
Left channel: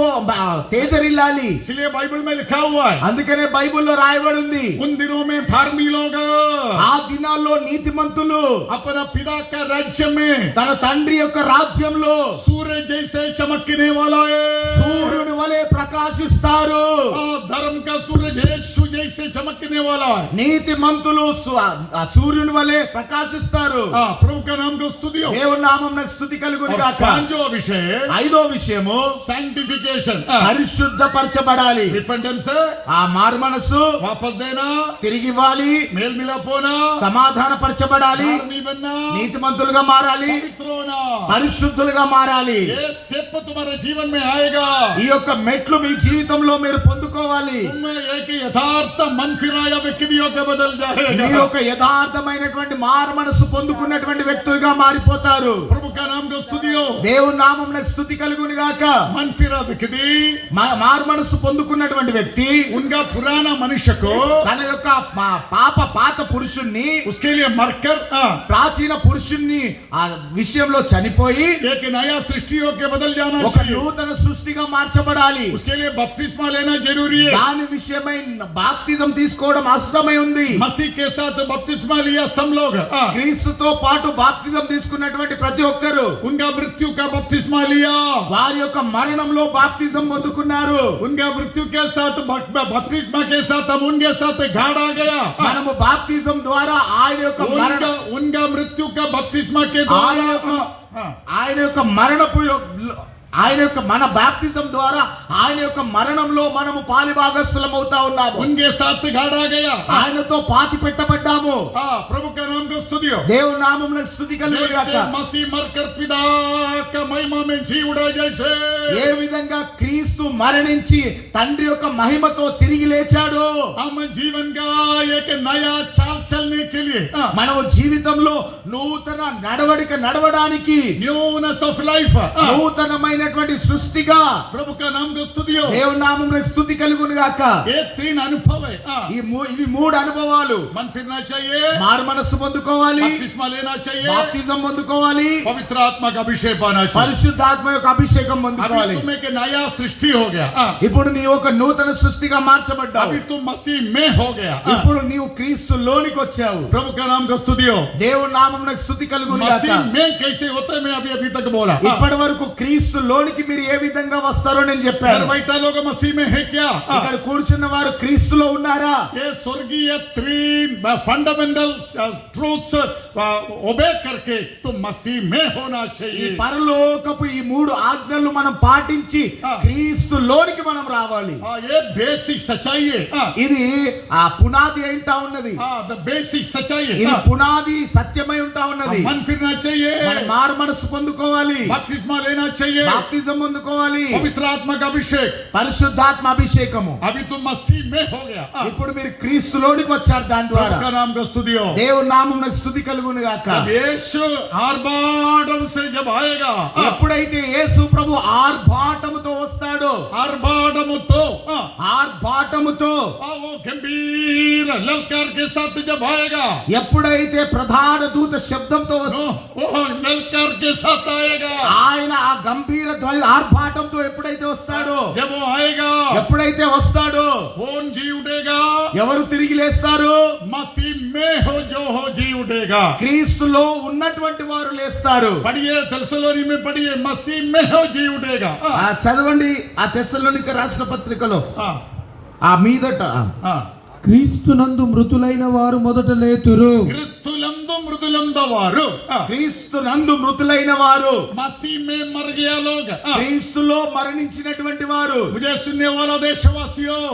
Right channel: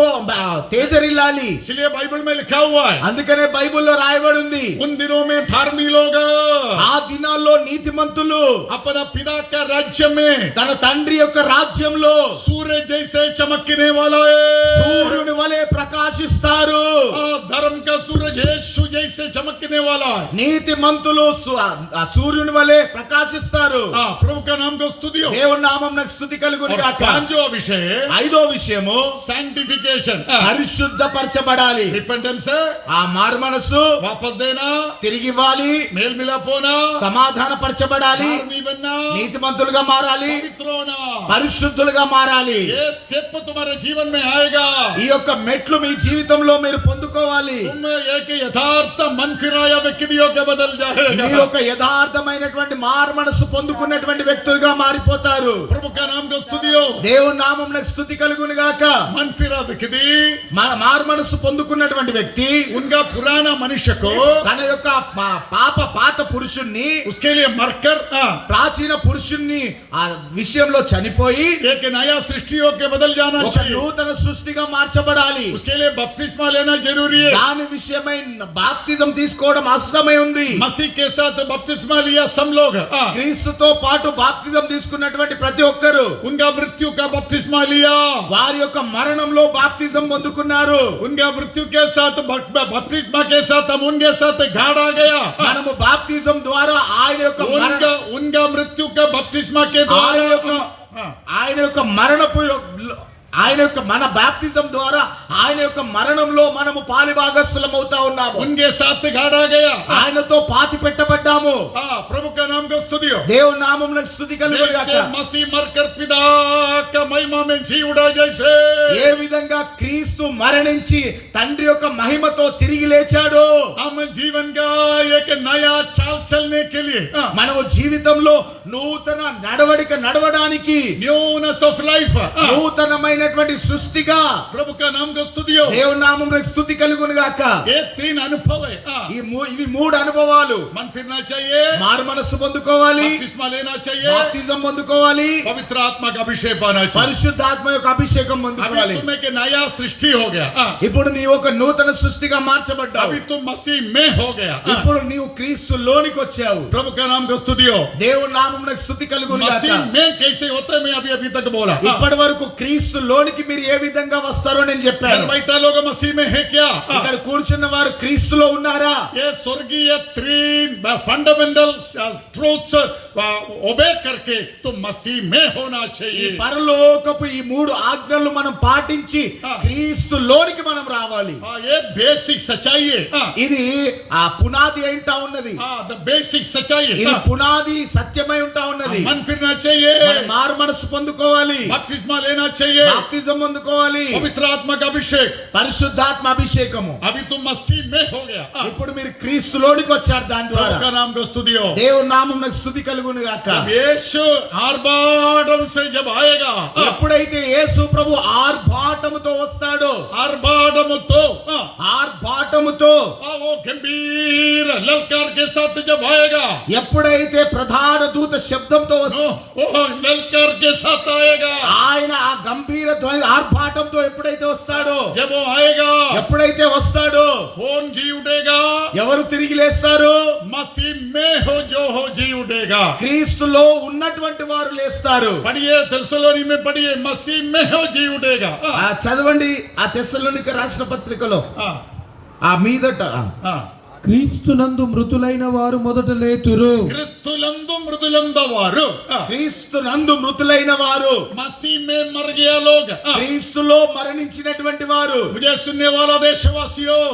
తేజరిల్లాలి. इसलिए बाइबल में लिखा हुआ है, అందుకనే బైబిల్లో రాయబడి ఉంది, उन दिनों में धार्मिक लोग ఆ దినాల్లో నీతిమంతులు अपना पिता का राज्य में తన తండ్రి యొక్క రాజ్యంలో सूरज जैसे चमकने वाला है। సూర్యుని వలె ప్రకాశిస్తారు. धर्म का सूरज यीशु जैसे चमकने वाला है। నీతి మంతులు సూర్యుని వలె ప్రకాశిస్తారు. प्रभु का नाम को स्तुति हो। దేవుని నామమునకు స్తుతి కలుగును और గాక. पांचवा विषय ఐదో విషయము सैंक्टिफिकेशन, పరిశుద్ధపరచబడాలి. रिपेंटेंस, ఆ మారు మనసు वापस देना, తిరిగి ఇవ్వాలి, मेल मिलाप होना, సమాధానపరచబడాలి, नहीं बनना, నీతిమంతులుగా మారాలి, पवित्र होना। పరిశుద్ధులుగా మారాలి. ये स्टेप तुम्हारे जीवन में आएगा। ఈ యొక్క మెట్లు మీ జీవితంలో మీరు పొందుకోవాలి. तुम एक यथार्थ मन फिराया व्यक्ति के बदल మీరు जाएगा। ఒక యథార్థమైనటువంటి మారు మనసు పొందుకున్నటువంటి వ్యక్తులుగా మారిపోతారు. प्रभु का नाम को स्तुति हो। దేవుని నామమునకు స్తుతి కలుగును గాక. मन फिरा व्यक्ति మారు మనసు పొందుకున్నటువంటి వ్యక్తి उनका पुराना मनुष्य को తన యొక్క పాత పురుషుణ్ణి, उसके लिए मरकर ప్రాచీన పురుషుణ్ణి ఆ విషయంలో చనిపోయి एक नया सृष्टि होके बदल जाना ఒక चाहिए। నూతన సృష్టిగా మార్చబడాలి. उसके लिए बपतिस्मा लेना जरूरी है। దాని విషయమై బాప్తిజం తీసుకోవడం అవసరమై ఉంది. मसीह के साथ बपतिस्मा लिया सब लोग, క్రీస్తుతో పాటు బాప్తిజం తీసుకున్నటువంటి ప్రతి ఒక్కరు उनका मृत्यु का बपतिस्मा लिया। వారి యొక్క మరణంలో బాప్తిజం పొందుకున్నారు. उनका मृत्यु के साथ बपतिस्मा के साथ हम उनके साथ गाड़ा गया। మనము బాప్తిజం ద్వారా ఆయన యొక్క उनका मृत्यु का बपतिस्मा के ఆయన యొక్క द्वारा ఆయన యొక్క మరణపు ఆయన యొక్క మన బాప్తిజం ద్వారా ఆయన యొక్క మరణంలో మనము పాలిభాగస్థులం అవుతా ఉన్నాము. उनके साथ गाड़ा गया। ఆయనతో పాతి పెట్టబడ్డాము. प्रभु का नाम को स्तुति हो। దేవుని నామమునకు స్తుతి కలుగును గాక. जैसे मसीह मरकर पिता का महिमा में जी उड़ा, जैसे ఏ విధంగా క్రీస్తు మరణించి తండ్రి యొక్క మహిమతో తిరిగి లేచాడో हम जीवन का एक नया चाल चलने के लिए మనము జీవితంలో నూతన నడవడిక నడవడానికి न्यूनेस ऑफ लाइफ నూతనమైనటువంటి సృష్టిగా प्रभु का नाम को स्तुति हो। దేవుని నామమునకు స్తుతి కలుగును గాక. ये तीन अनुभव है। ఇవి మూడు అనుభవాలు. मन फिरना चाहिए, మారు మనస్సు పొందుకోవాలి, बपतिस्मा लेना चाहिए, బాప్తిజం పొందుకోవాలి, पवित्र आत्मा का अभिषेक पाना चाहिए। పరిశుద్ధాత్మ యొక్క అభిషేకం अभी పొందుకోవాలి. तुम एक नया सृष्टि हो गया। ఇప్పుడు నీ ఒక నూతన సృష్టిగా మార్చబడ్డావు. अभी तुम मसीह में हो गया। ఇప్పుడు నీవు క్రీస్తులోనికి వచ్చావు. प्रभु का नाम को स्तुति हो। దేవుని నామమునకు స్తుతి కలుగును గాక. मसीह में कैसे होते हैं मैं अभी तक बोला। ఇప్పటి వరకు క్రీస్తులోనికి మీరు ఏ విధంగా వస్తారో నేను చెప్పాను. बैठा लोग मसीह में है क्या? ఇక్కడ కూర్చున్న వారు క్రీస్తులో ఉన్నారా? ये स्वर्गीय तीन फंडामेंटल ट्रूथ्स ओबे करके तुम मसीह में होना ఈ चाहिए। పరలోకపు ఈ మూడు ఆజ్ఞలు మనం పాటించి క్రీస్తులోనికి మనం రావాలి. ये बेसिक सच्चाई है। ఇది ఆ పునాది ఏంటా ఉన్నది. द बेसिक सच्चाई ఇది है। పునాది సత్యమై ఉంటా ఉన్నది. मन फिरना चाहिए, మనం మారు మనసు పొందుకోవాలి, बपतिस्मा लेना चाहिए, బాప్తిజం పొందుకోవాలి, पवित्र आत्मा का अभिषेक। పరిశుద్ధాత్మ అభిషేకము. अभी तुम मसीह में हो गया। ఇప్పుడు మీరు క్రీస్తులోనికి వచ్చారు. దాని ద్వారా प्रभु का नाम को स्तुति हो। దేవుని నామమునకు స్తుతి కలుగును గాక. जब यीशु आर्भाटम से जब आएगा, ఎప్పుడైతే యేసు ప్రభు ఆర్భాటముతో వస్తాడో, आर्भाटम तो ఆర్భాటముతో वो गंभीर ललकार के साथ जब आएगा, ఎప్పుడైతే ప్రధాన దూత శబ్దంతో वो ललकार के साथ आएगा। ఆయన ఆ గంభీర ధ్వని ఆర్భాటంతో ఎప్పుడైతే వస్తాడో, जब वो आएगा, ఎప్పుడైతే వస్తాడో कौन जी उठेगा? ఎవరు తిరిగి లేస్తారు? मसीह में जो हो जी उठेगा। క్రీస్తులో ఉన్నటువంటి వారు లేస్తారు. पढ़िए तेस्सलोनी में पढ़िए, मसीह में हो जी उठेगा। చదవండి ఆ తెస్సలోనిక రాసిన పత్రికలో ఆ మీదట క్రీస్తునందు మృతులైన వారు మొదట లేతురు. क्रिस्तुलंदु मृदुलंदवारु, క్రీస్తునందు మృతులైన వారు, मसीह में मर गया लोग। క్రీస్తులో మరణించినటువంటి వారు. मुझे सुनने वाला देशवासियों,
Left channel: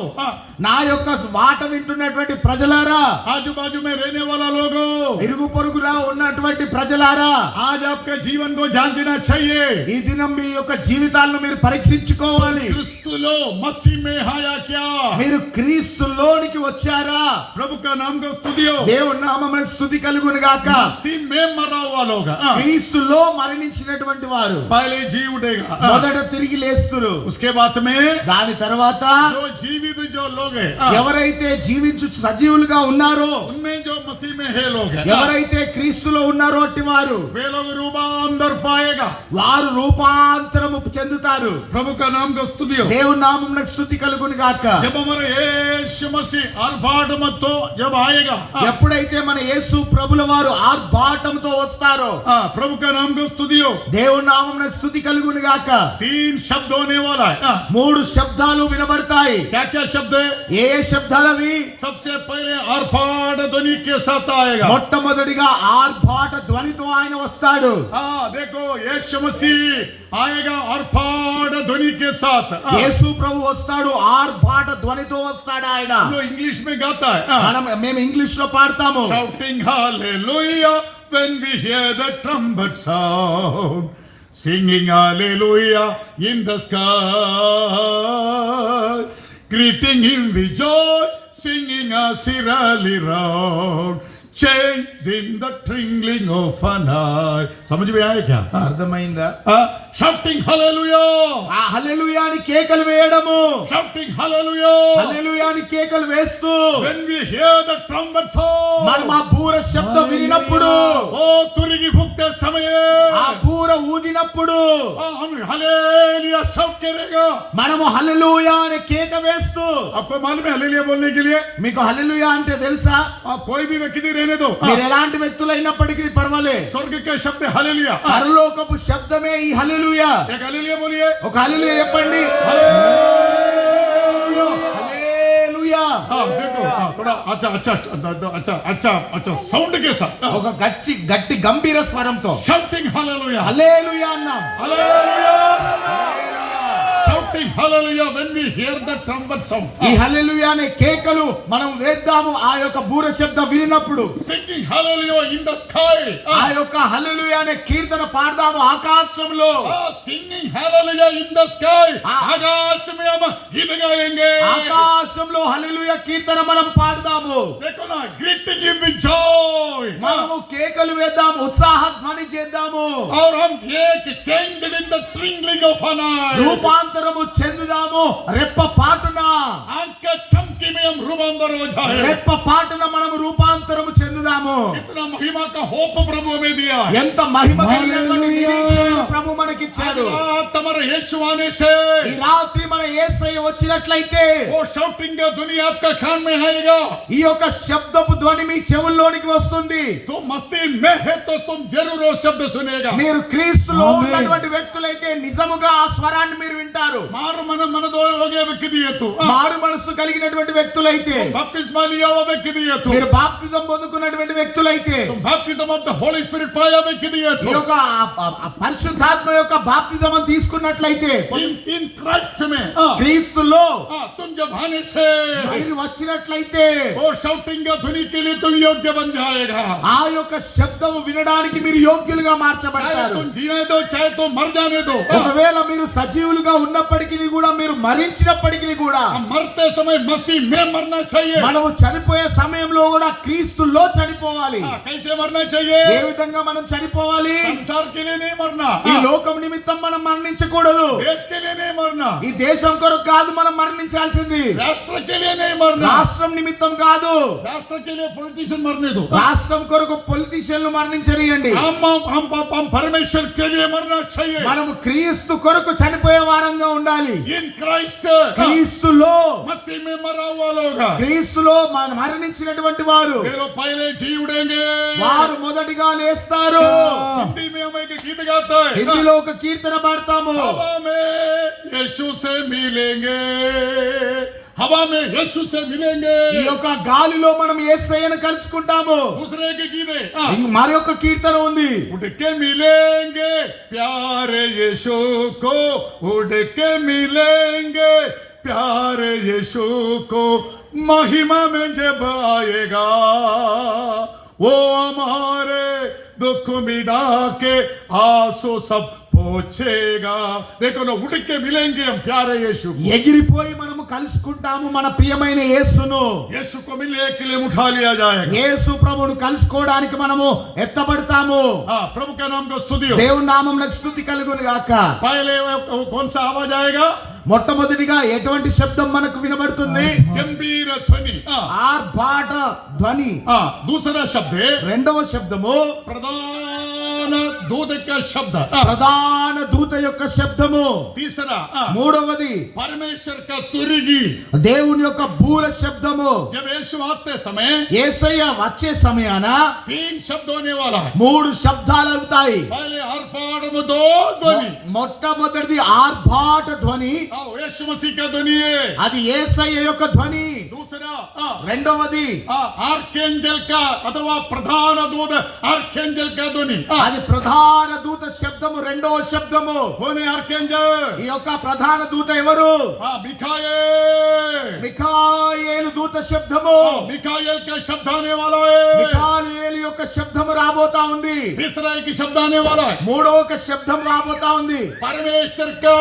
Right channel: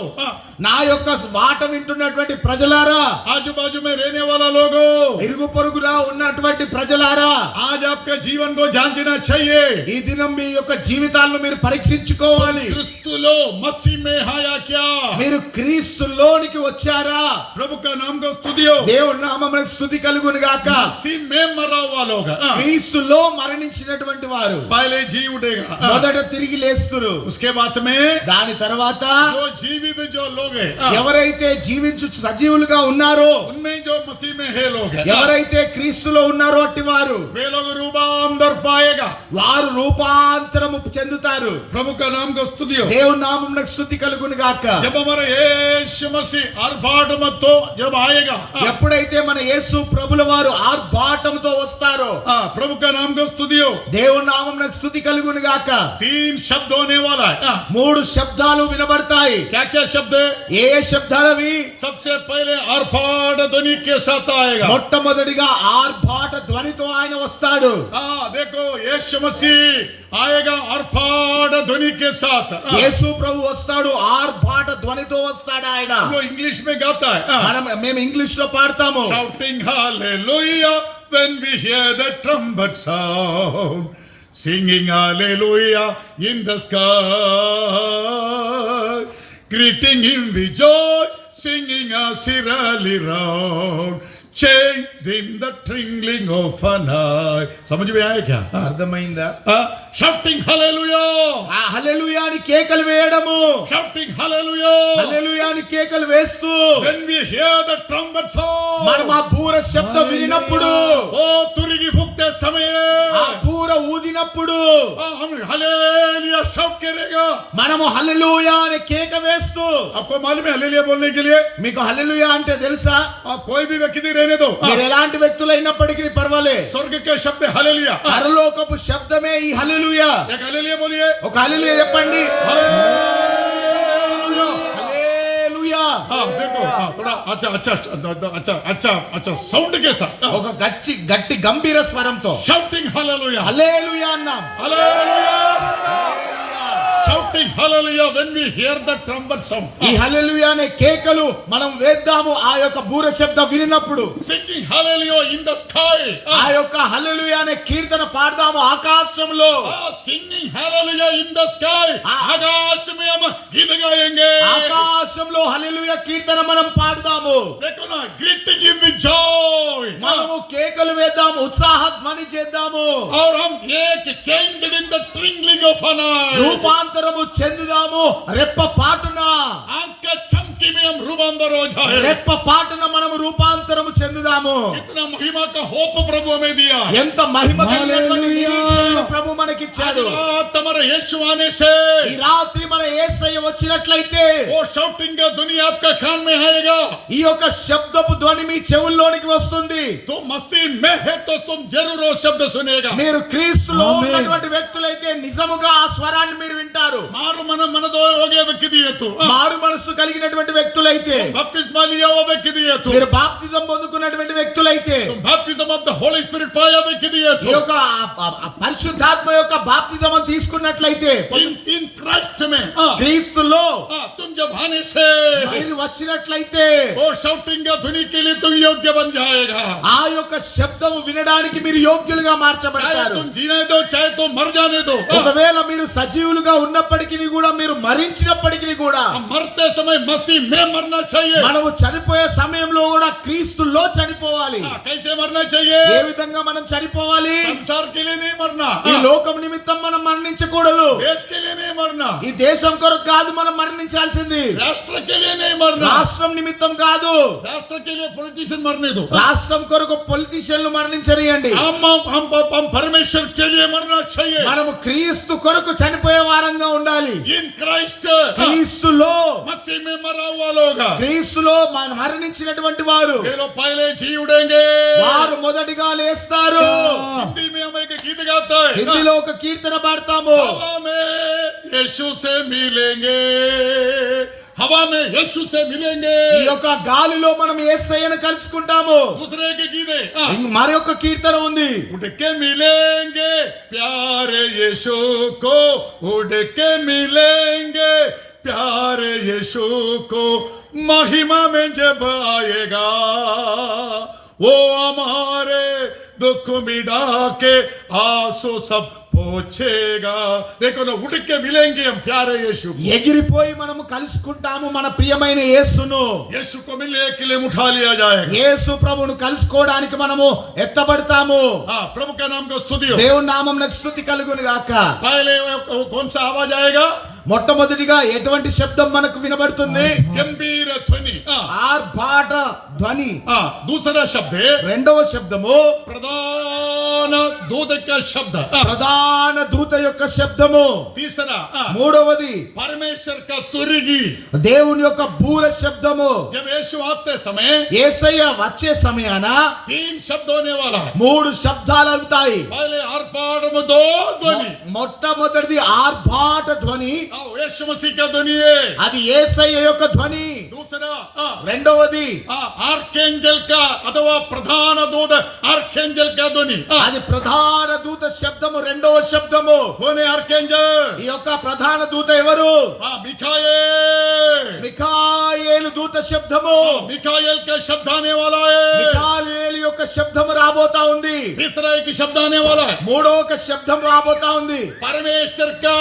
నా యొక్క మాట వింటున్నటువంటి ప్రజలారా, आजू बाजू में रहने वाला लोगों, ఇరుగు పొరుగులా ఉన్నటువంటి ప్రజలారా, आज आपके जीवन को जांचना चाहिए। ఈ దినం మీ యొక్క జీవితాలను మీరు పరీక్షించుకోవాలి. क्रिस्तुलो मसीह में आया क्या? మీరు క్రీస్తులోనికి వచ్చారా? प्रभु का नाम को स्तुति हो। దేవుని నామమునకు స్తుతి కలుగును గాక. मसीह में मरा हुआ लोग క్రీస్తులో మరణించినటువంటి వారు पहले जी उठेगा, మొదట తిరిగి లేస్తురు. उसके बाद में దాని తర్వాత जो जीवित जो लोग हैं, ఎవరైతే జీవించు సజీవులుగా ఉన్నారో, उनमें जो मसीह में है लोग हैं, ఎవరైతే క్రీస్తులో ఉన్నారో అట్టి వారు, वे लोग रूपांतर पाएगा। వారు రూపాంతరము చెందుతారు. प्रभु का नाम को स्तुति हो। దేవుని నామమునకు స్తుతి కలుగును గాక. जब हमारा यीशु मसीह आर्भाट मत तो जब आएगा, ఎప్పుడైతే మన యేసు ప్రభుల వారు ఆర్భాటంతో వస్తారు. प्रभु का नाम को स्तुति हो. దేవుని నామమునకు స్తుతి కలుగును గాక. 3 शब्द होने वाला है. 3 శబ్దాలు వినబడతాయి. क्या क्या शब्द है? ఏ శబ్దాలవి? सबसे पहले आर्भाट ध्वनि के साथ आएगा. మొట్టమొదటిగా ఆర్భాట ధ్వనితో ఆయన వస్తాడు. देखो यीशु मसीह आएगा आर्भाट ध्वनि के साथ. యేసు ప్రభు వస్తాడు ఆర్భాట ధ్వనితో వస్తాడు ఆయన. वो इंग्लिश में गाता है. మేము ఇంగ్లీష్ లో పాడతాము. Shouting hallelujah when we hear the trumpet sound, singing hallelujah in the sky, greeting him with joy, singing a sirali round, changed in the twinkling of an eye. समझ में आया क्या? అర్థమైందా? Shouting hallelujah, ఆ హల్లెలూయా అని కేకలు వేయడము. shouting hallelujah హల్లెలూయా అని కేకలు వేస్తూ when we hear the trumpet sound. మనం ఆ బూర శబ్దం వినినప్పుడు, ఓ तुरगी फूकते समय ఆ బూర ఊదినప్పుడు हम हालेलुया शाउट करेगा. మనము హల్లెలూయా అనే కేక వేస్తూ. आपको मालूम है हालेलुया बोलने के लिए మీకు హల్లెలూయా అంటే తెలుసా? आप कोई भी व्यक्ति रहने दो. మీరు ఎలాంటి వ్యక్తులైనప్పటికీ పర్వాలే. स्वर्ग के शब्द हालेलुया. పరలోకపు శబ్దమే ఈ హల్లెలూయా. एक हालेलुया बोलिए. ఒక హల్లెలూయా చెప్పండి. हालेलुया. హల్లెలూయా. देखो थोड़ा अच्छा अच्छा अच्छा अच्छा अच्छा साउंड के साथ ఒక గట్టి గంభీర స్వరంతో शाउटिंग हालेलुया. హల్లెలూయా అన్నాం. Hallelujah. Shouting hallelujah when we hear the trumpet sound. ఈ హల్లెలూయా అనే కేకలు మనం వేద్దాము ఆ యొక్క బూర శబ్దం వినినప్పుడు. Singing hallelujah in the sky. ఆ యొక్క హల్లెలూయా అనే కీర్తన పాడదాము ఆకాశంలో. Singing hallelujah in the sky. आकाश में हम गीत गाएंगे. ఆకాశంలో హల్లెలూయా కీర్తన మనం పాడదాము. देखो ना greeting him with joy. మనము కేకలు వేద్దాము, ఉత్సాహ ధ్వని చేద్దాము. और हम एक changed in the twinkling of an eye. రూపాంతరము చెందుదాము రెప్ప పాటున. आंख चमकी में हम रूपांतर हो जाए. రెప్ప పాటున మనము రూపాంతరము చెందుదాము. इतना महिमा का होप प्रभु हमें दिया. ఎంత మహిమ కలిగినటువంటి నిరీక్షణ ప్రభు మనకిచ్చాడు. तुम्हारे यीशु आने से ఈ రాత్రి మన యేసయ్య వచ్చినట్లయితే वो शाउटिंग का दुनिया आपका कान में आएगा. ఈ యొక్క శబ్దపు ధ్వని మీ చెవుల్లోనికి వస్తుంది. तुम मसीह में है तो तुम जरूर वो शब्द सुनेगा. మీరు క్రీస్తులో ఉన్నటువంటి వ్యక్తులైతే నిజముగా ఆ స్వరాన్ని మీరు వింటారు. मार मन मनदो हो गया व्यक्ति दिए तू. మారు మనసు కలిగినటువంటి వ్యక్తులైతే, बपतिस्मा लिया हुआ व्यक्ति दिए तू. మీరు బాప్తిజం పొందుకున్నటువంటి వ్యక్తులైతే, तुम बपतिस्म ऑफ द होली स्पिरिट पाया व्यक्ति दिए ఈ तू. యొక్క పరిశుద్ధాత్మ యొక్క బాప్తిజం తీసుకున్నట్లయితే, इन क्राइस्ट में క్రీస్తులో तुम जब आने से మీరు వచ్చినట్లయితే वो शाउटिंग का ध्वनि के लिए तुम योग्य बन जाएगा. ఆ యొక్క శబ్దము వినడానికి మీరు యోగ్యులుగా चाहे మార్చబడతారు. तुम जीने दो चाहे तुम मर जाने दो. ఒకవేళ మీరు సజీవులుగా ఉన్నప్పటికీ కూడా, మీరు మరించినప్పటికీ కూడా, मरते समय मसीह में मरना चाहिए. మనము చనిపోయే సమయంలో కూడా క్రీస్తులో చనిపోవాలి. कैसे मरना चाहिए? ఏ విధంగా మనం చనిపోవాలి? संसार के लिए नहीं मरना. ఈ లోకం నిమిత్తం మనం మరణించకూడదు. देश के लिए नहीं मरना. ఈ దేశం కొరకు కాదు మనం మరణించాల్సింది. राष्ट्र के लिए नहीं मरना. రాష్ట్రం నిమిత్తం కాదు. राष्ट्र के लिए पॉलिटिशियन मरने दो. రాష్ట్రం కొరకు పొలిటీషియన్లు మరణించనియండి. हम परमेश्वर के लिए मरना चाहिए. మనము క్రీస్తు కొరకు చనిపోయే వారంగా ఉండాలి. इन क्राइस्ट క్రీస్తులో, मसीह में मरा हुआ लोग క్రీస్తులో మరణించినటువంటి వారు, ये लोग पहले जी उड़ेंगे. వారు మొదటిగా లేస్తారు. हिंदी में हम एक गीत गाते हैं. హిందీలో ఒక కీర్తన పాడతాము. हवा में यीशु से मिलेंगे. हवा में यीशु से मिलेंगे. ఈ యొక్క గాలిలో మనం యేసయ్యను కలుసుకుంటాము. दूसरे के गीत है మరి ఒక కీర్తన ఉంది. उड़ के मिलेंगे प्यारे यीशु को. उड़ के मिलेंगे प्यारे यीशु को. महिमा में जब आएगा वो हमारे दुख मिटा के आंसू सब पोछेगा. देखो ना उड़ के मिलेंगे हम प्यारे यीशु को. ఎగిరిపోయి మనము కలుసుకుంటాము మన ప్రియమైన యేసును. यीशु को मिलने के लिए उठा लिया जाएगा. యేసు ప్రభువును కలుసుకోవడానికి మనము ఎత్తబడతాము. प्रभु का नाम को स्तुति हो. దేవుని నామమునకు స్తుతి కలుగును గాక. पहले कौन सा आवाज आएगा? మొట్టమొదటిగా ఎటువంటి శబ్దం మనకు వినబడుతుంది? गंभीर ध्वनि. ఆర్భాట ధ్వని. दूसरा शब्द है రెండవ శబ్దము प्रधान प्रधान दूत का शब्द ప్రధాన దూత యొక్క శబ్దము. तीसरा మూడవది परमेश्वर का तुरगी దేవుని యొక్క బూర శబ్దము. जब यीशु आते समय యేసయ్య వచ్చే సమయాన 3 शब्द होने वाला है 3 శబ్దాలు అవుతాయి. पहले आर्भाटम दो ध्वनि మొట్టమొదటిది ఆర్భాట ధ్వని, यीशु मसीह का ध्वनि है అది యేసయ్య యొక్క ధ్వని. दूसरा రెండవది आर्केंजल का अथवा प्रधान दूत आर्केंजल का ध्वनि అది ప్రధాన దూత శబ్దము. రెండవ శబ్దము. कौन है आर्केंजल ఈ యొక్క ప్రధాన దూత ఎవరు? मिखाएल మిఖాయేలు దూత శబ్దము. मिखाएल का शब्द आने वाला है మిఖాయేలు యొక్క శబ్దము రాబోతా ఉంది. तीसरा एक शब्द आने वाला है మూడవ ఒక శబ్దం రాబోతా ఉంది. परमेश्वर का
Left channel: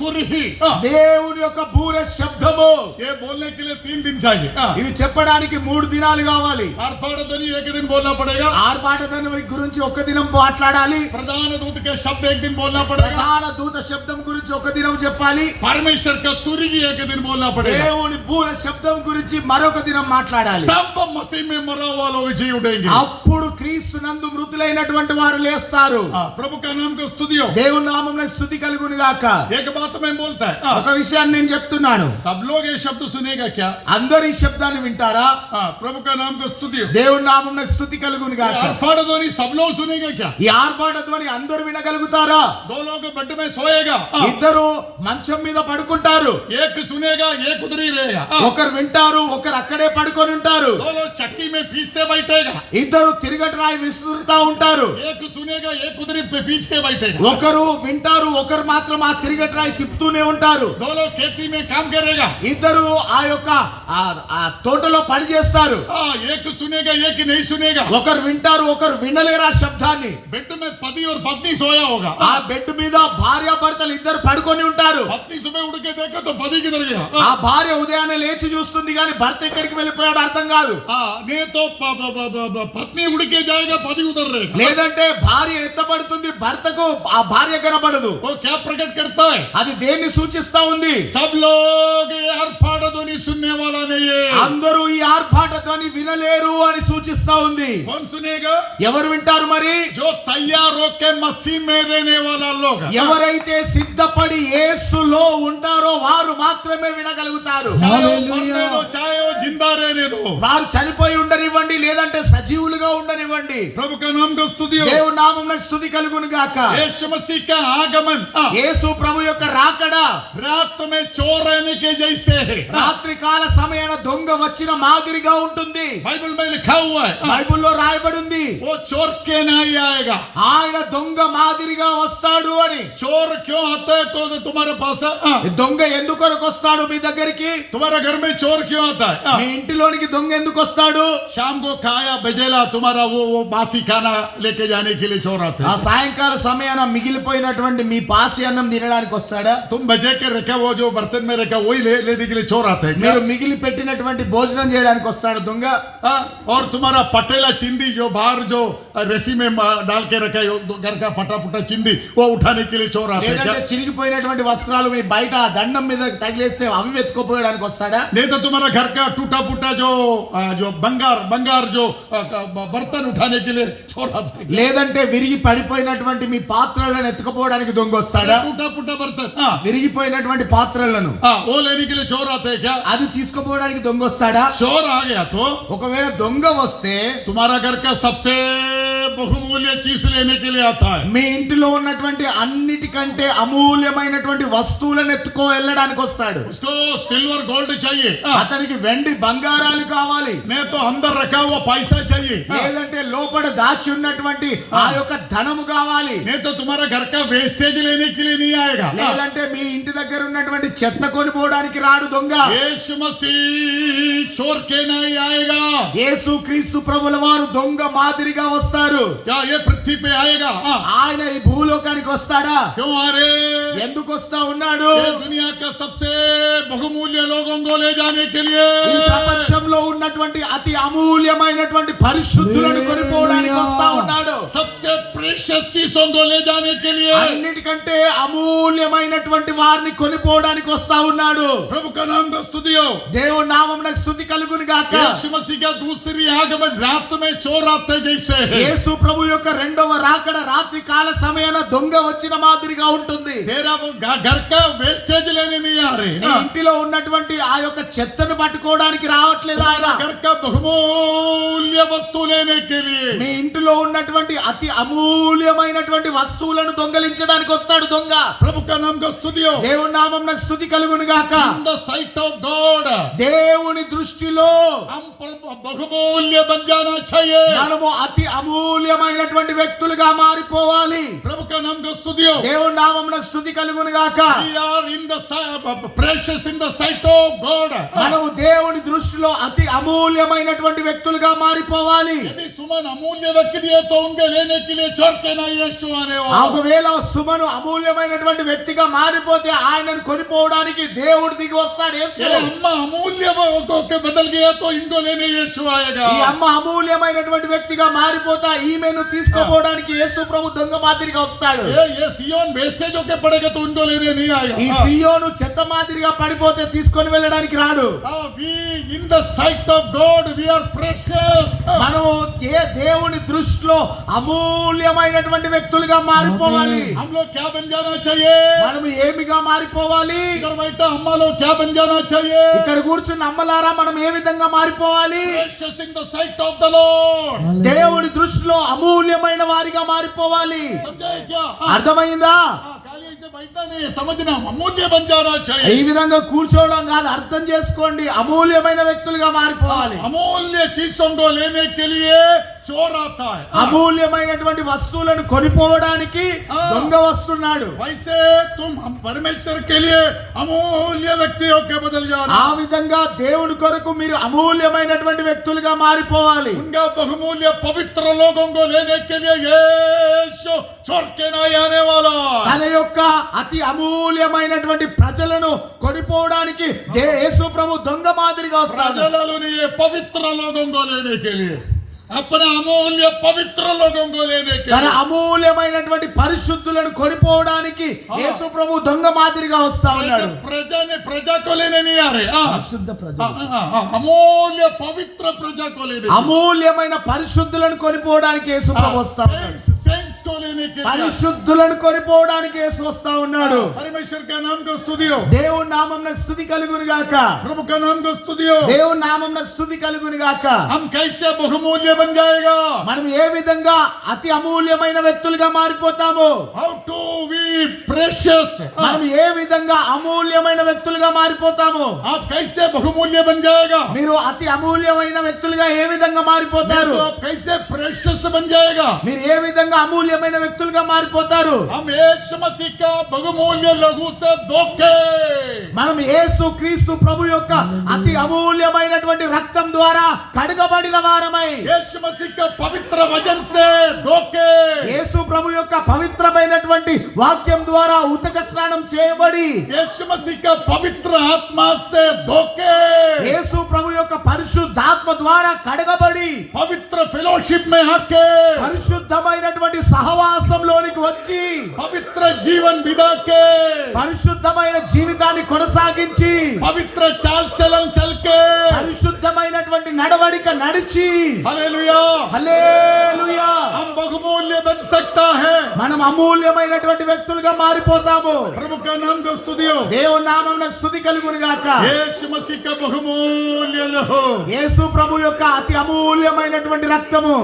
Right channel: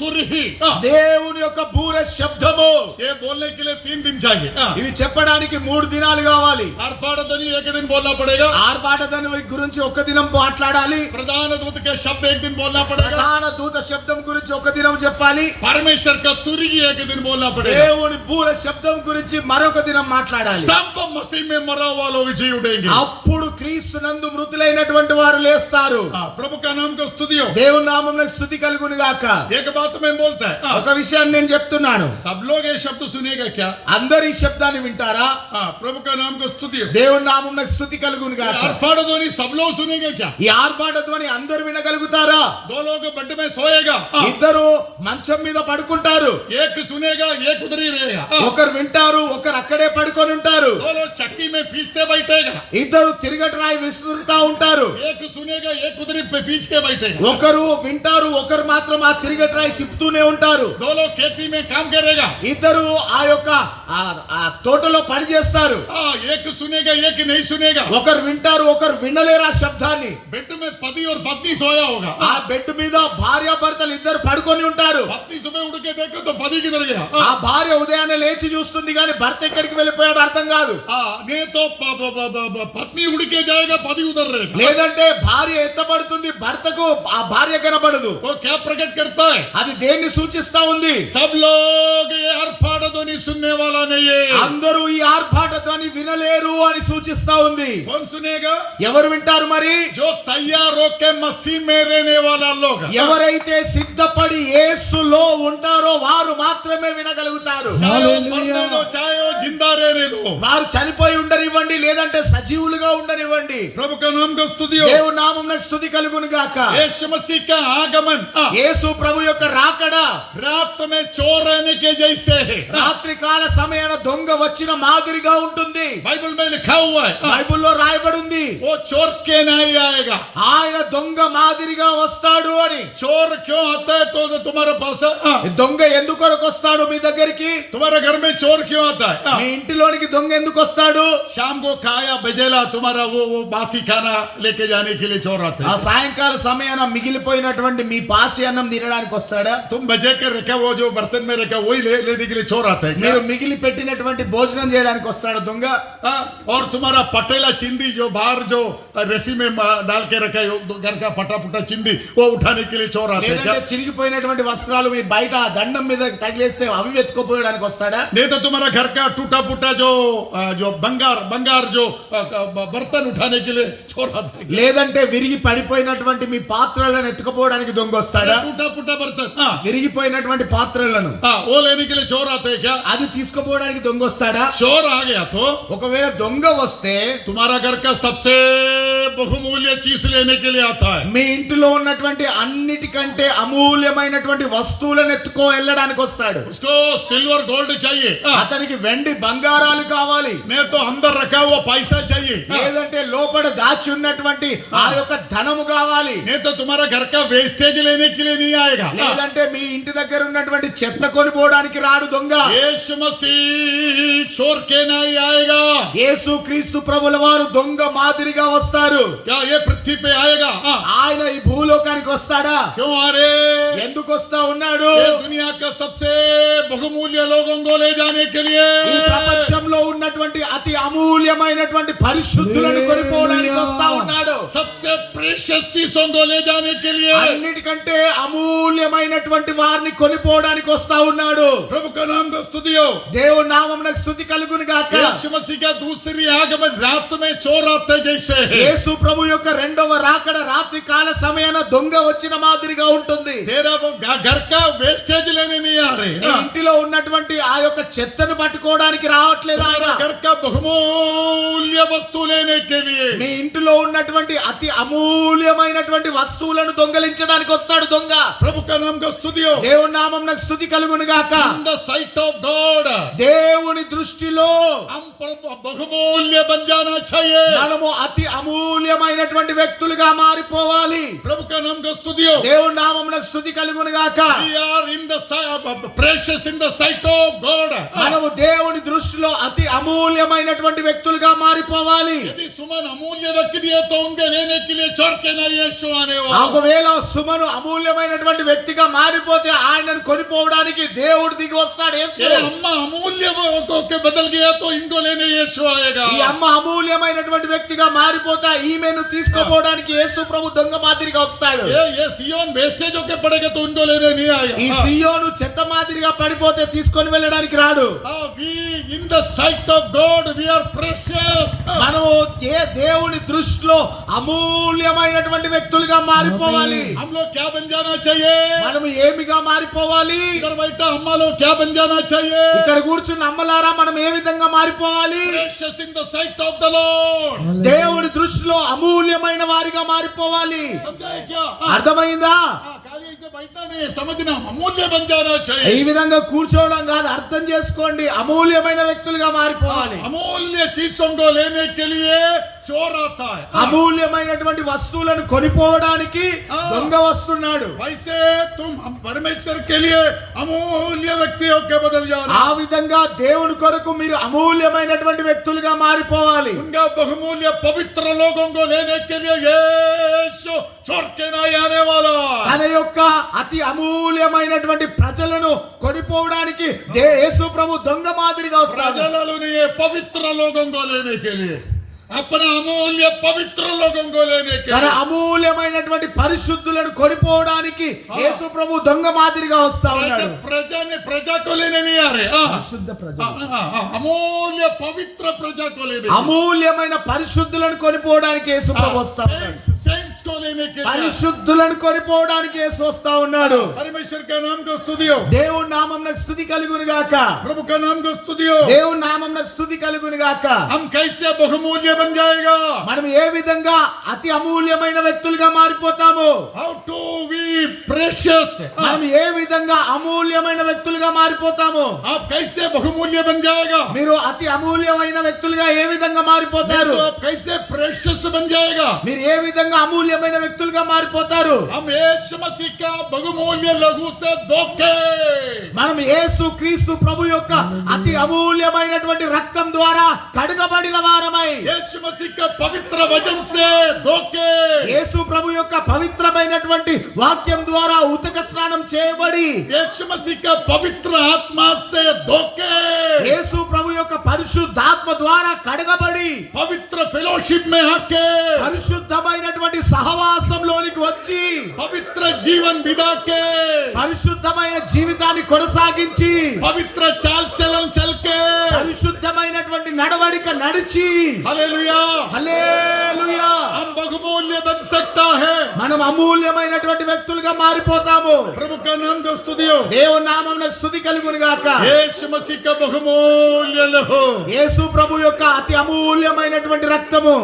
तुरही దేవుని యొక్క బూర శబ్దము. ये बोलने के लिए 3 दिन चाहिए ఇవి చెప్పడానికి 3 దినాలు కావాలి. आर्भाट ध्वनि एक दिन बोलना पड़ेगा ఆర్భాట ధ్వని గురించి ఒక దినం మాట్లాడాలి. प्रधान दूत के शब्द एक दिन बोलना पड़ेगा ప్రధాన దూత శబ్దం గురించి ఒక దినం చెప్పాలి. परमेश्वर का तुरही एक दिन बोलना पड़ेगा దేవుని బూర శబ్దం గురించి మరొక దినం మాట్లాడాలి. तब मसीह में मरा हुआ लोग जी उठेंगे అప్పుడు క్రీస్తు నందు మృతులైనటువంటి వారు లేస్తారు. प्रभु का नाम को स्तुति हो దేవుని నామమున స్తుతి కలుగును గాక. एक बात मैं बोलता है ఒక విషయాన్ని నేను చెప్తున్నాను. सब लोग ये शब्द सुनेगा क्या అందరు ఈ శబ్దాన్ని వింటారా? प्रभु का नाम को स्तुति हो దేవుని నామమున స్తుతి కలుగును గాక. आर्भाट ध्वनि सब लोग सुनेगा क्या ఈ ఆర్భాట ధ్వని అందరు వినగలుగుతారా? 2 लोग बेड में सोएगा ఇద్దరు మంచం మీద పడుకుంటారు. एक सुनेगा एक उधर ही रहेगा ఒకరు వింటారు, ఒకరు అక్కడే పడుకొని ఉంటారు. 2 लोग चक्की में पीसते बैठेगा ఇద్దరు తిరగటి రాయి విసురుతా ఉంటారు. एक सुनेगा एक उधर ही पीस के बैठेगा ఒకరు వింటారు, ఒకరు మాత్రం ఆ తిరగటి రాయి తిప్పుతూనే ఉంటారు. 2 लोग खेती में काम करेगा ఇద్దరు ఆ యొక్క ఆ తోటలో పని చేస్తారు. एक सुनेगा एक नहीं सुनेगा ఒకరు వింటారు, ఒకరు వినలేరు ఆ శబ్దాన్ని. बेड में पति और पत्नी सोया होगा ఆ బెడ్ మీద భార్యాభర్తలు ఇద్దరు పడుకొని ఉంటారు. पत्नी सुबह उठ के देखो तो पति किधर गया ఆ భార్య ఉదయాన్నే లేచి చూస్తుంది కానీ భర్త ఎక్కడికి వెళ్ళిపోయాడు అర్థం కాదు. नहीं तो पत्नी उड़ के जाएगा पति उधर रहेगा లేదంటే భార్య ఎత్తబడుతుంది, భర్తకు ఆ భార్య కనబడదు. वो क्या प्रकट करता है అది దేన్ని సూచిస్తా ఉంది? सब लोग ये आर्भाट ध्वनि सुनने वाला नहीं है అందరూ ఈ ఆర్భాట ధ్వని వినలేరు అని సూచిస్తా ఉంది. कौन सुनेगा ఎవరు వింటారు మరి? जो तैयार होके मसीह में रहने वाला लोग ఎవరైతే సిద్ధపడి యేసులో ఉంటారో వారు మాత్రమే వినగలుగుతారు. चाहे वो मरने दो चाहे वो जिंदा रहने दो వారు చనిపోయి ఉండనివ్వండి, లేదంటే సజీవులుగా ఉండనివ్వండి. प्रभु का नाम को स्तुति हो దేవుని నామమున స్తుతి కలుగును గాక. यीशु मसीह का आगमन యేసు ప్రభు యొక్క రాకడ रात में चोर रहने के जैसे है రాత్రి కాల సమయాన దొంగ వచ్చిన మాదిరిగా ఉంటుంది. बाइबल में लिखा हुआ है బైబిల్లో రాయబడింది, वो चोर के नहीं आएगा ఆయన దొంగ మాదిరిగా వస్తాడు అని. चोर क्यों आता है तो तुम्हारे पास దొంగ ఎందుకు వస్తాడు మీ దగ్గరికి? तुम्हारे घर में चोर क्यों आता మీ है ఇంటిలోనికి దొంగ ఎందుకు వస్తాడు? शाम को खाया बजेला तुम्हारा वो बासी खाना लेके जाने के लिए चोर आते ఆ हैं సాయంకాల సమయాన మిగిలిపోయినటువంటి మీ పాసి అన్నం తినడానికి వస్తాడా? तुम बजे के रखे वो जो बर्तन में रखा वही लेने के लिए चोर आते हैं क्या? మీరు మిగిలి పెట్టినటువంటి భోజనం చేయడానికి వస్తాడు దొంగ. और तुम्हारा पटेला चिंदी जो बाहर जो रस्सी में डाल के रखा है घर का फटा फटा चिंदी वो उठाने के लिए चोर आते हैं क्या? లేదంటే చిరిగిపోయినటువంటి వస్త్రాలు మీ బయట దండం మీద తగిలేస్తే అవి వెతుకోపోయడానికి వస్తాడా? नहीं तो तुम्हारा घर का टूटा फूटा जो बंगार जो बर्तन उठाने के लिए चोर आते हैं क्या? లేదంటే విరిగి పడిపోయినటువంటి మీ పాత్రలను ఎత్తుకుపోవడానికి దొంగ వస్తాడా? टूटा फूटा बर्तन విరిగిపోయినటువంటి పాత్రలను वो लेने के लिए चोर आते हैं क्या? అది తీసుకుపోవడానికి దొంగ వస్తాడా? चोर आ गया तो ఒకవేళ దొంగ వస్తే तुम्हारा घर का सबसे बहुमूल्य चीज लेने के लिए आता है మీ ఇంటిలో ఉన్నటువంటి అన్నిటికంటే అమూల్యమైనటువంటి వస్తువులను ఎత్తుకో వెళ్ళడానికి వస్తాడు. उसको सिल्वर गोल्ड चाहिए అతనికి వెండి బంగారాలు కావాలి, नहीं तो अंदर रखा हुआ पैसा चाहिए లేదంటే లోపల దాచి ఉన్నటువంటి ఆ యొక్క ధనము కావాలి, नहीं तो तुम्हारा घर का वेस्टेज लेने के लिए नहीं आएगा లేదంటే మీ ఇంటి దగ్గర ఉన్నటువంటి చెత్త కొనిపోవడానికి రాడు దొంగ. यीशु मसीह चोर के नहीं आएगा యేసు క్రీస్తు ప్రభుల వారు దొంగ మాదిరిగా వస్తారు. क्या ये पृथ्वी पे आएगा ఆయన ఈ భూలోకానికి వస్తాడా? क्यों आ रहे ఎందుకు వస్తా ఉన్నాడు? ये दुनिया का सबसे बहुमूल्य लोगों को ले जाने के लिए ఈ ప్రపంచంలో ఉన్నటువంటి అతి అమూల్యమైనటువంటి పరిశుద్ధులను కొనిపోవడానికి వస్తా ఉన్నాడు. सबसे प्रेशियस चीजों को ले जाने के लिए అన్నిటికంటే అమూల్యమైనటువంటి వారిని కొనిపోవడానికి వస్తా ఉన్నాడు. प्रभु का नाम को स्तुति हो దేవుని నామమునకు స్తుతి కలుగును గాక. यीशु मसीह का दूसरी आगमन रात में चोर आते जैसे है యేసు యేసు ప్రభు యొక్క రెండవ రాకడ రాత్రి కాల సమయాన దొంగ వచ్చిన మాదిరిగా ఉంటుంది. तेरा वो घर का वेस्टेज लेने नहीं आ रहे. నీ ఇంటిలో ఉన్నటువంటి ఆ యొక్క చెత్తను పట్టుకోవడానికి రావట్లేదు ఆయన. तुम्हारा घर का बहुमूल्य वस्तु लेने के लिए. మీ ఇంటిలో ఉన్నటువంటి అతి అమూల్యమైనటువంటి వస్తువులను దొంగలించడానికి వస్తాడు దొంగ. प्रभु का नाम का स्तुति हो. దేవుని నామమునకు స్తుతి కలుగును గాక. In the sight of God, దేవుని దృష్టిలో हम बहुमूल्य बन जाना चाहिए. మనము అతి అమూల్యమైనటువంటి వ్యక్తులుగా మారిపోవాలి. प्रभु का नाम का स्तुति हो. దేవుని నామమునకు స్తుతి కలుగును గాక. We are in the precious in the sight of God. మనము దేవుని దృష్టిలో అతి అమూల్యమైనటువంటి వ్యక్తులుగా మారిపోవాలి. यदि सुमन अमूल्य व्यक्ति है तो उनके लेने के लिए छोड़ के ना यीशु आने वाला. ఒకవేళ సుమను అమూల్యమైనటువంటి వ్యక్తిగా మారిపోతే ఆయనను కొనిపోవడానికి దేవుడు దిగి వస్తాడు యేసు. ये अम्मा अमूल्य के बदल गया तो इनको लेने यीशु आएगा. ఈ అమ్మ అమూల్యమైనటువంటి వ్యక్తిగా మారిపోతా ఈమెను తీసుకుపోవడానికి యేసు ప్రభు దొంగ మాదిరిగా వస్తాడు. ये सियोन वेस्टेज होके पड़ेगा तो उनको लेने नहीं आएगा. ఈ సియోను చెత్త మాదిరిగా పడిపోతే తీసుకొని వెళ్ళడానికి రాడు. We in the sight of God we are precious. మనము దేవుని దృష్టిలో అమూల్యమైనటువంటి వ్యక్తులుగా మారిపోవాలి. हम लोग क्या बन जाना चाहिए? మనము ఏమిగా మారిపోవాలి? इधर बैठा अम्मा लोग क्या बन जाना चाहिए? ఇక్కడ కూర్చున్న అమ్మలారా మనం ఏ విధంగా మారిపోవాలి? Precious in the sight of the Lord. దేవుని దృష్టిలో అమూల్యమైన వారిగా మారిపోవాలి. समझाए क्या? అర్థమైందా? खाली से बैठा नहीं समझना अमूल्य बन जाना ఈ चाहिए. విధంగా కూర్చోవడం కాదు, అర్థం చేసుకోండి. అమూల్యమైన వ్యక్తులుగా మారిపోవాలి. अमूल्य चीजों को लेने के लिए चोर आता है. అమూల్యమైనటువంటి వస్తువులను కొనిపోవడానికి దొంగ వస్తున్నాడు. वैसे तुम हम परमेश्वर के लिए अमूल्य व्यक्ति होके बदल जाना. ఆ విధంగా దేవుని కొరకు మీరు అమూల్యమైనటువంటి వ్యక్తులుగా మారిపోవాలి. उनका बहुमूल्य पवित्र लोगों को लेने के लिए यीशु छोड़ के नहीं आने वाला. తన యొక్క అతి అమూల్యమైనటువంటి ప్రజలను కొనిపోవడానికి యేసు ప్రభు దొంగ మాదిరిగా వస్తాడు. प्रजलों ने ये पवित्र लोगों को लेने के लिए अपना अमूल्य पवित्र लोगों को लेने के తన लिए అమూల్యమైనటువంటి పరిశుద్ధులను కొనిపోవడానికి యేసు ప్రభు దొంగ మాదిరిగా వస్తా ఉన్నాడు. प्रजा को लेने नहीं आ रहे. పరిశుద్ధ ప్రజలు, अमूल्य पवित्र प्रजा को लेने అమూల్యమైన పరిశుద్ధులను కొనిపోవడానికి యేసు ప్రభు వస్తా ఉన్నాడు. सेंट्स को लेने के लिए పరిశుద్ధులను కొనిపోవడానికి యేసు వస్తా ఉన్నాడు. परमेश्वर का नाम को स्तुति हो. దేవుని నామమునకు స్తుతి కలుగును గాక. प्रभु का नाम को स्तुति हो. దేవుని నామమునకు స్తుతి కలుగును గాక. हम कैसे बहुमूल्य बन जाएगा? మనం ఏ విధంగా అతి అమూల్యమైన వ్యక్తులుగా మారిపోతాము? How to be precious? మనం ఏ విధంగా అమూల్యమైన వ్యక్తులుగా మారిపోతాము? आप कैसे बहुमूल्य बन जाएगा? మీరు అతి అమూల్యమైన వ్యక్తులుగా ఏ విధంగా మారిపోతారు? तो आप कैसे precious बन जाएगा? మీరు ఏ విధంగా అమూల్యమైన వ్యక్తులుగా మారిపోతారు? हम यीशु मसीह का बहुमूल्य लहू से धोखे, మనం యేసు క్రీస్తు ప్రభు యొక్క అతి అమూల్యమైనటువంటి రక్తం ద్వారా కడగబడిన వారమై, यीशु मसीह का पवित्र वचन से धोखे, యేసు ప్రభు యొక్క పవిత్రమైనటువంటి వాక్యం ద్వారా ఉతక స్నానం చేయబడి, यीशु मसीह का पवित्र आत्मा से धोखे, యేసు ప్రభు యొక్క పరిశుద్ధాత్మ ద్వారా కడగబడి, पवित्र फेलोशिप में आके, పరిశుద్ధమైనటువంటి సహవాసంలోనికి వచ్చి, पवित्र जीवन बिता के, పరిశుద్ధమైన జీవితాన్ని కొనసాగించి, पवित्र चाल चलन चल के, పరిశుద్ధమైనటువంటి నడవడిక నడిచి, हालेलुया, హల్లెలూయా, हम बहुमूल्य बन सकता है. మనం అమూల్యమైనటువంటి వ్యక్తులుగా మారిపోతాము. प्रभु का नाम को स्तुति हो. దేవుని నామమునకు స్తుతి కలుగును గాక. यीशु मसीह का बहुमूल्य लहू. యేసు ప్రభు యొక్క అతి అమూల్యమైనటువంటి రక్తము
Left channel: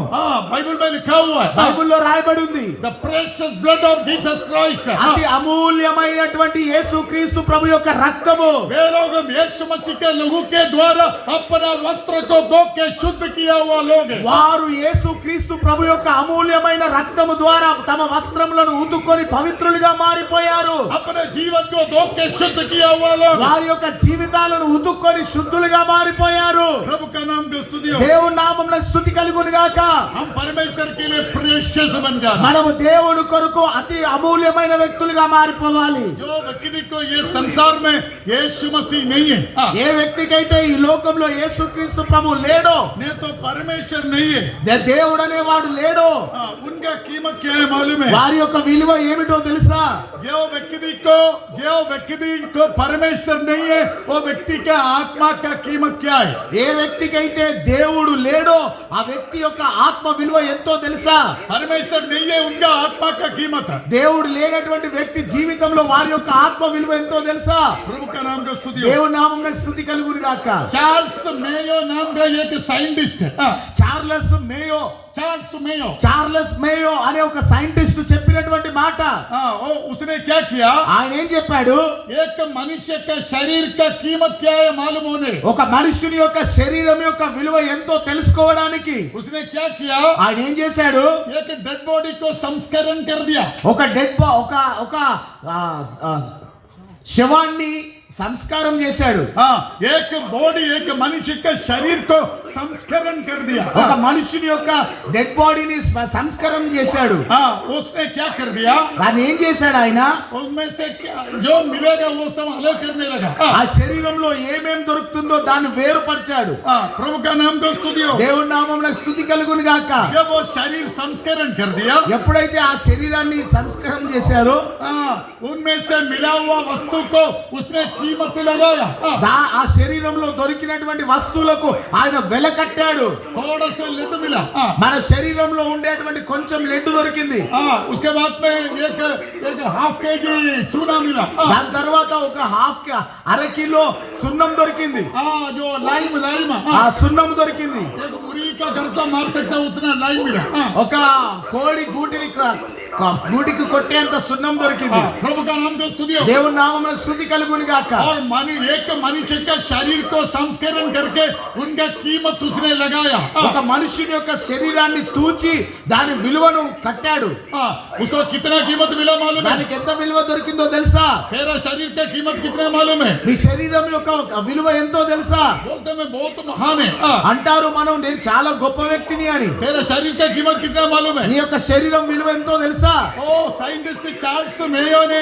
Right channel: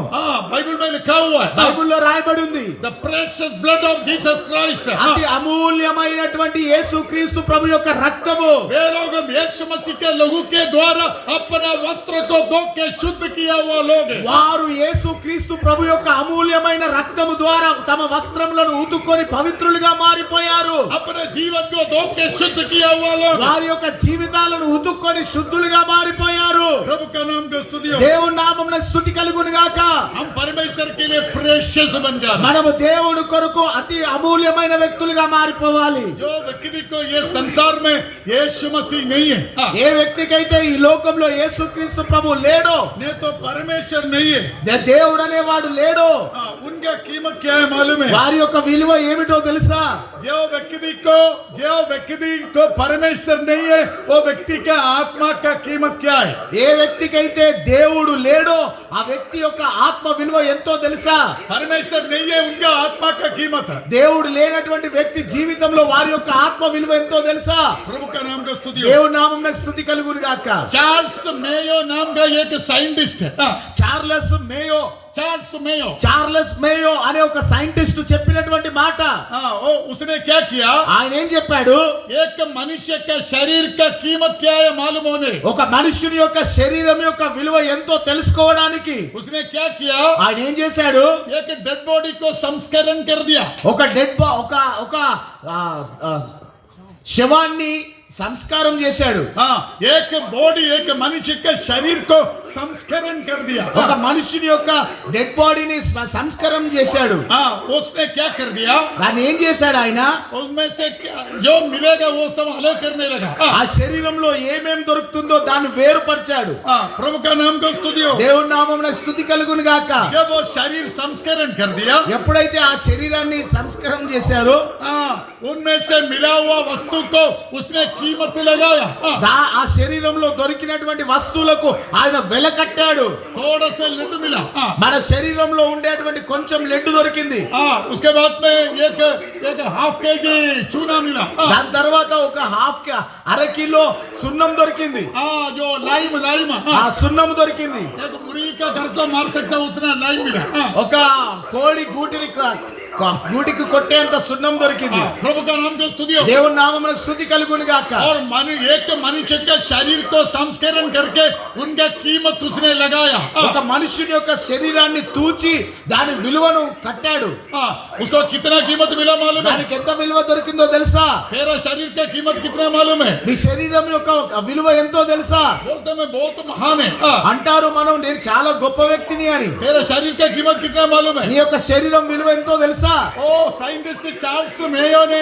बाइबल में लिखा हुआ है, బైబిల్లో రాయబడి ఉంది. the precious blood of Jesus Christ. అతి అమూల్యమైనటువంటి యేసు క్రీస్తు ప్రభు యొక్క రక్తము. वे लोग यीशु मसीह के लहू के द्वारा अपना वस्त्र को धो के शुद्ध किया हुआ लोग हैं. వారు యేసు క్రీస్తు ప్రభు యొక్క అమూల్యమైన రక్తము ద్వారా తమ వస్త్రములను ఉతుక్కొని పవిత్రులుగా మారిపోయారు. अपने जीवन को धो के शुद्ध किया हुआ लोग. వారి యొక్క జీవితాలను ఉతుక్కొని శుద్ధులుగా మారిపోయారు. प्रभु का नाम को स्तुति हो. దేవుని నామమునకు స్తుతి కలుగును గాక. हम परमेश्वर के लिए प्रेशियस बन जाना. మనము దేవుని కొరకు అతి అమూల్యమైన వ్యక్తులుగా మారిపోవాలి. जो व्यक्ति को ये संसार में यीशु मसीह नहीं है, ఏ వ్యక్తికైతే ఈ లోకంలో యేసుక్రీస్తు ప్రభు లేడో, नहीं तो परमेश्वर नहीं है, దేవుడు అనేవాడు లేడో, उनका कीमत क्या है मालूम है? వారి యొక్క విలువ ఏమిటో తెలుసా? जो व्यक्ति को परमेश्वर नहीं है, वो व्यक्ति का आत्मा का कीमत क्या क्या है? ఏ వ్యక్తికైతే దేవుడు లేడో ఆ వ్యక్తి యొక్క ఆత్మ విలువ ఎంతో తెలుసా? परमेश्वर नहीं है, उनका आत्मा का कीमत है। దేవుడు లేనటువంటి వ్యక్తి జీవితంలో వారి యొక్క ఆత్మ విలువ ఎంతో తెలుసా? प्रभु का नाम का स्तुति हो। దేవుని నామమునకు స్తుతి కలుగును గాక. चार्ल्स मेयो नाम का एक साइंटिस्ट है। Charles Mayo Charles Mayo, Charles Mayo అనే ఒక సైంటిస్ట్ చెప్పినటువంటి మాట. उसने क्या किया? ఆయన ఏం చెప్పాడు? एक मनुष्य का शरीर का कीमत क्या है मालूम होने, ఒక మనుషుని యొక్క శరీరం యొక్క విలువ ఎంతో తెలుసుకోవడానికి उसने क्या किया? ఆయన ఏం చేశాడు? एक डेड बॉडी को संस्करण कर दिया। ఒక డెడ్ ఒక శవాన్ని సంస్కారం చేశాడు. एक बॉडी, एक मनुष्य के शरीर को संस्करण कर दिया। ఒక మనుషుని యొక్క డెడ్ బాడీని సంస్కారం చేశాడు. उसने क्या कर दिया? దాన్ని ఏం చేశాడు ఆయన? उसमें से जो मिलेगा वो सब अलग करने लगा। ఆ శరీరంలో ఏమేం దొరుకుతుందో దాన్ని వేరుపరిచాడు. प्रभु का नाम को स्तुति हो। దేవుని నామమున స్తుతి కలుగును గాక. जब वो शरीर संस्करण कर दिया, ఎప్పుడైతే ఆ శరీరాన్ని సంస్కారం చేశారో उनमें से मिला हुआ वस्तु को उसने कीमत लगाया। ఆ శరీరంలో దొరికినటువంటి వస్తువులకు ఆయన వెల కట్టాడు. थोड़ा से लिट मिला, మన శరీరంలో ఉండేటువంటి కొంచెం లెడ్ దొరికింది. उसके बाद में एक हाफ केजी चूना मिला। దాని తర్వాత ఒక అర కిలో సున్నం దొరికింది. जो लाइम ఆ సున్నం దొరికింది. एक मुर्गी का घर को मार सकता उतना लाइम मिला। ఒక కోడి గూటికి కొట్టేంత సున్నం దొరికింది. प्रभु का नाम को स्तुति हो। దేవుని నామమునకు స్తుతి కలుగును గాక. और एक मनुष्य के शरीर को संस्करण करके उनका कीमत उसने लगाया। ఒక మనుషుని యొక్క శరీరాన్ని తూచి దాని విలువను కట్టాడు. उसको कितना कीमत मिला मालूम है? దానికి ఎంత విలువ దొరికిందో తెలుసా? तेरा शरीर का कीमत कितना मालूम है? నీ శరీరం యొక్క విలువ ఎంతో తెలుసా? बोलते मैं बहुत महान है। అంటారు మనం నేను చాలా గొప్ప వ్యక్తిని అని. तेरा शरीर का कीमत कितना मालूम है? నీ యొక్క శరీరం విలువ ఎంతో తెలుసా? ओ साइंटिस्ट चार्ल्स मेयो ने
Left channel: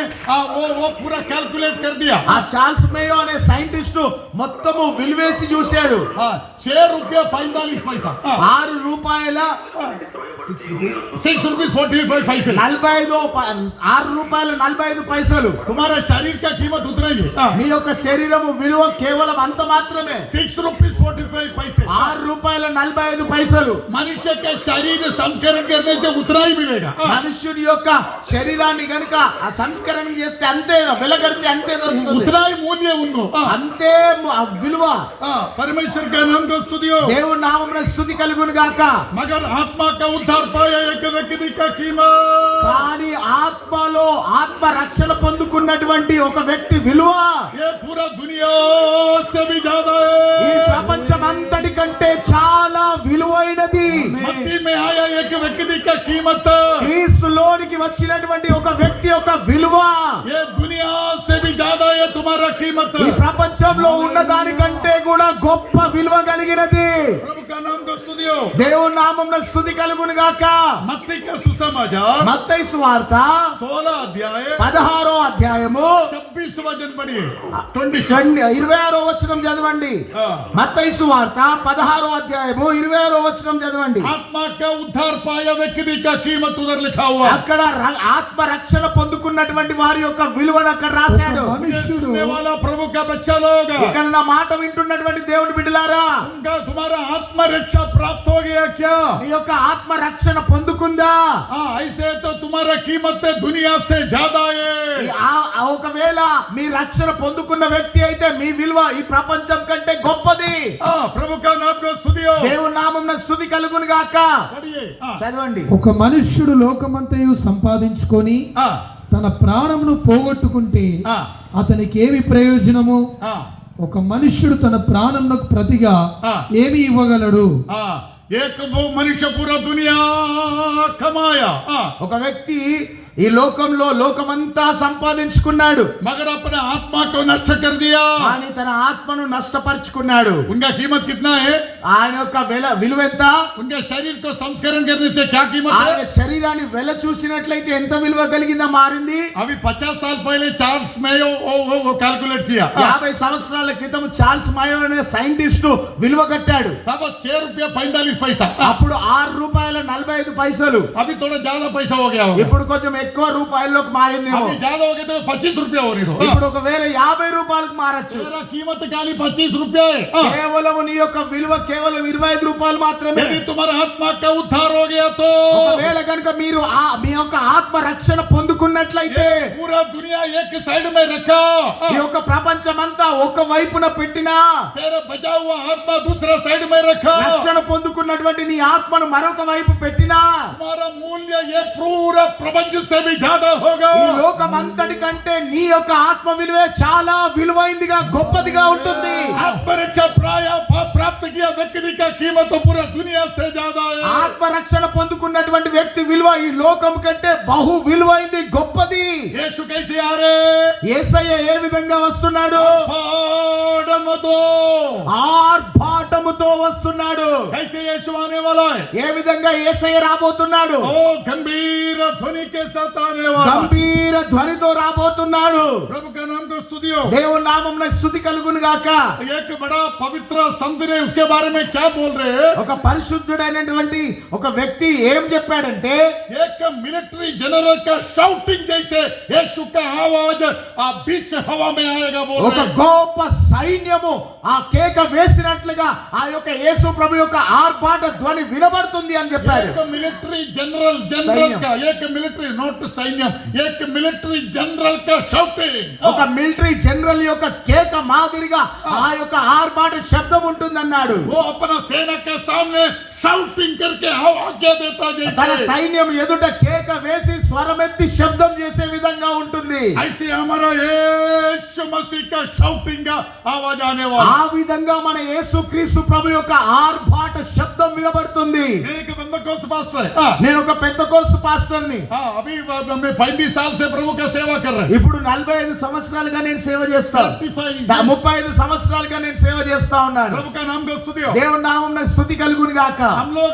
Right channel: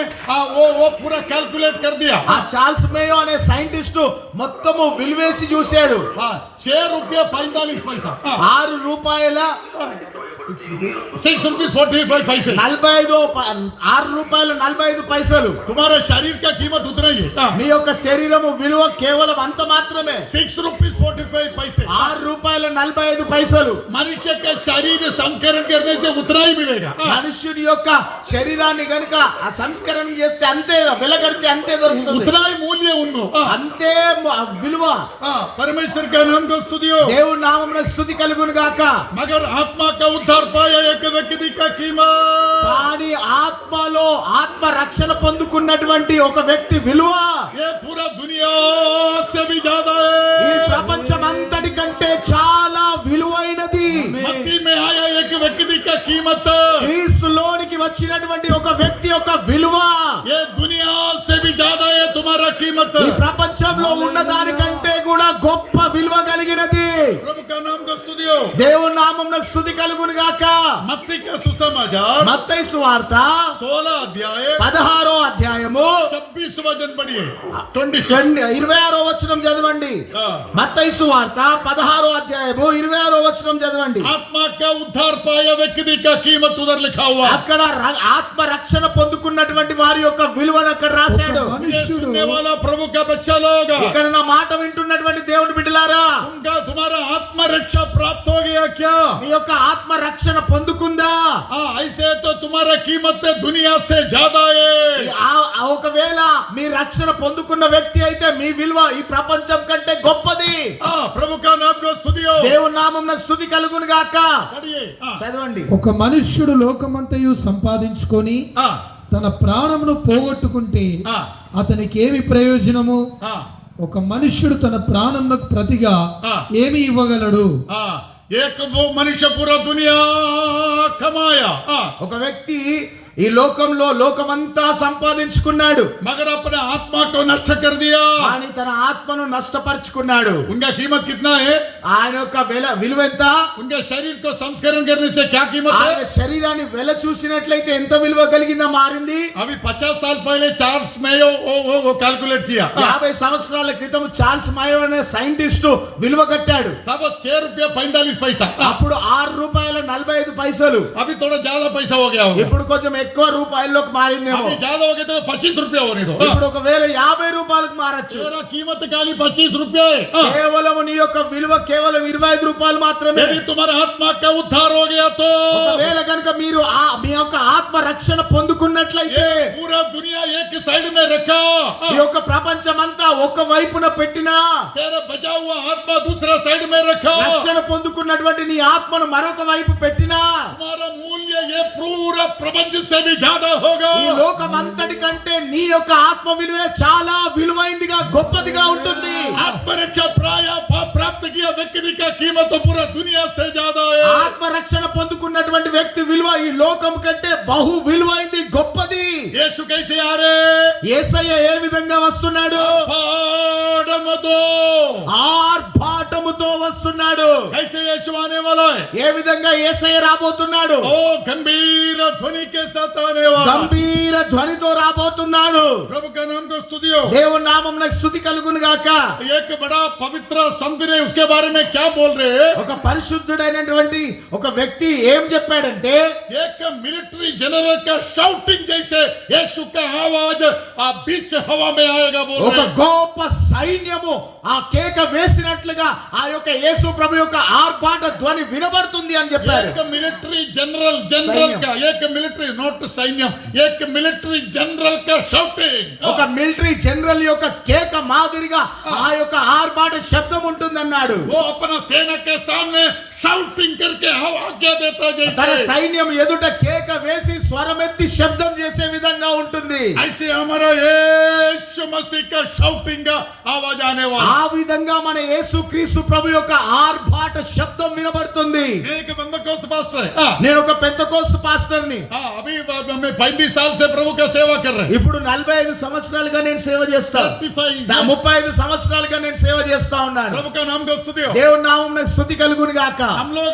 वो पूरा कैलकुलेट कर दिया। ఆ చార్ల్స్ మేయో అనే సైంటిస్ట్ మొత్తము విలువేసి చూశాడు. 6 रुपया 45 पैसा, 6 రూపాయల 6 रुपीज 45 पैसे। 6 రూపాయల 45 పైసలు. तुम्हारा शरीर का कीमत उतना ही है। మీ యొక్క శరీరము విలువ కేవలం అంత మాత్రమే. 6 रुपीज 45 पैसे। 6 రూపాయల 45 పైసలు. मनुष्य का शरीर संस्करण करने से उतना ही मिलेगा। మనుషుడి యొక్క శరీరాన్ని గనుక ఆ సంస్కరణ చేస్తే అంతే వెలగడితే అంతే దొరుకుతుంది. उतना ही मूल्य उनको। అంతే విలువ. परमेश्वर का नाम को स्तुति हो। దేవుని నామమునకు స్తుతి కలుగును గాక. मगर आत्मा का उद्धार पाया एक व्यक्ति का कीमत, కానీ ఆత్మలో ఆత్మ రక్షణ పొందుకున్నటువంటి ఒక వ్యక్తి విలువ ये पूरा दुनिया से भी ज्यादा ఈ है। ప్రపంచం అంతటి కంటే చాలా విలువైనది. मसीह में आया एक व्यक्ति का कीमत, క్రీస్తులోనికి వచ్చినటువంటి ఒక వ్యక్తి యొక్క విలువ ये दुनिया से भी ज्यादा है तुम्हारा कीमत। ఈ ప్రపంచంలో ఉన్న దానికంటే కూడా గొప్ప విలువ కలిగినది. प्रभु का नाम को स्तुति हो। దేవుని నామమునకు స్తుతి కలుగును గాక. मत्ती का सुसमाचार మత్తయి సువార్త 16 अध्याय 16వ అధ్యాయము 26 वचन पढ़िए। 26 26వ వచనం చదవండి. మత్తయి సువార్త 16వ అధ్యాయము 26వ వచనం చదవండి. आत्मा का उद्धार पाया व्यक्ति का कीमत उधर लिखा हुआ। అక్కడ ఆత్మ రక్షణ పొందుకున్నటువంటి వారి యొక్క విలువను అక్కడ రాశాడు. सुनने वाला प्रभु का बच्चा लोग, ఇక్కడ నా మాట వింటున్నటువంటి దేవుని బిడ్డలారా, उनका तुम्हारा आत्म रक्षा प्राप्त हो गया क्या? మీ యొక్క ఆత్మ రక్షణ పొందుకుందా? ऐसे तो तुम्हारा कीमत दुनिया से ज्यादा है। ఒకవేళ మీ రక్షణ పొందుకున్న వ్యక్తి అయితే మీ విలువ ఈ ప్రపంచం కంటే గొప్పది. प्रभु का नाम को स्तुति हो। దేవుని నామమునకు స్తుతి కలుగును గాక. पढ़िए। చదవండి. ఒక మనుష్యుడు లోకమంతయు సంపాదించుకొని తన ప్రాణమును పోగొట్టుకుంటే అతనికి ఏమి ప్రయోజనము? ఒక మనుష్యుడు తన ప్రాణమునకు ప్రతిగా ఏమి ఇవ్వగలడు? एक वो मनुष्य पूरा दुनिया कमाया, ఒక వ్యక్తి ఈ లోకంలో లోకమంతా సంపాదించుకున్నాడు, मगर अपने आत्मा को नष्ट कर दिया। కానీ తన ఆత్మను నష్టపరుచుకున్నాడు. उनका कीमत कितना है? ఆయన యొక్క విలువ ఎంత? उनके शरीर को संस्करण करने से क्या कीमत ఆయన है? శరీరాన్ని వెల చూసినట్లయితే ఎంత విలువ కలిగిందా మారింది. अभी 50 साल पहले चार्ल्स मेयो वो कैलकुलेट किया। 50 సంవత్సరాల క్రితం చార్ల్స్ మాయో అనే సైంటిస్ట్ విలువ కట్టాడు. तब 6 रुपया 45 पैसा, అప్పుడు 6 రూపాయల 45 పైసలు. अभी थोड़ा ज्यादा पैसा हो गया होगा। ఇప్పుడు కొంచెం ఎక్కువ రూపాయల్లోకి మారిందేమో. अभी ज्यादा हो गए तो 25 रुपया हो रही ఇప్పుడు ఒకవేళ 50 రూపాయలకు మారచ్చు. तेरा कीमत खाली 25 रुपया है। కేవలం నీ యొక్క విలువ కేవలం 25 రూపాయలు మాత్రమే. यदि तुम्हारा आत्मा का उद्धार हो गया तो ఒకవేళ కనుక మీరు మీ యొక్క ఆత్మ రక్షణ పొందుకున్నట్లయితే पूरा दुनिया एक साइड में रखा, ఈ యొక్క ప్రపంచమంతా ఒక వైపున పెట్టినా तेरा बचा हुआ आत्मा दूसरा साइड में रखा, రక్షణ పొందుకున్నటువంటి నీ ఆత్మను మరొక వైపు పెట్టినా तुम्हारा मूल्य ये पूरा प्रपंच से भी ज्यादा होगा। ఈ లోకమంతటి కంటే నీ యొక్క ఆత్మ విలువే చాలా విలువైందిగా గొప్పదిగా ఉంటుంది. आत्मरक्षा प्राप्त किया व्यक्ति का कीमत तो पूरा दुनिया से ज्यादा है। ఆత్మ రక్షణ పొందుకున్నటువంటి వ్యక్తి విలువ ఈ లోకం కంటే బహు విలువైంది, గొప్పది. यीशु कैसे आ रहे? యేసయ్య ఏ విధంగా వస్తున్నాడు? पाडमतो ఆర్భాటముతో వస్తున్నాడు. कैसे यीशु आने वाला है? ఏ విధంగా యేసయ్య రాబోతున్నాడు? ओ गंभीर ध्वनि के साथ आने वाला, గంభీర ధ్వనితో రాబోతున్నాడు. प्रभु का नाम को स्तुतियो। దేవుని నామమున స్తుతి కలుగును గాక. एक बड़ा पवित्र संत ने उसके बारे में क्या बोल रहे हैं? ఒక పరిశుద్ధుడైనటువంటి ఒక వ్యక్తి ఏం చెప్పాడంటే, एक मिलिट्री जनरल का शाउटिंग जैसे यीशु का आवाज बीच हवा में आएगा बोल ఒక रहे हैं। గొప్ప సైన్యము ఆ కేక వేసినట్లుగా ఆ యొక్క యేసు ప్రభు యొక్క ఆర్భాట ధ్వని వినబడుతుంది అని చెప్పారు. एक मिलिट्री जनरल का एक मिलिट्री नॉट सैन्यम, एक मिलिट्री जनरल का शाउटिंग, ఒక మిలిటరీ జనరల్ యొక్క కేక మాదిరిగా ఆ యొక్క ఆర్భాట శబ్దం ఉంటుందన్నాడు. वो अपना सेना के सामने शाउटिंग करके आज्ञा देता తన जैसे, సైన్యం ఎదుట కేక వేసి స్వరమెత్తి శబ్దం చేసే విధంగా ఉంటుంది. ऐसे हमारा यीशु मसीह का शाउटिंग का आवाज आने वाला। ఆ విధంగా మన యేసుక్రీస్తు ప్రభు యొక్క ఆర్భాట శబ్దం వినబడుతుంది. एक बंदकोस्त पास्टर है। నేను ఒక పెంతెకోస్తు పాస్టర్ని. अभी मैं 35 साल से प्रभु का सेवा कर रहे हैं। ఇప్పుడు 45 సంవత్సరాలుగా నేను సేవ చేస్తాను. 35 సంవత్సరాలుగా నేను సేవ చేస్తా ఉన్నాను. प्रभु का नाम को स्तुति हो। దేవుని నామం నాకు స్తుతి కలుగును గాక. हम लोग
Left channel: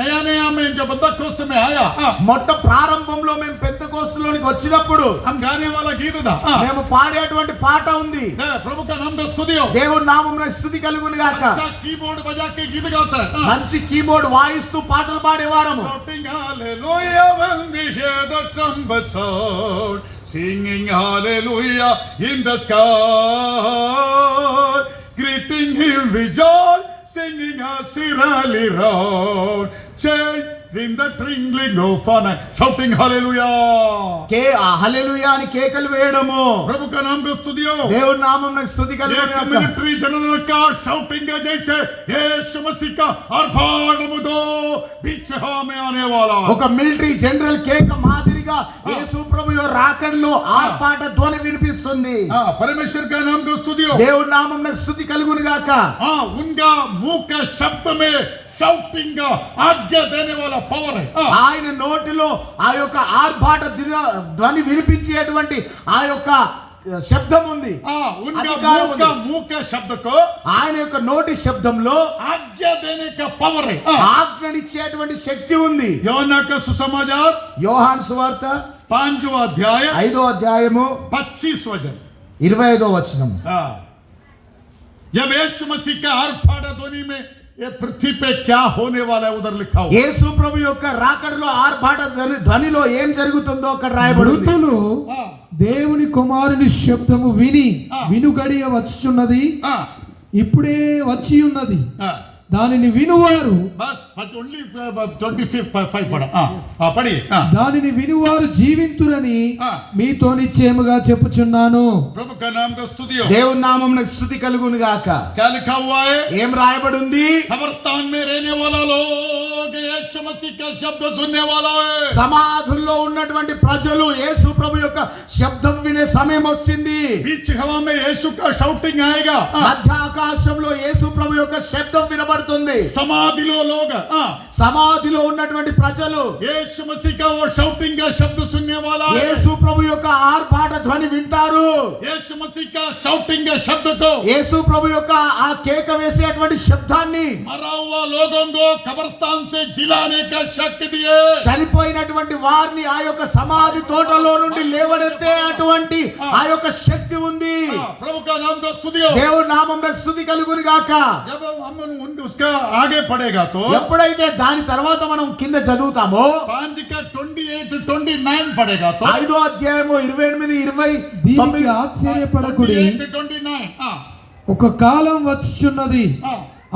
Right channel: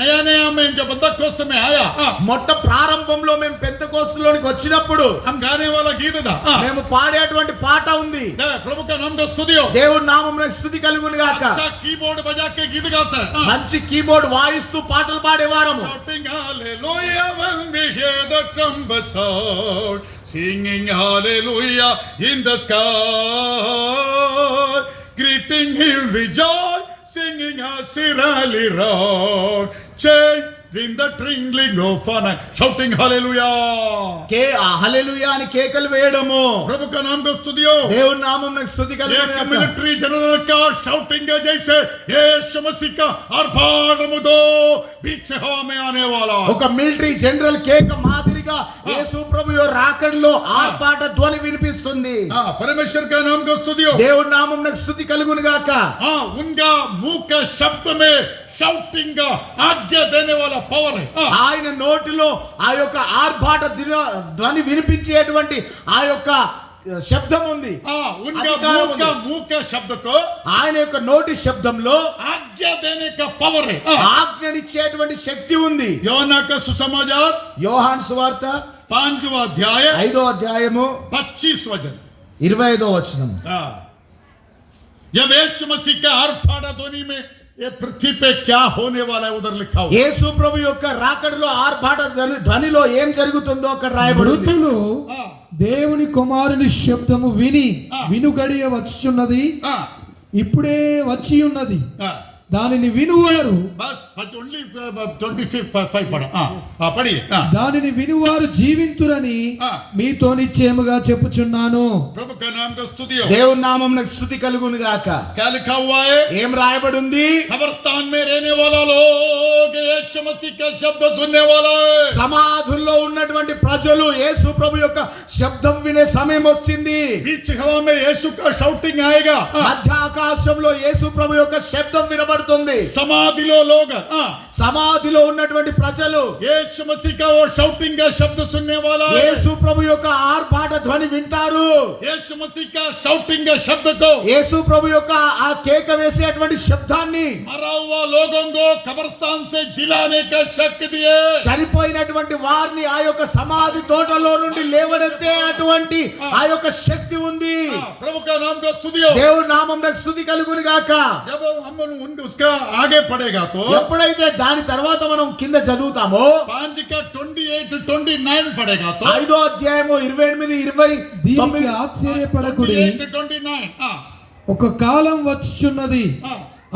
नया में जो बंदकोस्त में आया, మొట్ట ప్రారంభంలో మేము పెంతెకోస్తులోనికి వచ్చినప్పుడు हम गाने वाला गीत था, మేము పాడేటువంటి పాట ఉంది. प्रभु का नाम को स्तुति हो। దేవుని నామం నాకు స్తుతి కలుగును గాక. अच्छा कीबोर्ड बजा के गीत गाता है, మంచి కీబోర్డ్ వాయిస్తూ పాటలు పాడేవారము. shouting hallelujah when we hear the trumpet sound, singing hallelujah in the sky, greeting him with joy, singing a sirali round, change in the twinkling of an eye, shouting hallelujah. హల్లెలూయా అని కేకలు వేయడము. प्रभु का नाम को स्तुति हो। దేవుని నామం నాకు స్తుతి కలుగును एक గాక. मिलिट्री जनरल का शाउटिंग है जैसे यीशु मसीह का आर्भाटमुतो बीच हवा में आने वाला। ఒక మిలిటరీ జనరల్ కేక మాదిరిగా యేసు ప్రభు యొక్క రాకడలో ఆర్భాట ధ్వని వినిపిస్తుంది. परमेश्वर का नाम को स्तुति हो। దేవుని నామం నాకు స్తుతి కలుగును గాక. उनका मुंह के शब्द में शाउटिंग का आज्ञा देने वाला पावर है। ఆయన నోటిలో ఆ యొక్క ఆర్భాట ధ్వని వినిపించేటువంటి ఆ యొక్క శబ్దం ఉంది. उनका अधिकार मुंह के शब्द को ఆయన యొక్క నోటి శబ్దంలో आज्ञा देने का पावर है। ఆజ్ఞనిచ్చేటువంటి శక్తి ఉంది. యోనా का सुसमाचार యోహాను సువార్త 5वां अध्याय 5వ అధ్యాయము 25 वचन। 25వ వచనం. जब यीशु मसीह का आर्भाट ध्वनि में ये पृथ्वी पे क्या होने वाला है उधर लिखा हुआ। యేసు ప్రభు యొక్క రాకడలో ఆర్భాట ధ్వనిలో ఏం జరుగుతుందో అక్కడ రాయబడి ఉంది. మృతులు దేవుని కుమారుని శబ్దము విని వినుగడియ వచ్చుచున్నది, ఇప్పుడే వచ్చి ఉన్నది, దానిని వినువారు बस ओनली 25 पढ़ा। पढ़िए। దానిని వినువారు జీవింతురని మీతో నిశ్చయముగా చెప్పుచున్నాను. प्रभु का नाम का स्तुति हो। దేవుని నామం నాకు స్తుతి కలుగును గాక. क्या लिखा हुआ है? ఏం రాయబడి ఉంది? कब्रिस्तान में रहने वाला लोग यीशु मसीह का शब्द सुनने वाला है। సమాధుల్లో ఉన్నటువంటి ప్రజలు యేసు ప్రభు యొక్క శబ్దం వినే సమయం వచ్చింది. बीच हवा में यीशु का शाउटिंग आएगा। మధ్య ఆకాశంలో యేసు ప్రభు యొక్క శబ్దం వినబడుతుంది. समाधिलो लोग సమాధిలో ఉన్నటువంటి ప్రజలు यीशु मसीह का वो शाउटिंग का शब्द सुनने वाला है। యేసు ప్రభు యొక్క ఆర్భాట ధ్వని వింటారు. यीशु मसीह का शाउटिंग के शब्द को, యేసు ప్రభు యొక్క ఆ కేక వేసేటువంటి శబ్దాన్ని, मरा हुआ लोगों को कब्रिस्तान से जिलाने का शक्ति दिए. చనిపోయినటువంటి వారిని ఆ యొక్క సమాధి తోటలో నుండి లేవనెత్తే అటువంటి ఆ యొక్క శక్తి ఉంది. प्रभु का नाम को स्तुति हो. దేవుని నామమునకు స్తుతి కలుగును గాక. जब हम उसका आगे पढ़ेगा तो ఎప్పుడైతే దాని తర్వాత మనం కింద చదువుతామో 5 का 28-29 पढ़ेगा तो 5వ అధ్యాయము 28-29 దీనికి ఆశ్చర్యపడకుడి, 28-29 ఒక కాలం వచ్చుచున్నది,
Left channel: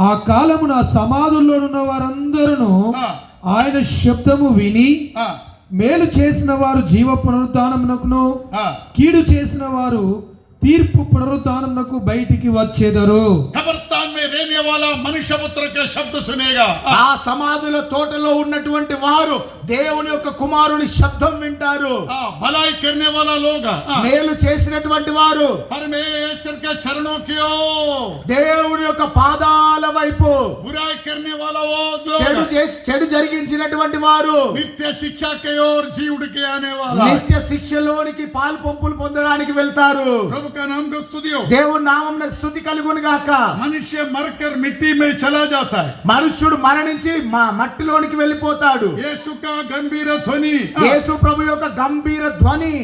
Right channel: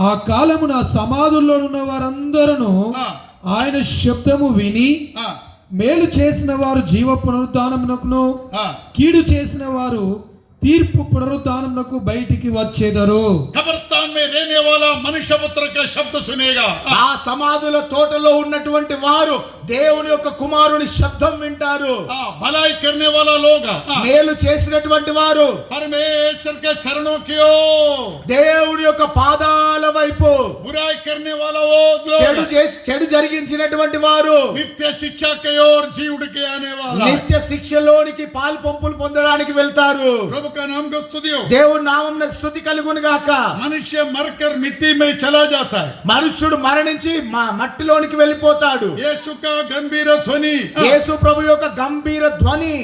ఆ కాలమున సమాధుల్లోనున్న వారందరూ ఆయన శబ్దము విని, మేలు చేసిన వారు జీవ పునరుద్ధానమునకును, కీడు చేసిన వారు తీర్పు పునరుద్ధానమునకు బయటికి వచ్చేదరు. कब्रिस्तान में रहने वाला मनुष्य पुत्र का शब्द सुनेगा. ఆ సమాధుల తోటలో ఉన్నటువంటి వారు దేవుని యొక్క కుమారుని శబ్దం వింటారు. भलाई करने वाला लोग, మేలు చేసినటువంటి వారు परमेश्वर के चरणों की ओर, దేవుని యొక్క పాదాల వైపు, बुराई करने वाला वो చెడు लोग, చేసి చెడు జరిగించినటువంటి వారు नित्य शिक्षा की ओर जी उड़ के आने वाला. నిత్య శిక్షలోనికి పాలు పంపులు పొందడానికి వెళ్తారు. प्रभु का नाम को स्तुति हो. దేవుని నామమునకు స్తుతి కలుగును గాక. मनुष्य मरकर मिट्टी में चला जाता है. మనుష్యుడు మరణించి మట్టిలోనికి వెళ్ళిపోతాడు. यीशु का गंभीर ध्वनि యేసు ప్రభు యొక్క గంభీర ధ్వని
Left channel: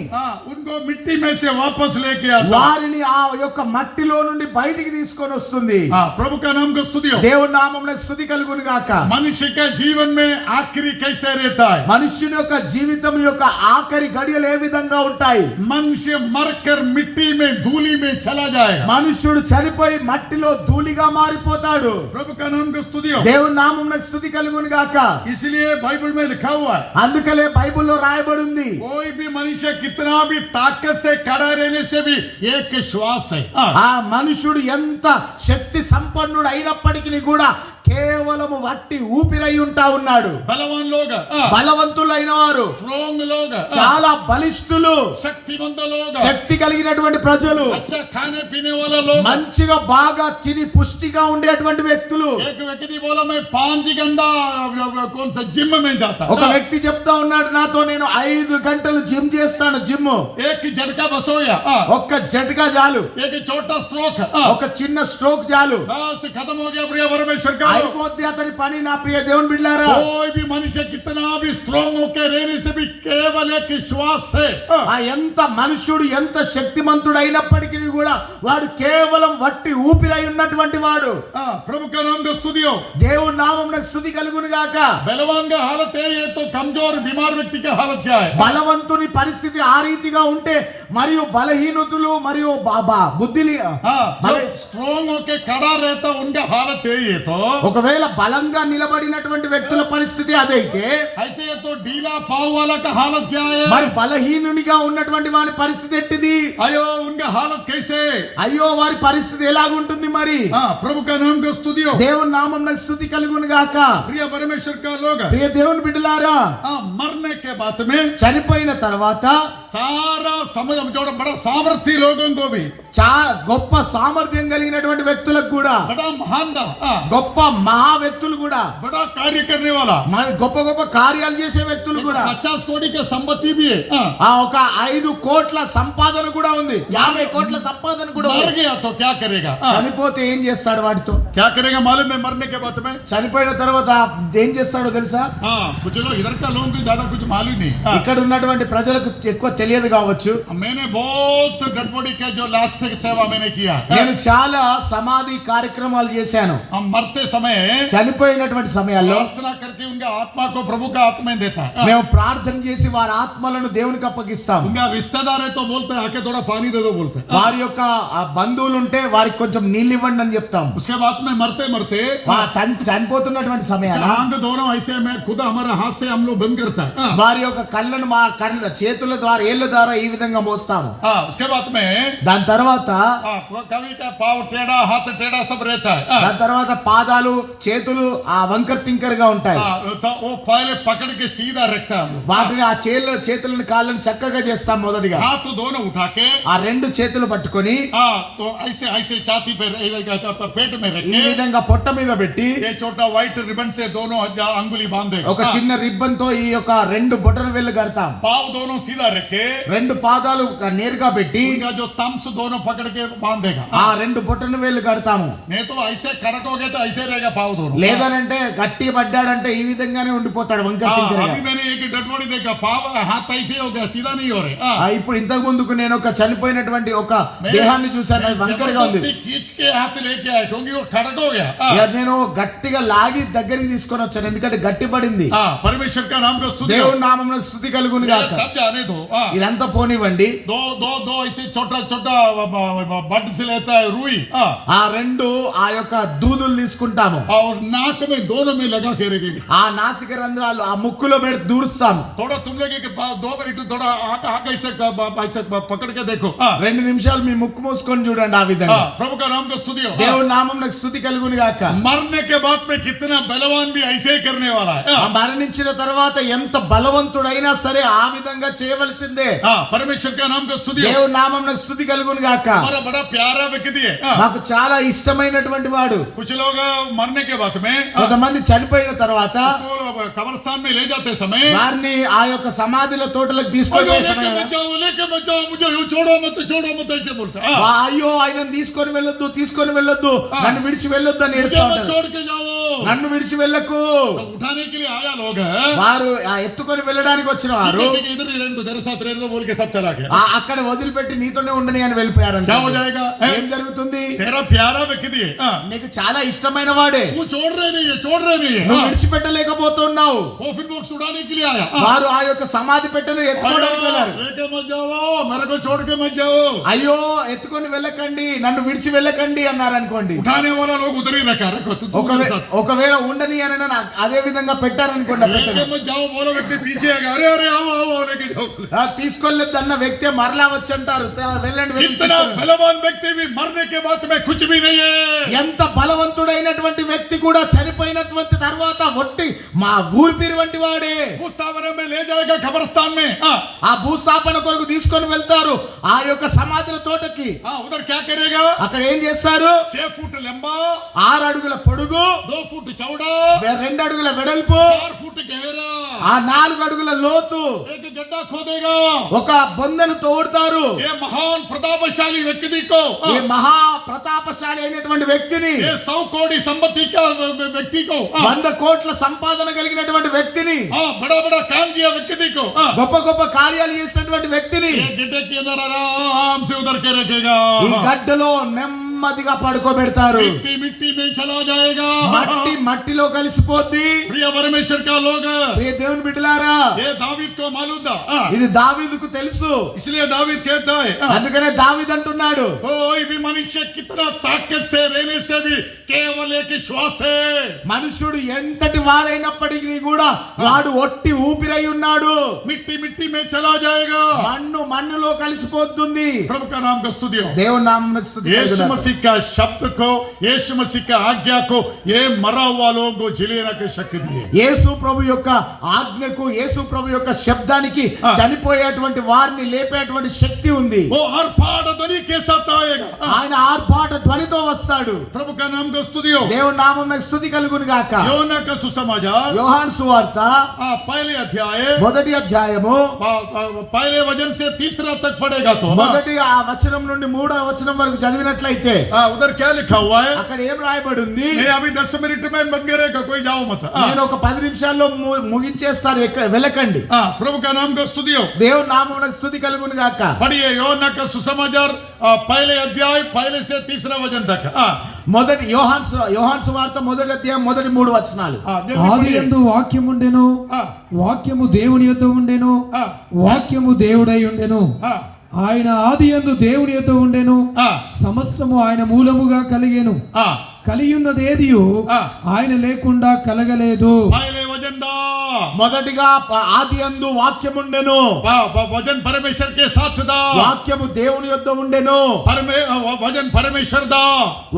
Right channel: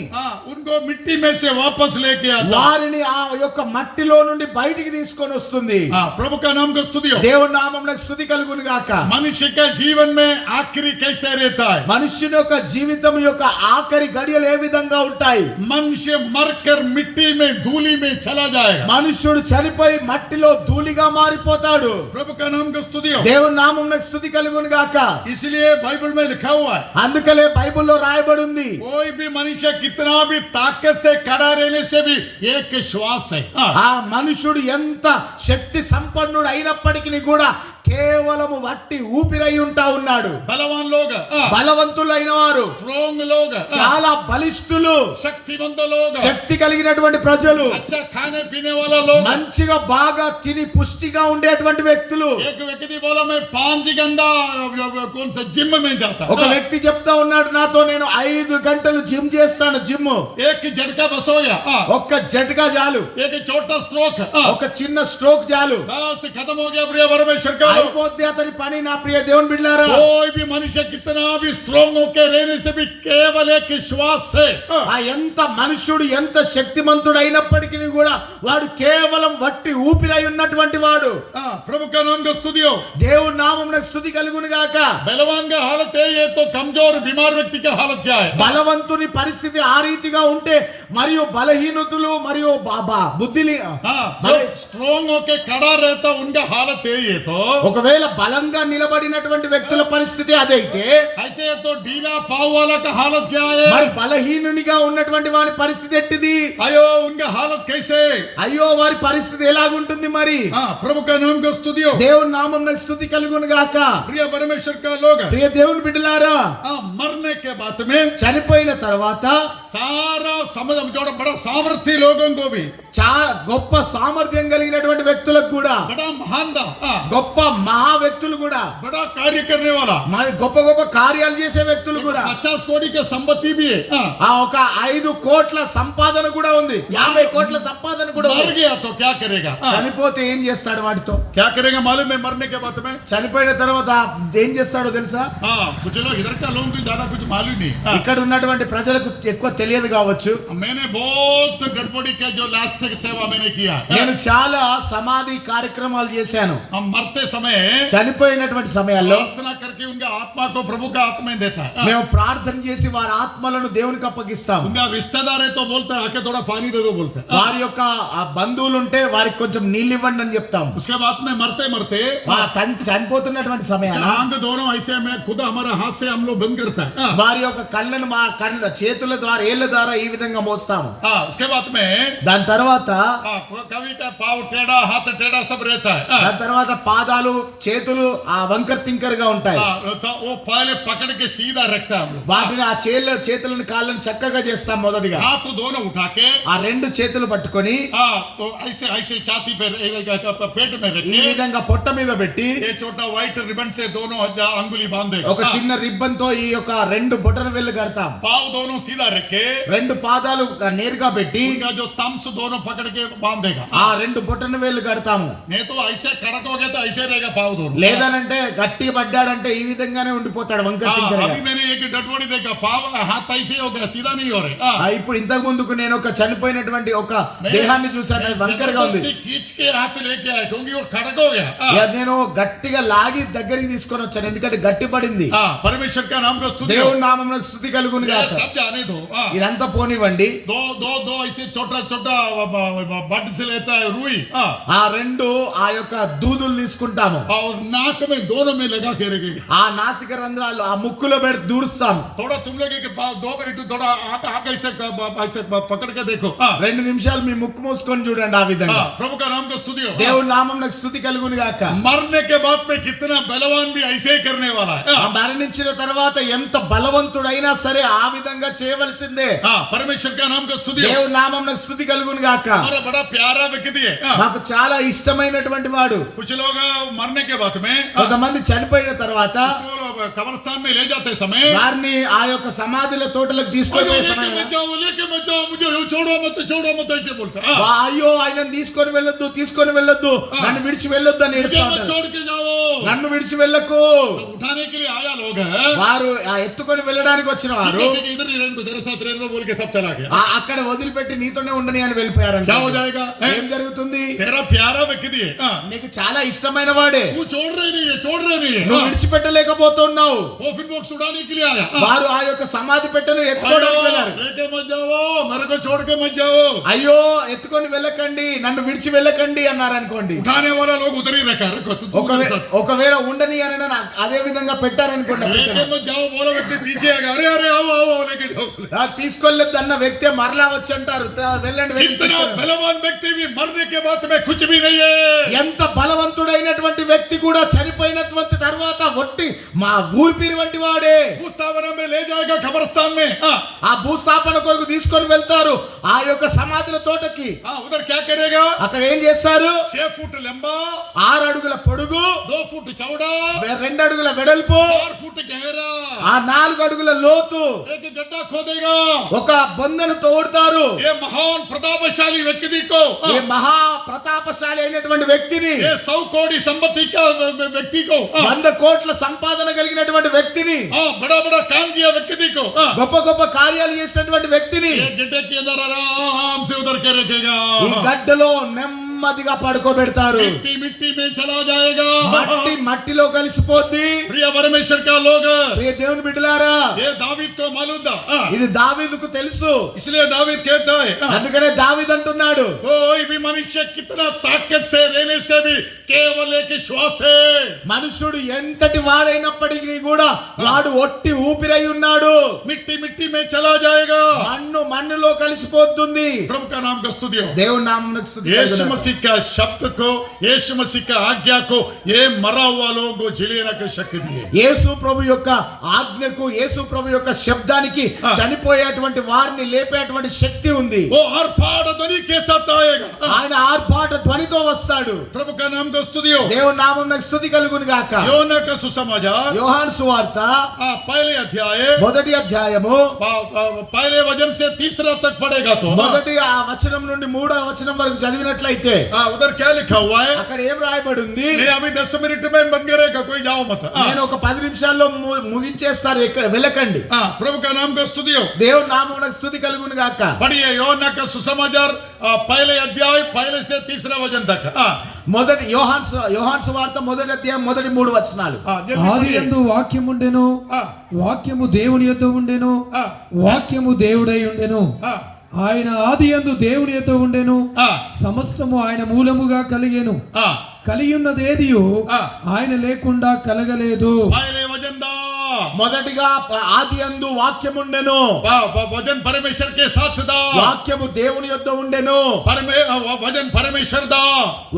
उनको मिट्टी में से वापस लेके आता. వారిని ఆ యొక్క మట్టిలో నుండి బయటికి తీసుకొని వస్తుంది. प्रभु का नाम को स्तुति हो. దేవుని నామమునకు స్తుతి కలుగును గాక. मनुष्य के जीवन में आखिरी कैसे रहता है? మనుష్యుని యొక్క జీవితం యొక్క ఆఖరి గడియలు ఏ విధంగా ఉంటాయి? मनुष्य मरकर मिट्टी में धूली में चला जाएगा. మనుష్యుడు చనిపోయి మట్టిలో ధూళిగా మారిపోతాడు. प्रभु का नाम को स्तुति हो. దేవుని నామమునకు స్తుతి కలుగును గాక. इसलिए बाइबल में लिखा हुआ है, అందుకనే బైబిల్లో రాయబడి ఉంది, कोई भी मनुष्य कितना भी ताकत से खड़ा रहने से भी एक श्वास है. ఆ మనుషుడు ఎంత శక్తి సంపన్నుడు అయినప్పటికీ కూడా కేవలము వట్టి ఊపిరై ఉంటా ఉన్నాడు. बलवान लोग, బలవంతులైన వారు, स्ट्रॉन्ग लोग, చాలా బలిష్ఠులు, शक्तिमंद लोग, శక్తి కలిగినటువంటి ప్రజలు, अच्छा खाने पीने वाला लोग. మంచిగా బాగా తిని పుష్టిగా ఉండేటువంటి వ్యక్తులు. एक व्यक्ति बोला मैं 5 घंटा कौन सा जिम में जाता. ఒక వ్యక్తి చెప్తా ఉన్నాడు, నాతో నేను 5 గంటలు జిమ్ చేస్తాను. జిమ్ एक झटका बस हो गया. ఒక్క జటకా చాలు, एक छोटा स्ट्रोक ఒక చిన్న స్ట్రోక్ చాలు, बस खत्म हो गया. प्रिय परमेश्वर का అయిపోద్ది అతని పని. నా ప్రియ దేవుని బిడ్డలారా, कोई भी मनुष्य कितना भी स्ट्रांग होकर रहने से भी केवल एक श्वास से ఆ ఎంత మనుషుడు ఎంత శక్తిమంతుడు అయినప్పటికీ కూడా వాడు కేవలం వట్టి ఊపిరై ఉన్నటువంటి వాడు. प्रभु का नाम का स्तुति हो. దేవుని నామమునకు స్తుతి కలుగును గాక. बलवान का हालत है ये, तो कमजोर बीमार व्यक्ति का हालत क्या है? బలవంతుని పరిస్థితి ఆ రీతిగా ఉంటే మరియు బలహీనతులు మరియు బుద్ధి स्ट्रांग होकर खड़ा रहता उनका हालत है ये. तो ఒకవేళ బలంగా నిలబడినటువంటి వ్యక్తుల పరిస్థితి అదైతే, ऐसे तो ढीला पाव वाला का हालत क्या మరి है? బలహీనునిగా ఉన్నటువంటి వారి పరిస్థితి ఎట్టిది? अयो उनका हालत कैसे? అయ్యో వారి పరిస్థితి ఎలాగుంటుంది మరి? प्रभु का नाम का स्तुति हो. దేవుని నామమునకు స్తుతి కలుగును గాక. प्रिय परमेश्वर का लोग, ప్రియ దేవుని బిడ్డలారా, मरने के बाद में చనిపోయిన తర్వాత सारा समझ जो बड़ा सामर्थ्य लोगों को भी, గొప్ప సామర్థ్యం కలిగినటువంటి వ్యక్తులకు కూడా, बड़ा महान గొప్ప మహా వ్యక్తులు కూడా, बड़ा कार्य करने वाला, మరి గొప్ప గొప్ప కార్యాలు చేసే వ్యక్తులు కూడా, 50 कोटी की संपत्ति भी है. ఆ ఒక 5 కోట్ల సంపాదన కూడా ఉంది, 50 కోట్ల సంపాదన కూడా मर ఉంది. गया तो क्या करेगा? చనిపోతే ఏం చేస్తాడు వాటితో? क्या करेगा मालूम है? मरने के बाद में చనిపోయిన తర్వాత ఏం చేస్తాడో తెలుసా? कुछ लोग इधर का लोगों को ज्यादा कुछ मालूम नहीं. ఇక్కడ ఉన్నటువంటి ప్రజలకు ఎక్కువ తెలియదు కావచ్చు. मैंने बहुत गड़बड़ी के जो लास्ट सेवा मैंने किया. నేను చాలా సమాధి కార్యక్రమాలు చేశాను. हम मरते समय చనిపోయినటువంటి సమయాల్లో प्रार्थना करके उनके आत्मा को प्रभु का आत्मा देता है. మేము ప్రార్థన చేసి వారి ఆత్మలను దేవునికి అప్పగిస్తాం. उनका रिश्तेदार है तो बोलता है आके थोड़ा पानी दे दो बोलते हैं. వారి యొక్క ఆ బంధువులు ఉంటే వారికి కొంచెం నీళ్ళు ఇవ్వండి అని చెప్తాం. उसके बाद में मरते मरते చనిపోతున్నటువంటి సమయాన आंख दोनों ऐसे में खुद हमारे हाथ से हम लोग बंद करता है. వారి యొక్క కళ్ళను మా చేతుల ద్వారా ఏళ్ల ద్వారా ఈ విధంగా విధంగా మోస్తాము. उसके बाद में దాని తర్వాత कभी का पाव टेढ़ा हाथ टेढ़ा सब रहता है దాని తర్వాత పాదాలు చేతులు ఆ వంకర్ తింకర్ గా ఉంటాయి. तो वो पहले पकड़ के सीधा रखता है हम लोग. వాటిని ఆ చేతులను కాళ్ళని చక్కగా చేస్తాం. మొదటిగా हाथ दोनों उठा के ఆ రెండు చేతులు పట్టుకొని तो ऐसे ऐसे छाती पे पेट में रख ఈ के విధంగా పొట్ట మీద పెట్టి ये छोटा व्हाइट रिबन से दोनों अंगुली बांधे. ఒక చిన్న రిబ్బన్ తో ఈ యొక్క రెండు బొటన వేళ్ళు కడతాం. पाव दोनों सीधा रखे రెండు పాదాలు నేరుగా పెట్టి उनका जो थम्स दोनों पकड़ के बांधेगा. ఆ రెండు బొటన వేళ్ళు కడతాము. नहीं तो ऐसे कड़क हो गया तो ऐसे रहेगा पाव दोनों. లేదనంటే గట్టి పడ్డాడంటే ఈ విధంగానే ఉండిపోతాడు వంకర తింకరగా. अभी मैंने एक डेड बॉडी देखा पाव हाथ ऐसे हो गया सीधा नहीं हो रहे. ఇప్పుడు ఇంతకు ముందుకు నేను ఒక చనిపోయినటువంటి ఒక దేహాన్ని చూశాను. అది వంకరగా ఉంది. जबरदस्ती खींच के हाथ लेके आए क्योंकि वो कड़क हो गया. నేను గట్టిగా లాగి దగ్గరికి తీసుకొని వచ్చాను. ఎందుకంటే గట్టి పడింది. परमेश्वर का नाम का स्तुति हो. దేవుని నామమునకు స్తుతి కలుగును ये గాక. सब जाने दो. ఇదంతా పోనివ్వండి. दो दो दो ऐसे छोटा छोटा बड से लेता है रुई ఆ రెండు ఆ యొక్క దూదులు తీసుకుంటాము. और नाक में दोनों में लगा के रखेंगे. ఆ నాసిక రంధ్రాలు ఆ ముక్కులో పెట్టి దూరుస్తాము. थोड़ा तुम लोग दो मिनट थोड़ा आग ऐसे पकड़ के देखो. 2 నిమిషాలు మీ ముక్కు మూసుకొని చూడండి. ఆ విధంగా प्रभु का नाम का स्तुति हो. దేవుని నామమునకు స్తుతి కలుగును గాక. मरने के बाद में कितना बलवान भी ऐसे ही करने वाला है. మరణించిన తర్వాత ఎంత బలవంతుడైనా సరే ఆ విధంగా చేయవలసిందే. परमेश्वर का नाम का स्तुति हो. దేవుని నామమునకు స్తుతి కలుగును గాక. हमारा बड़ा प्यारा व्यक्ति है. నాకు చాలా ఇష్టమైనటువంటి వాడు. कुछ लोग मरने के बाद में కొంతమంది చనిపోయిన తర్వాత उसको कब्रिस्तान में ले जाते समय వారిని ఆ యొక్క సమాధుల తోటలకు తీసుకొని పోయే సమయం लेके बचाओ मुझे छोड़ो मत ऐसे बोलता. అయ్యో ఆయనను తీసుకొని వెళ్ళొద్దు నన్ను విడిచి వెళ్ళొద్దు అని ఏడుస్తా मुझे मत ఉంటారు. छोड़ के जाओ. నన్ను విడిచి వెళ్ళకు. तो उठाने के लिए आया लोग వారు ఆ ఎత్తుకొని వెళ్ళడానికి వచ్చిన వారు इधर ही रहने दो तेरे साथ रहने दो बोल के सब चला गया. అక్కడ వదిలిపెట్టి నీతోనే ఉండని అని వెళ్ళిపోయారు. क्या हो जाएगा? ఏం జరుగుతుంది? तेरा प्यारा व्यक्ति है. నీకు చాలా ఇష్టమైన వాడే तू छोड़ रहे नहीं है. నువ్వు విడిచిపెట్టలేకపోతున్నావు. कोफिन बॉक्स उड़ाने के लिए आया. వారు ఆ యొక్క సమాధి పెట్టెను ఎత్తుకోవడానికి వెళ్ళారు. लेके मत जाओ मेरे को छोड़ के मत जाओ. అయ్యో ఎత్తుకొని వెళ్ళకండి నన్ను విడిచి వెళ్ళకండి అన్నారు అనుకోండి. उठाने वाला लोग उधर ही रखा रखो तू मेरे साथ. ఒకవేళ ఉండని అని అదే విధంగా పెట్టారనుకోండి. लेके मत जाओ बोलो व्यक्ति पीछे आएगा. अरे आओ लेके जाओ. తీసుకెళ్ళొద్దు అన్న వ్యక్తి మరలా వచ్చి అంటారు వెళ్ళండి इतना बलवान व्यक्ति भी मरने के बाद में कुछ भी नहीं है. ఎంత బలవంతుడైనటువంటి వ్యక్తి కూడా చనిపోయినటువంటి తర్వాత ఒట్టి మా ఊరిపిరి వంటి వాడే. भूस्थापन में ले जाएगा कब्रिस्तान में. ఆ భూస్థాపన కొరకు తీసుకొని వెళ్తారు ఆ యొక్క సమాధుల తోటకి. उधर क्या करेगा? అక్కడ ఏం చేస్తారు? 6 फुट लंबा 6 అడుగుల పొడుగు 2 फुट चौड़ा 2 అడుగుల వెడల్పు 4 फुट गहरा ఆ 4 అడుగుల లోతు एक गड्ढा खोदेगा. ఒక బొందెను తోడుతారు. ये महान प्रतापशाली व्यक्ति को ఈ మహా ప్రతాపశాలి అయినటువంటి వ్యక్తిని ये 100 कोटी संपत्ति का व्यक्ति को 100 కోట్ల సంపాదన కలిగినటువంటి వ్యక్తిని बड़ा बड़ा काम किया व्यक्ति को గొప్ప గొప్ప కార్యాలు చేసినటువంటి వ్యక్తిని ये गड्ढे के अंदर आराम से उधर के रखेगा. ఈ గడ్డలో నెమ్మదిగా పడుకోబెడతారు. मिट्टी मिट्टी में चला जाएगा. మట్టిలో కలిసిపోద్ది. प्रिय परमेश्वर का लोग ప్రియ దేవుని బిడ్డలారా ये दावीद को मालूम था. ఇది దావీదుకు తెలుసు. इसलिए दावीद कहता है అందుకనే దావీదు అంటున్నాడు कोई भी मनुष्य कितना ताकत से रहने से भी केवल एक श्वास है. మనుషుడు ఎంతటి వాడైనప్పటికీ కూడా వాడు ఒట్టి ఊపిరై ఉన్నాడు. मिट्टी मिट्टी में चला जाएगा. మన్నులో కలిసిపోతుంది. प्रभु का नाम का स्तुति हो. దేవుని నామమునకు స్తుతి यीशु కలుగును. मसीह का शब्द को यीशु मसीह का आज्ञा को ये मरा हुआ लोगों को जिलेना की शक्ति दी है. యేసు ప్రభు యొక్క ఆజ్ఞకు యేసు ప్రభు యొక్క శబ్దానికి చనిపోయేటువంటి వారిని లేపేటువంటి శక్తి ఉంది. वो हर पाड़ ध्वनि के साथ आएगा. ఆయన ఆర్భాట ధ్వనితో వస్తాడు. प्रभु का नाम का स्तुति हो. దేవుని నామమునకు స్తుతి కలుగును గాక. యోనా का सुसमाचार యోహాను సువార్త पहले अध्याय మొదటి అధ్యాయము पहले वचन से तीसरा तक पढ़ेगा तो మొదటి ఆ వచనం నుండి 3వ వచనం వరకు చదివినట్లయితే उधर क्या लिखा हुआ है? అక్కడ ఏం రాయబడి ఉంది? नहीं अभी 10 मिनट में बंद करेगा कोई जाओ मत. నేను ఒక 10 నిమిషాల్లో ముగించేస్తాను వెళ్ళకండి. प्रभु का नाम का स्तुति हो. దేవుని నామమునకు స్తుతి కలుగును గాక. पढ़िए योना का सुसमाचार पहले अध्याय पहले से तीसरा वचन तक. మొదటి యోహాను సువార్త మొదటి అధ్యాయం మొదటి 3 వచనాలు. ఆదియందు వాక్యము ఉండెను, వాక్యము దేవుని యొద్ద ఉండెను, వాక్యము దేవుడై ఉండెను. ఆయన ఆదియందు దేవుని యొద్ద ఉండెను, సమస్తము ఆయన మూలముగా కలిగెను. కలిగి ఉన్నదేదియు ఆయన లేకుండా కలగలేదు. पहले वचनदार మొదటిగా ఆది యందు వాక్యముండెను, वचन परमेश्वर के साथ था, వాక్యము దేవుని యొద్ద ఉండెను, वचन परमेश्वर था,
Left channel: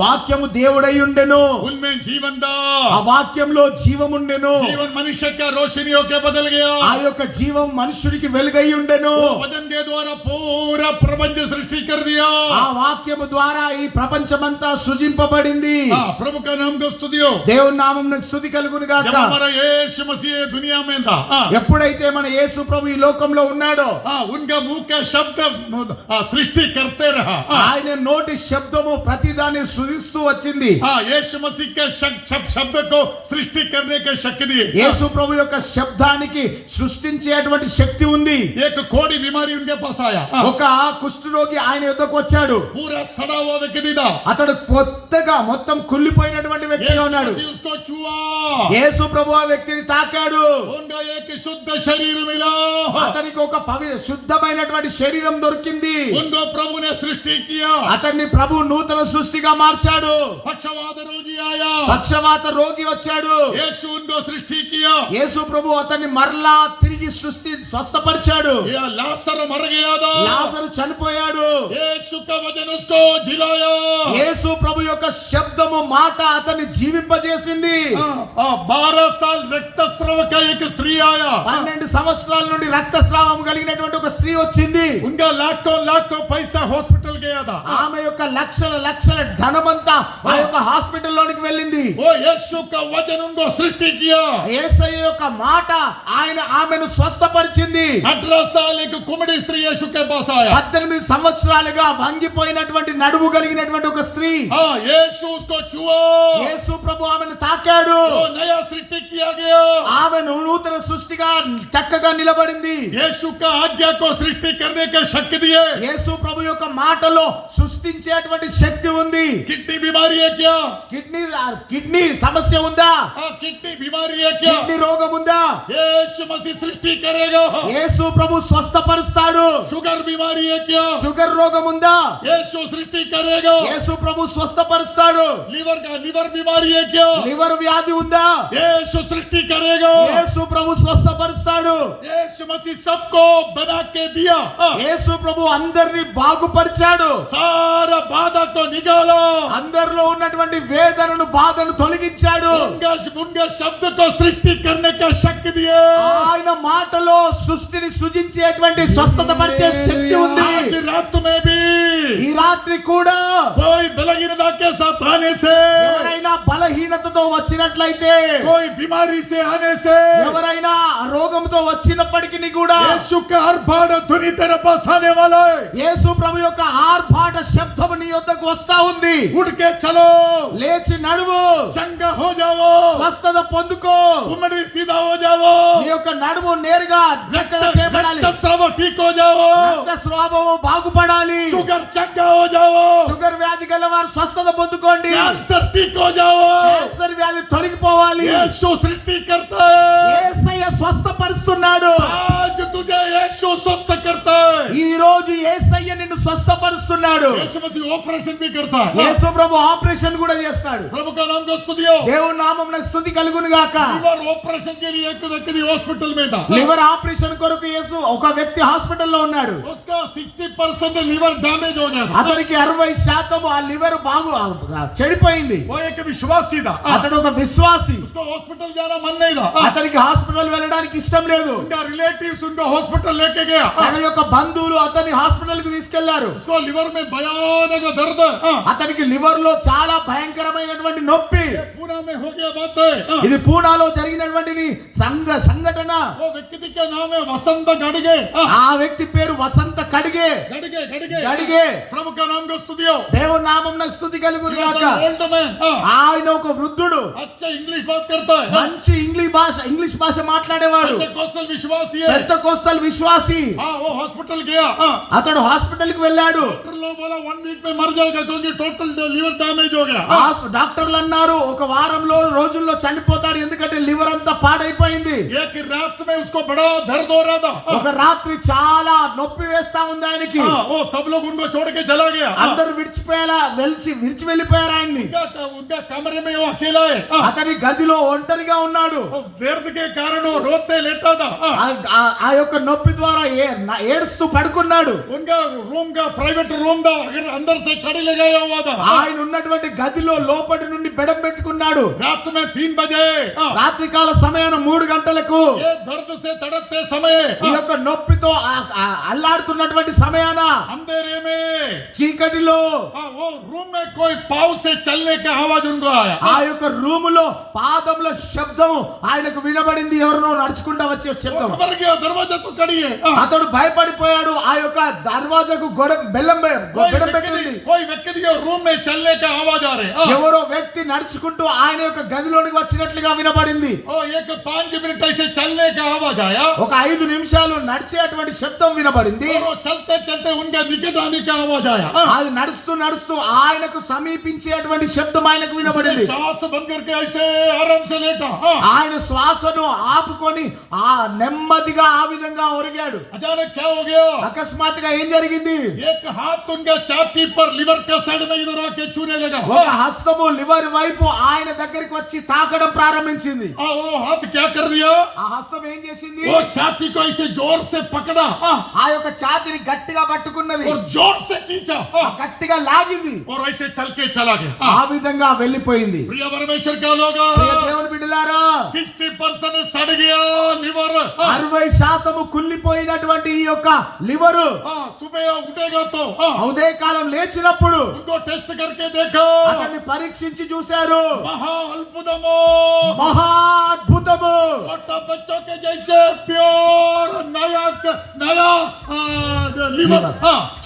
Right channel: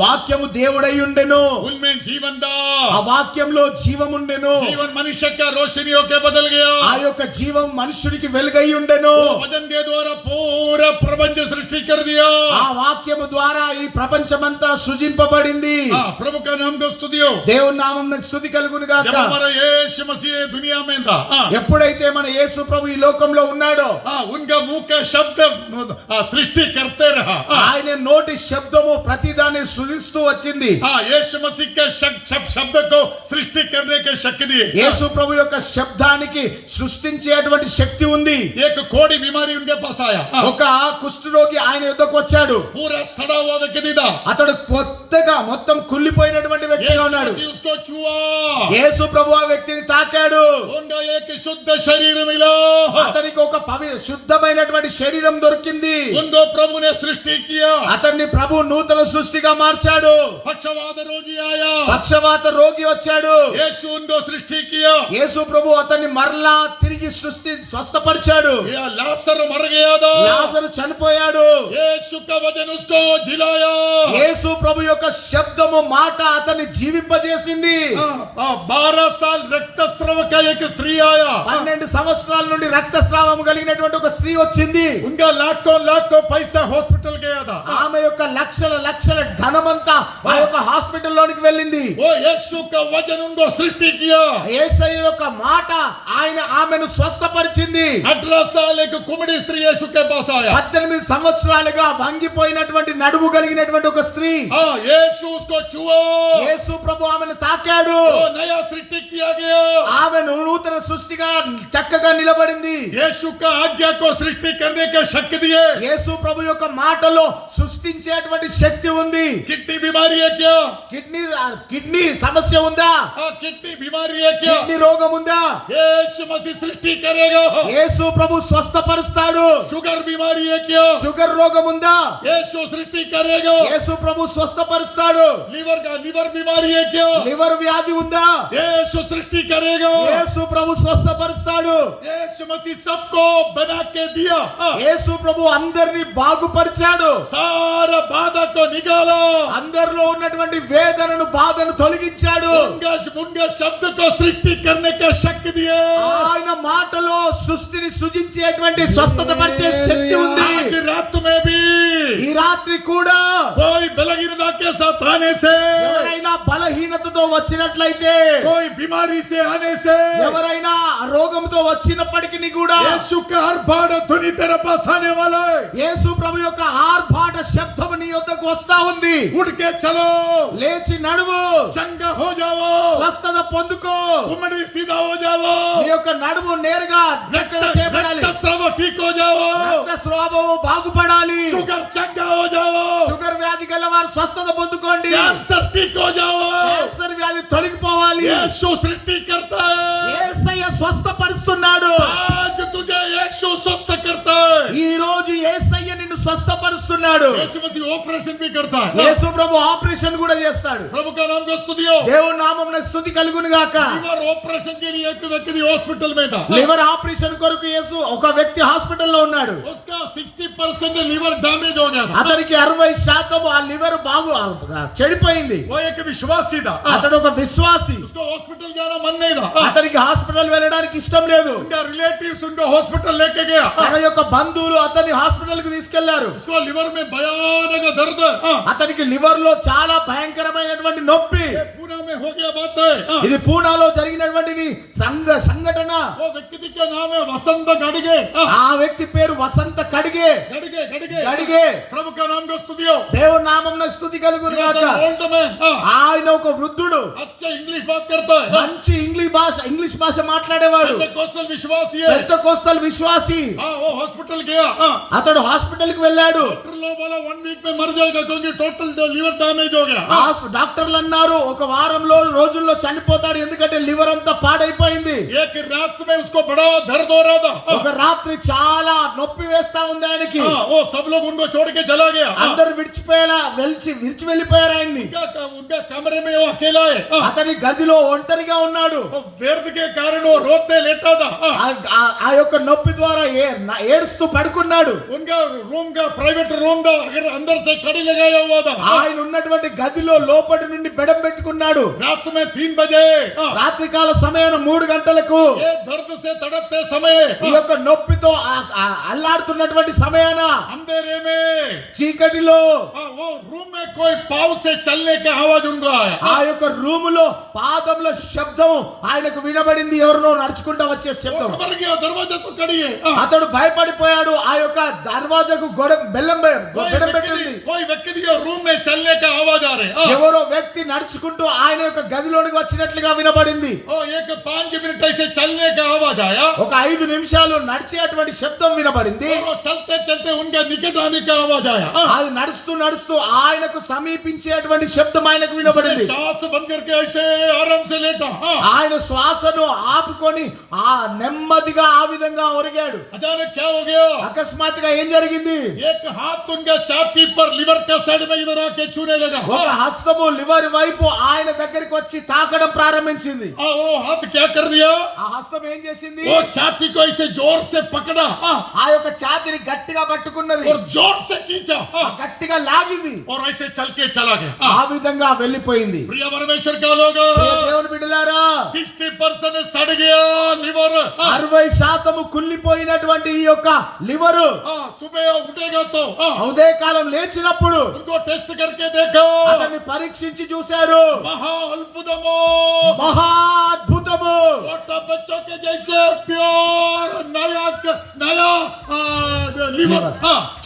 వాక్యము దేవుడై ఉండెను, उनमें जीवन था, ఆ వాక్యంలో జీవముండెను, जीवन मनुष्य का रोशनी होके बदल गया। ఆ యొక్క జీవం మనుషుడికి వెలుగై ఉండెను, वो वचन के द्वारा पूरा प्रपंच सृष्टि कर दिया। ఆ వాక్యము ద్వారా ఈ ప్రపంచమంతా సృజింపబడింది। प्रभु का नाम को स्तुति हो। దేవుని నామమునకు స్తుతి కలుగును जब గాక। हमारा यीशु मसीह दुनिया में था, ఎప్పుడైతే మన యేసు ప్రభు ఈ లోకంలో ఉన్నాడో, उनका मुंह का शब्द सृष्टि करते रहा। ఆయన నోటి శబ్దము ప్రతిదాన్ని సృజిస్తూ వచ్చింది। यीशु मसीह के शब्द को सृष्टि करने के शक्ति दी। యేసు ప్రభు యొక్క శబ్దానికి సృష్టించేటువంటి శక్తి ఉంది। एक कोड़ी बीमारी उनके पास आया, ఒక కుష్ఠరోగి ఆయన యొద్దకు వచ్చాడు, पूरा सड़ा हुआ व्यक्ति था। అతడు కొత్తగా మొత్తం కుళ్ళిపోయినటువంటి వ్యక్తిగా यीशु ఉన్నాడు। मसीह उसको छुआ, యేసు ప్రభు ఆ వ్యక్తిని తాకాడు, उनका एक शुद्ध शरीर मिला, అతనికి ఒక శుద్ధమైనటువంటి శరీరం దొరికింది। उनको प्रभु ने सृष्टि किया। అతన్ని ప్రభు నూతన సృష్టిగా మార్చాడు। पक्षवात रोगी आया, పక్షవాత రోగి వచ్చాడు, यीशु उनको सृष्टि किया। యేసు ప్రభు అతన్ని మరలా తిరిగి స్వస్థపరిచాడు। ये लाजर मर गया था, లాజరు చనిపోయాడు, यीशु का वचन उसको जिलाया। యేసు ప్రభు యొక్క శబ్దము మాట అతన్ని జీవింపజేసింది। 12 साल रक्तस्राव का एक स्त्री आया, 12 సంవత్సరాల నుండి రక్తస్రావం కలిగినటువంటి ఒక స్త్రీ వచ్చింది। उनका लाखों पैसा हॉस्पिटल गया था। ఆమె యొక్క లక్షల ధనమంతా ఆ యొక్క హాస్పిటల్లోనికి వెళ్ళింది। वो यीशु का वचन उनको सृष्टि किया। యేసయ్య యొక్క మాట ఆమెను స్వస్థపరిచింది। 18 साल एक कुमड़ी स्त्री यीशु के पास आया, 18 సంవత్సరాలుగా వంగిపోయినటువంటి నడుము కలిగినటువంటి ఒక స్త్రీ, यीशु उसको छुआ, యేసు ప్రభు ఆమెను తాకాడు, वो नया सृष्टि किया गया। ఆమెను నూతన సృష్టిగా చక్కగా నిలబడింది। यीशु का आज्ञा को सृष्टि करने के शक्ति दिए। యేసు ప్రభు యొక్క మాటలో సృష్టించేటువంటి శక్తి ఉంది। किडनी बीमारी है क्या? కిడ్నీ సమస్య ఉందా? किडनी बीमारी है क्या? కిడ్నీ రోగం ఉందా? यीशु मसीह सृष्टि करेगा। యేసు ప్రభు స్వస్థపరుస్తాడు। शुगर बीमारी है क्या? షుగర్ రోగం ఉందా? यीशु सृष्टि करेगा। యేసు ప్రభు స్వస్థపరుస్తాడు। लिवर बीमारी है क्या? లివర్ వ్యాధి ఉందా? यीशु सृष्टि करेगा। యేసు ప్రభు స్వస్థపరుస్తాడు। यीशु मसीह सबको बना के दिया। యేసు ప్రభు అందరిని బాగుపరిచాడు। सारा बाधा को निकाला, అందరిలో ఉన్నటువంటి వేదనను బాధను తొలగించాడు। उनका शब्द को सृष्टि करने का शक्ति दिया। ఆయన మాటలో సృష్టిని సృజించేటువంటి స్వస్థత పరిచే శక్తి ఉంది। आज रात में भी ఈ రాత్రి కూడా कोई बलहीनता के साथ आने से, ఎవరైనా బలహీనతతో వచ్చినట్లయితే, कोई बीमारी से आने से, ఎవరైనా రోగంతో వచ్చినప్పటికీ కూడా यीशु का आर्भाट ध्वनि तेरे पास आने वाला है। యేసు ప్రభు యొక్క ఆర్భాట శబ్దము నీ యొద్దకు వస్తా ఉంది। उठ के चलो, లేచి నడువు, चंगा हो जाओ, స్వస్థత పొందుకో, उमड़ी सीधा हो जाओ, నీ యొక్క నడుము నేరుగా చక్కగా చేయబడాలి, रक्तस्राव ठीक हो जाओ, రక్తస్రావము బాగుపడాలి, शुगर चंगा हो जाओ, షుగర్ వ్యాధి గల వారు స్వస్థత పొందుకోండి, कैंसर ठीक हो जाओ। క్యాన్సర్ వ్యాధి తొలగిపోవాలి। यीशु सृष्टि करता है। యేసయ్య స్వస్థపరుస్తున్నాడు। आज तुझे यीशु स्वस्थ करता है। ఈ రోజు యేసయ్య నిన్ను స్వస్థపరుస్తున్నాడు। यीशु मसीह ऑपरेशन भी करता है। యేసు ప్రభు ఆపరేషన్ కూడా చేస్తాడు। प्रभु का नाम को स्तुति हो। దేవుని నామమున స్తుతి కలుగును గాక। लीवर ऑपरेशन के लिए एक व्यक्ति हॉस्पिटल में था, లివర్ ఆపరేషన్ కొరకు యేసు ఒక వ్యక్తి హాస్పిటల్లో ఉన్నాడు। उसका 60% लीवर डैमेज हो गया था। అతనికి 60% ఆ లివర్ చెడిపోయింది। वो एक विश्वासी था, అతడు ఒక విశ్వాసి, उसको हॉस्पिटल जाना मन नहीं था। అతనికి హాస్పిటల్ వెళ్ళడానికి ఇష్టం లేదు। उनका रिलेटिव्स उनको हॉस्पिटल लेके गया, తన యొక్క బంధువులు అతన్ని హాస్పిటల్ కి తీసుకెళ్లారు। उसको लिवर में भयानक दर्द, అతనికి లివర్ లో చాలా భయంకరమైనటువంటి నొప్పి। पूरा में हो गया बात है। ఇది పూనాలో జరిగినటువంటి సంఘటన। वो व्यक्ति का नाम है वसंत गड़गे। ఆ వ్యక్తి పేరు వసంత కడిగే। गड़गे गड़गे గడిగే। प्रभु का नाम को स्तुति हो। దేవుని నామమున స్తుతి కలుగును గాక। ओल्ड मैन, ఆయన ఒక వృద్ధుడు, अच्छा इंग्लिश बात करता है, మంచి ఇంగ్లీష్ భాష మాట్లాడేవాడు, पेंटेकोस्टल विश्वासी है। పెంతెకోస్తల్ విశ్వాసి। वो हॉस्पिटल गया, అతడు హాస్పిటల్ కి వెళ్ళాడు. डॉक्टर लोग बोला 1 वीक में मर जाएगा क्योंकि टोटल लीवर डैमेज हो गया। డాక్టర్లు అన్నారు ఒక వారంలో రోజుల్లో చనిపోతాడు ఎందుకంటే లివర్ అంతా పాడైపోయింది. एक रात में उसको बड़ा दर्द हो रहा था। ఒక రాత్రి చాలా నొప్పి వేస్తా ఉంది ఆయనకి. वो सब लोग उनको छोड़ के चला गया। అందరూ విడిచి వెళ్ళిపోయారు ఆయన్ని. उनका कमरे में वो अकेला है। అతని గదిలో ఒంటరిగా ఉన్నాడు. दर्द के कारण वो रोते लेटा था। ఆ యొక్క నొప్పి ద్వారా ఏడుస్తూ పడుకున్నాడు. उनका रूम का प्राइवेट रूम था, अगर अंदर से कड़ी लगाया हुआ था। ఆయన ఉన్నటువంటి గదిలో లోపటి నుండి బెడం పెట్టుకున్నాడు. रात में 3 बजे రాత్రికాల సమయాన 3 గంటలకు ये दर्द से तड़पते समय ఈ యొక్క నొప్పితో అల్లాడుతున్నటువంటి సమయాన अंधेरे में చీకటిలో वो रूम में कोई पाँव से चलने का आवाज उनको आया। ఆ యొక్క రూములో పాదముల శబ్దం ఆయనకు వినబడింది. ఎవరినో నడుచుకుంటా వచ్చే वो శబ్దం. घबर गया, दरवाजा तो कड़ी है। అతడు భయపడిపోయాడు. ఆ యొక్క దర్వాజాకు బెల్లం పెట్టింది. कोई व्यक्ति के रूम में चलने का आवाज आ रहे। ఎవరో వ్యక్తి నడుచుకుంటూ ఆయన యొక్క గదిలోనికి వచ్చినట్లుగా వినబడింది. एक 5 मिनट ऐसे चलने का आवाज आया। ఒక 5 నిమిషాలు నడిచేటువంటి శబ్దం వినబడింది. वो चलते चलते उनका निकट आने का आवाज आया। అది నడుస్తూ నడుస్తూ ఆయనకు సమీపించేటువంటి శబ్దం ఆయనకు వినబడింది. सांस बंद करके ऐसे आराम से लेटा। ఆయన శ్వాసను ఆపుకొని ఆ నెమ్మదిగా ఆ విధంగా ఒరిగాడు. अचानक क्या हो गया? అకస్మాత్తుగా ఏం జరిగింది? एक हाथ उनका छाती पर लिवर का साइड में इधर आके छूने लगा। ఒక హస్తము లివర్ వైపు ఆయన దగ్గరికి వచ్చి తాకడం ప్రారంభించింది. वो हाथ क्या कर दिया? ఆ హస్తం ఏం చేసింది? वो छाती को ऐसे जोर से पकड़ा ఆ యొక్క ఛాతీని గట్టిగా పట్టుకున్నది. और जोर से खींचा గట్టిగా లాగింది. और ऐसे चल के चला गया। ఆ విధంగా వెళ్ళిపోయింది. प्रिय परमेश्वर का लोग, ప్రియ దేవుని బిడ్డలారా 60% सड़ गया लिवर। 60% కుళ్ళిపోయినటువంటి ఈ యొక్క లివరు सुबह उठेगा तो ఉదయకాలం లేచినప్పుడు उनको टेस्ट करके देखा। అతన్ని పరీక్షించి చూశారు. महा अद्भुतमो, మహా అద్భుతము. छोटा बच्चों के जैसे प्योर नया लिवर।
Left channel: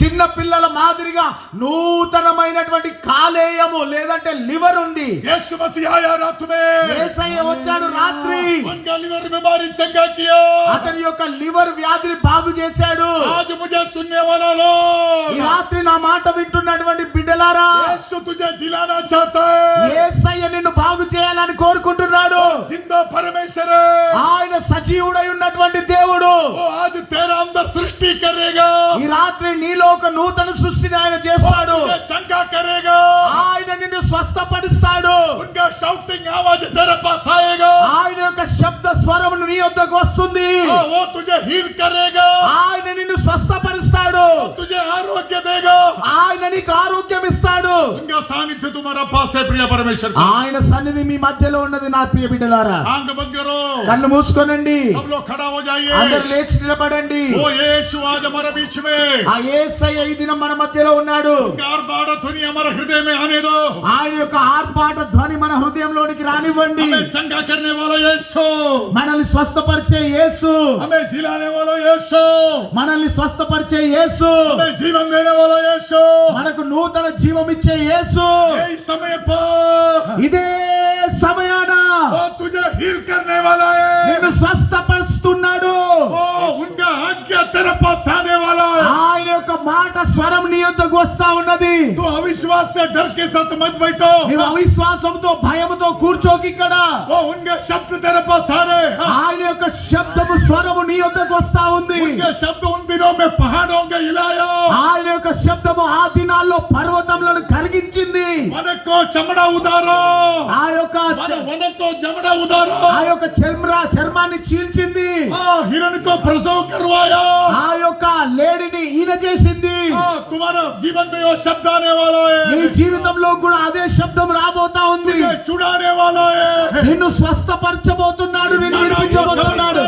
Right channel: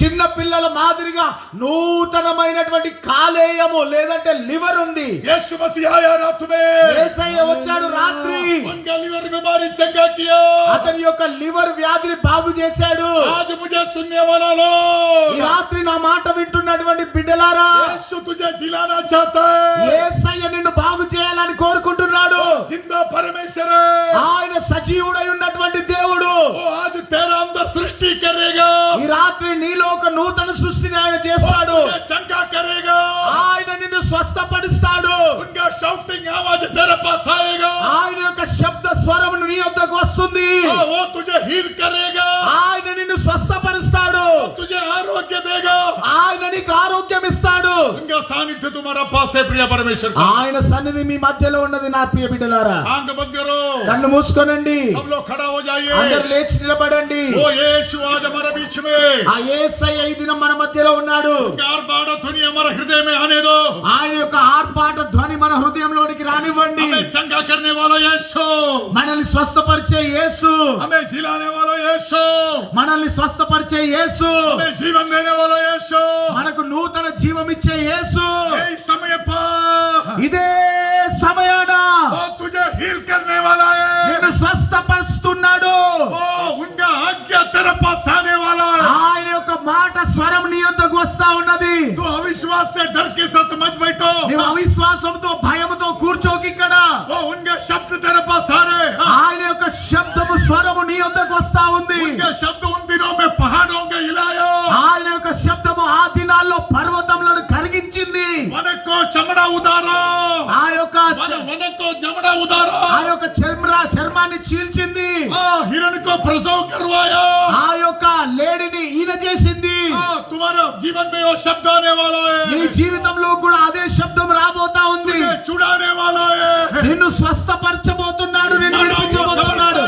చిన్న పిల్లల మాదిరిగా నూతనమైనటువంటి కాలేయము లేదంటే లివర్ ఉంది. यीशु मसीह आया रात में, యేసయ్య వచ్చాడు రాత్రి. उनका लिवर बीमारी चंगा किया। అతని యొక్క లివర్ వ్యాధిని బాగు చేశాడు. आज मुझे सुनने वाला ఈ लोग, రాత్రి నా మాట వింటున్నటువంటి బిడ్డలారా, यीशु तुझे जिलाना चाहता है। యేసయ్య నిన్ను బాగు చేయాలని కోరుకుంటున్నాడు. जिंदा परमेश्वर है, ఆయన సజీవుడై ఉన్నటువంటి దేవుడు. वो आज तेरा अंदर सृष्टि करेगा। ఈ రాత్రి నీలో ఒక నూతన సృష్టిని ఆయన చేస్తాడు. तुझे चंगा करेगा। ఆయన నిన్ను స్వస్థపరుస్తాడు. उनका शाउटिंग आवाज तेरे पास आएगा। ఆయన యొక్క శబ్ద స్వరం నీ యొద్దకు వస్తుంది. वो तुझे हील करेगा। ఆయన నిన్ను స్వస్థపరుస్తాడు. वो तुझे आरोग्य देगा। ఆయన నీకు ఆరోగ్యం ఇస్తాడు. उनका सानिध्य तुम्हारा पास है प्रिय परमेश्वर। ఆయన సన్నిధి మీ మధ్యలో ఉన్నది నా ప్రియ బిడ్డలారా. आंख बंद करो, కళ్ళు మూసుకోనండి. सब लोग खड़ा हो जाइए। అందరూ లేచి నిలబడండి. वो यीशु आज हमारे बीच में, ఆ యేసయ్య ఈ దినం మన మధ్యలో ఉన్నాడు. उनका आर्भाट ध्वनि हमारे हृदय में आने दो। ఆయన యొక్క ఆర్భాట ధ్వని మన హృదయంలోనికి రానివ్వండి. हमें चंगा करने वाला यीशु, మనల్ని స్వస్థపరిచే యేసు, हमें जिलाने वाला यीशु, మనల్ని స్వస్థపరిచే యేసు, हमें जीवन देने वाला यीशु, మనకు నూతన జీవం ఇచ్చే యేసు यही समय पर ఇదే సమయాన वो तुझे हील करने वाला है। నిన్ను స్వస్థపరుస్తున్నాడు. वो उनका आज्ञा तेरे पास आने वाला है। ఆయన యొక్క మాట స్వరం నీ యొద్దకు వస్తా ఉన్నది. तो अविश्वास से डर के साथ मत बैठो। నీవు అవిశ్వాసంతో భయముతో కూర్చోకి ఇక్కడ. वो उनके शब्द तेरे पास आ रहे हैं। ఆయన యొక్క శబ్దము స్వరము నీ యొద్దకు వస్తా ఉంది. उनके शब्द उन दिनों में पहाड़ों के हिलाया। ఆయన యొక్క శబ్దము ఆ దినాల్లో పర్వతములను కరిగించింది. मन को चमड़ा उतारो, ఆ యొక్క मन को चमड़ा उतारो। ఆ యొక్క చర్మాన్ని చీల్చింది. हिरण को प्रसव करवाया। ఆ యొక్క లేడిని ఈన చేసింది. तुम्हारा जीवन में वो शब्द आने वाला నీ है। జీవితంలో కూడా అదే శబ్దం రాబోతా ఉంది. तुझे छुड़ाने वाला है। నిన్ను స్వస్థపరచబోతున్నాడు. నిన్ను విడిపించబోతున్నాడు.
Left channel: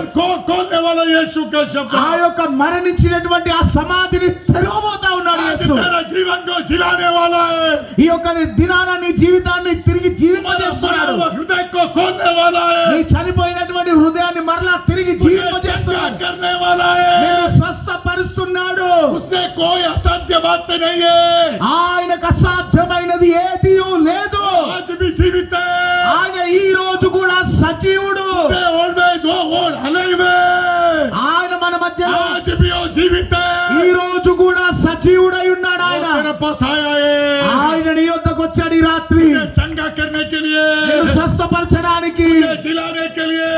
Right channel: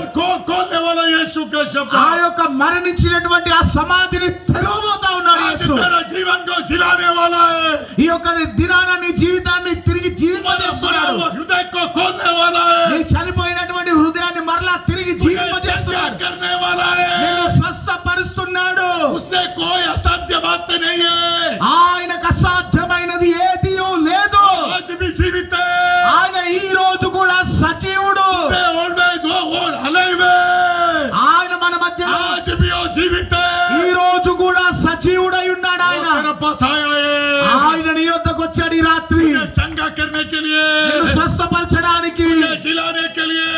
खोलने वाला यीशु का शब्द। ఆ యొక్క మరణించినటువంటి ఆ సమాధిని తెరవబోతా ఉన్నాడు आज యేసు. तेरा जीवन को जिलाने वाला है। ఈ యొక్క దినాన నీ జీవితాన్ని తిరిగి జీవింపజేస్తున్నాడు. हृदय को खोलने वाला నీ है। చనిపోయినటువంటి హృదయాన్ని మరలా తిరిగి तुझे జీవింపజేస్తున్నాడు. चंगा करने वाला నిన్ను है। స్వస్థపరుస్తున్నాడు. उससे कोई असाध्य बात नहीं है। ఆయనకు అసాధ్యమైనది ఏదీ లేదు. आज भी जीवित है। ఆయన ఈ రోజు కూడా సజీవుడు. Always alive है। ఆయన మన మధ్య आज भी वो जीवित है। ఈ రోజు కూడా కూడా సజీవుడై ఉన్నాడు ఆయన. तेरे पास आया है ఆయన నీ యొద్దకు వచ్చాడు ఈ రాత్రి तुझे चंगा करने के लिए, నిన్ను స్వస్థపరచడానికి, तुझे जिलाने के लिए।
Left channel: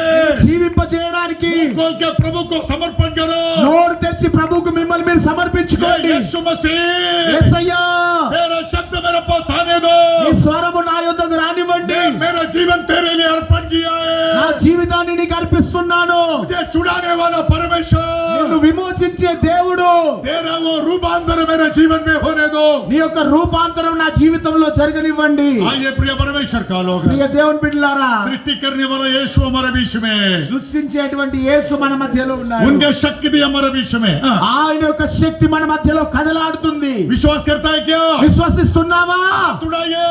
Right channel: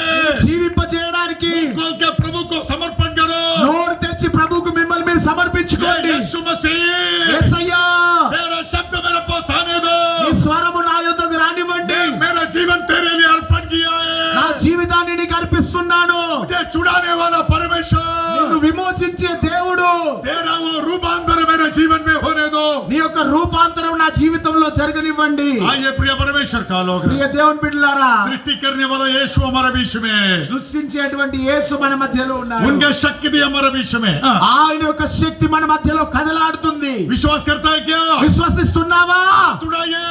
జీవింపజేయడానికి. खोल के प्रभु को समर्पण करो। నోరు తెచ్చి ప్రభువుకు మిమ్మల్ని మీరు సమర్పించుకోండి. यीशु मसीह, యేసయ్యా, तेरा शब्द मेरे पास आने दो। ఈ స్వరము నా యొద్దకు రానివ్వండి. मेरा जीवन तेरे लिए अर्पण किया నా है। జీవితాన్ని నీకు అర్పిస్తున్నాను. मुझे छुड़ाने वाला परमेश्वर, నిన్ను విమోచించే దేవుడు, तेरा वो रूपांतर मेरे जीवन में होने दो। నీ యొక్క రూపాంతరం నా జీవితంలో జరగనివ్వండి. आइए प्रिय परमेश्वर का लोग, ప్రియ దేవుని బిడ్డలారా, सृष्टि करने वाला यीशु हमारे बीच में, సృష్టించేటువంటి యేసు మన మధ్యలో ఉన్నాడు. उनके शक्ति हमारे बीच में। ఆయన యొక్క శక్తి మన మధ్యలో కదలాడుతుంది. विश्वास करता है क्या? విశ్వసిస్తున్నావా? हाथ उठाइए,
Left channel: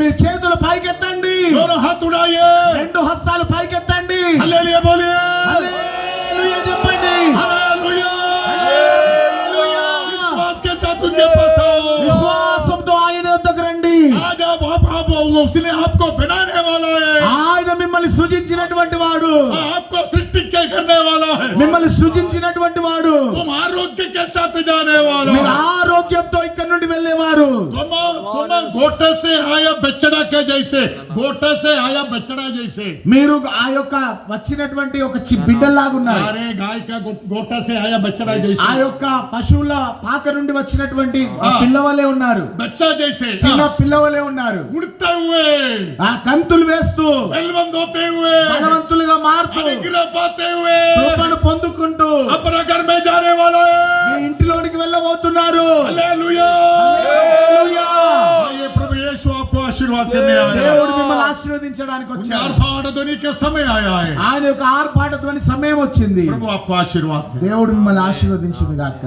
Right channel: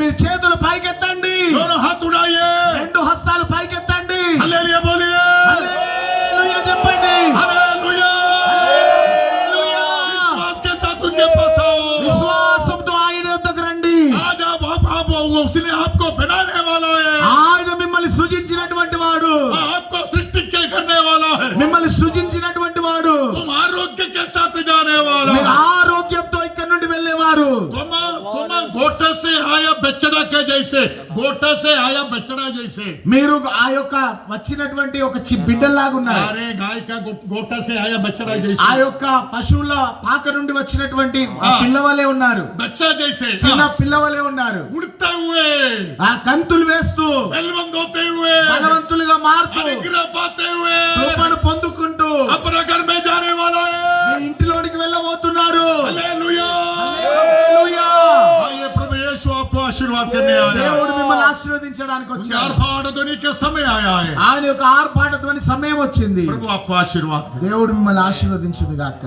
మీరు చేతులు పైకెత్తండి. दोनों हाथ उठाइए, రెండు హస్తాలు పైకెత్తండి. हालेलुया बोलिए, హల్లెలూయా చెప్పండి. हालेलुया। హల్లెలూయా. विश्वास के साथ उनके पास आओ। విశ్వాసంతో ఆయన యొద్దకు రండి. आज आप उसने आपको बनाने वाला है, ఆయన మిమ్మల్ని సృజించినటువంటి వాడు, आपको सृष्टि के करने वाला है। మిమ్మల్ని సృజించినటువంటి వాడు. तुम आरोग्य के साथ जाने वाला మీరు हो। ఆరోగ్యంతో ఇక్కడ నుండి వెళ్ళేవారు. तुम गोटे से आया बछड़ा के जैसे, गोटे से आया बछड़ा जैसे। మీరు ఆ యొక్క వచ్చినటువంటి ఒక బిడ్డలాగా ఉన్నారు. अरे गाय का गोटा से आया बछड़ा जैसे, ఆ యొక్క పశువుల పాక నుండి వచ్చినటువంటి పిల్లవలే ఉన్నారు. बच्चा जैसे, చిన్న పిల్లవలే ఉన్నారు. उड़ते हुए, ఆ గంతులు వేస్తూ, बलवंत होते हुए, బలవంతులుగా మారుతూ, अनुग्रह पाते हुए కృపను పొందుకుంటూ अपने घर में जाने वाला మీ है। ఇంటిలోనికి వెళ్ళబోతున్నారు. हालेलुया। హల్లెలూయా. आइए प्रभु यीशु आपको आशीर्वाद करने आया है। దేవుడు మిమ్మల్ని ఆశీర్వదించడానికి उनके వచ్చాడు. आर्भाट ध्वनि के समय आया है। ఆయన యొక్క ఆర్భాటత్వని సమయం వచ్చింది. प्रभु आपको आशीर्वाद करे। దేవుడు మిమ్మల్ని ఆశీర్వదించును గాక.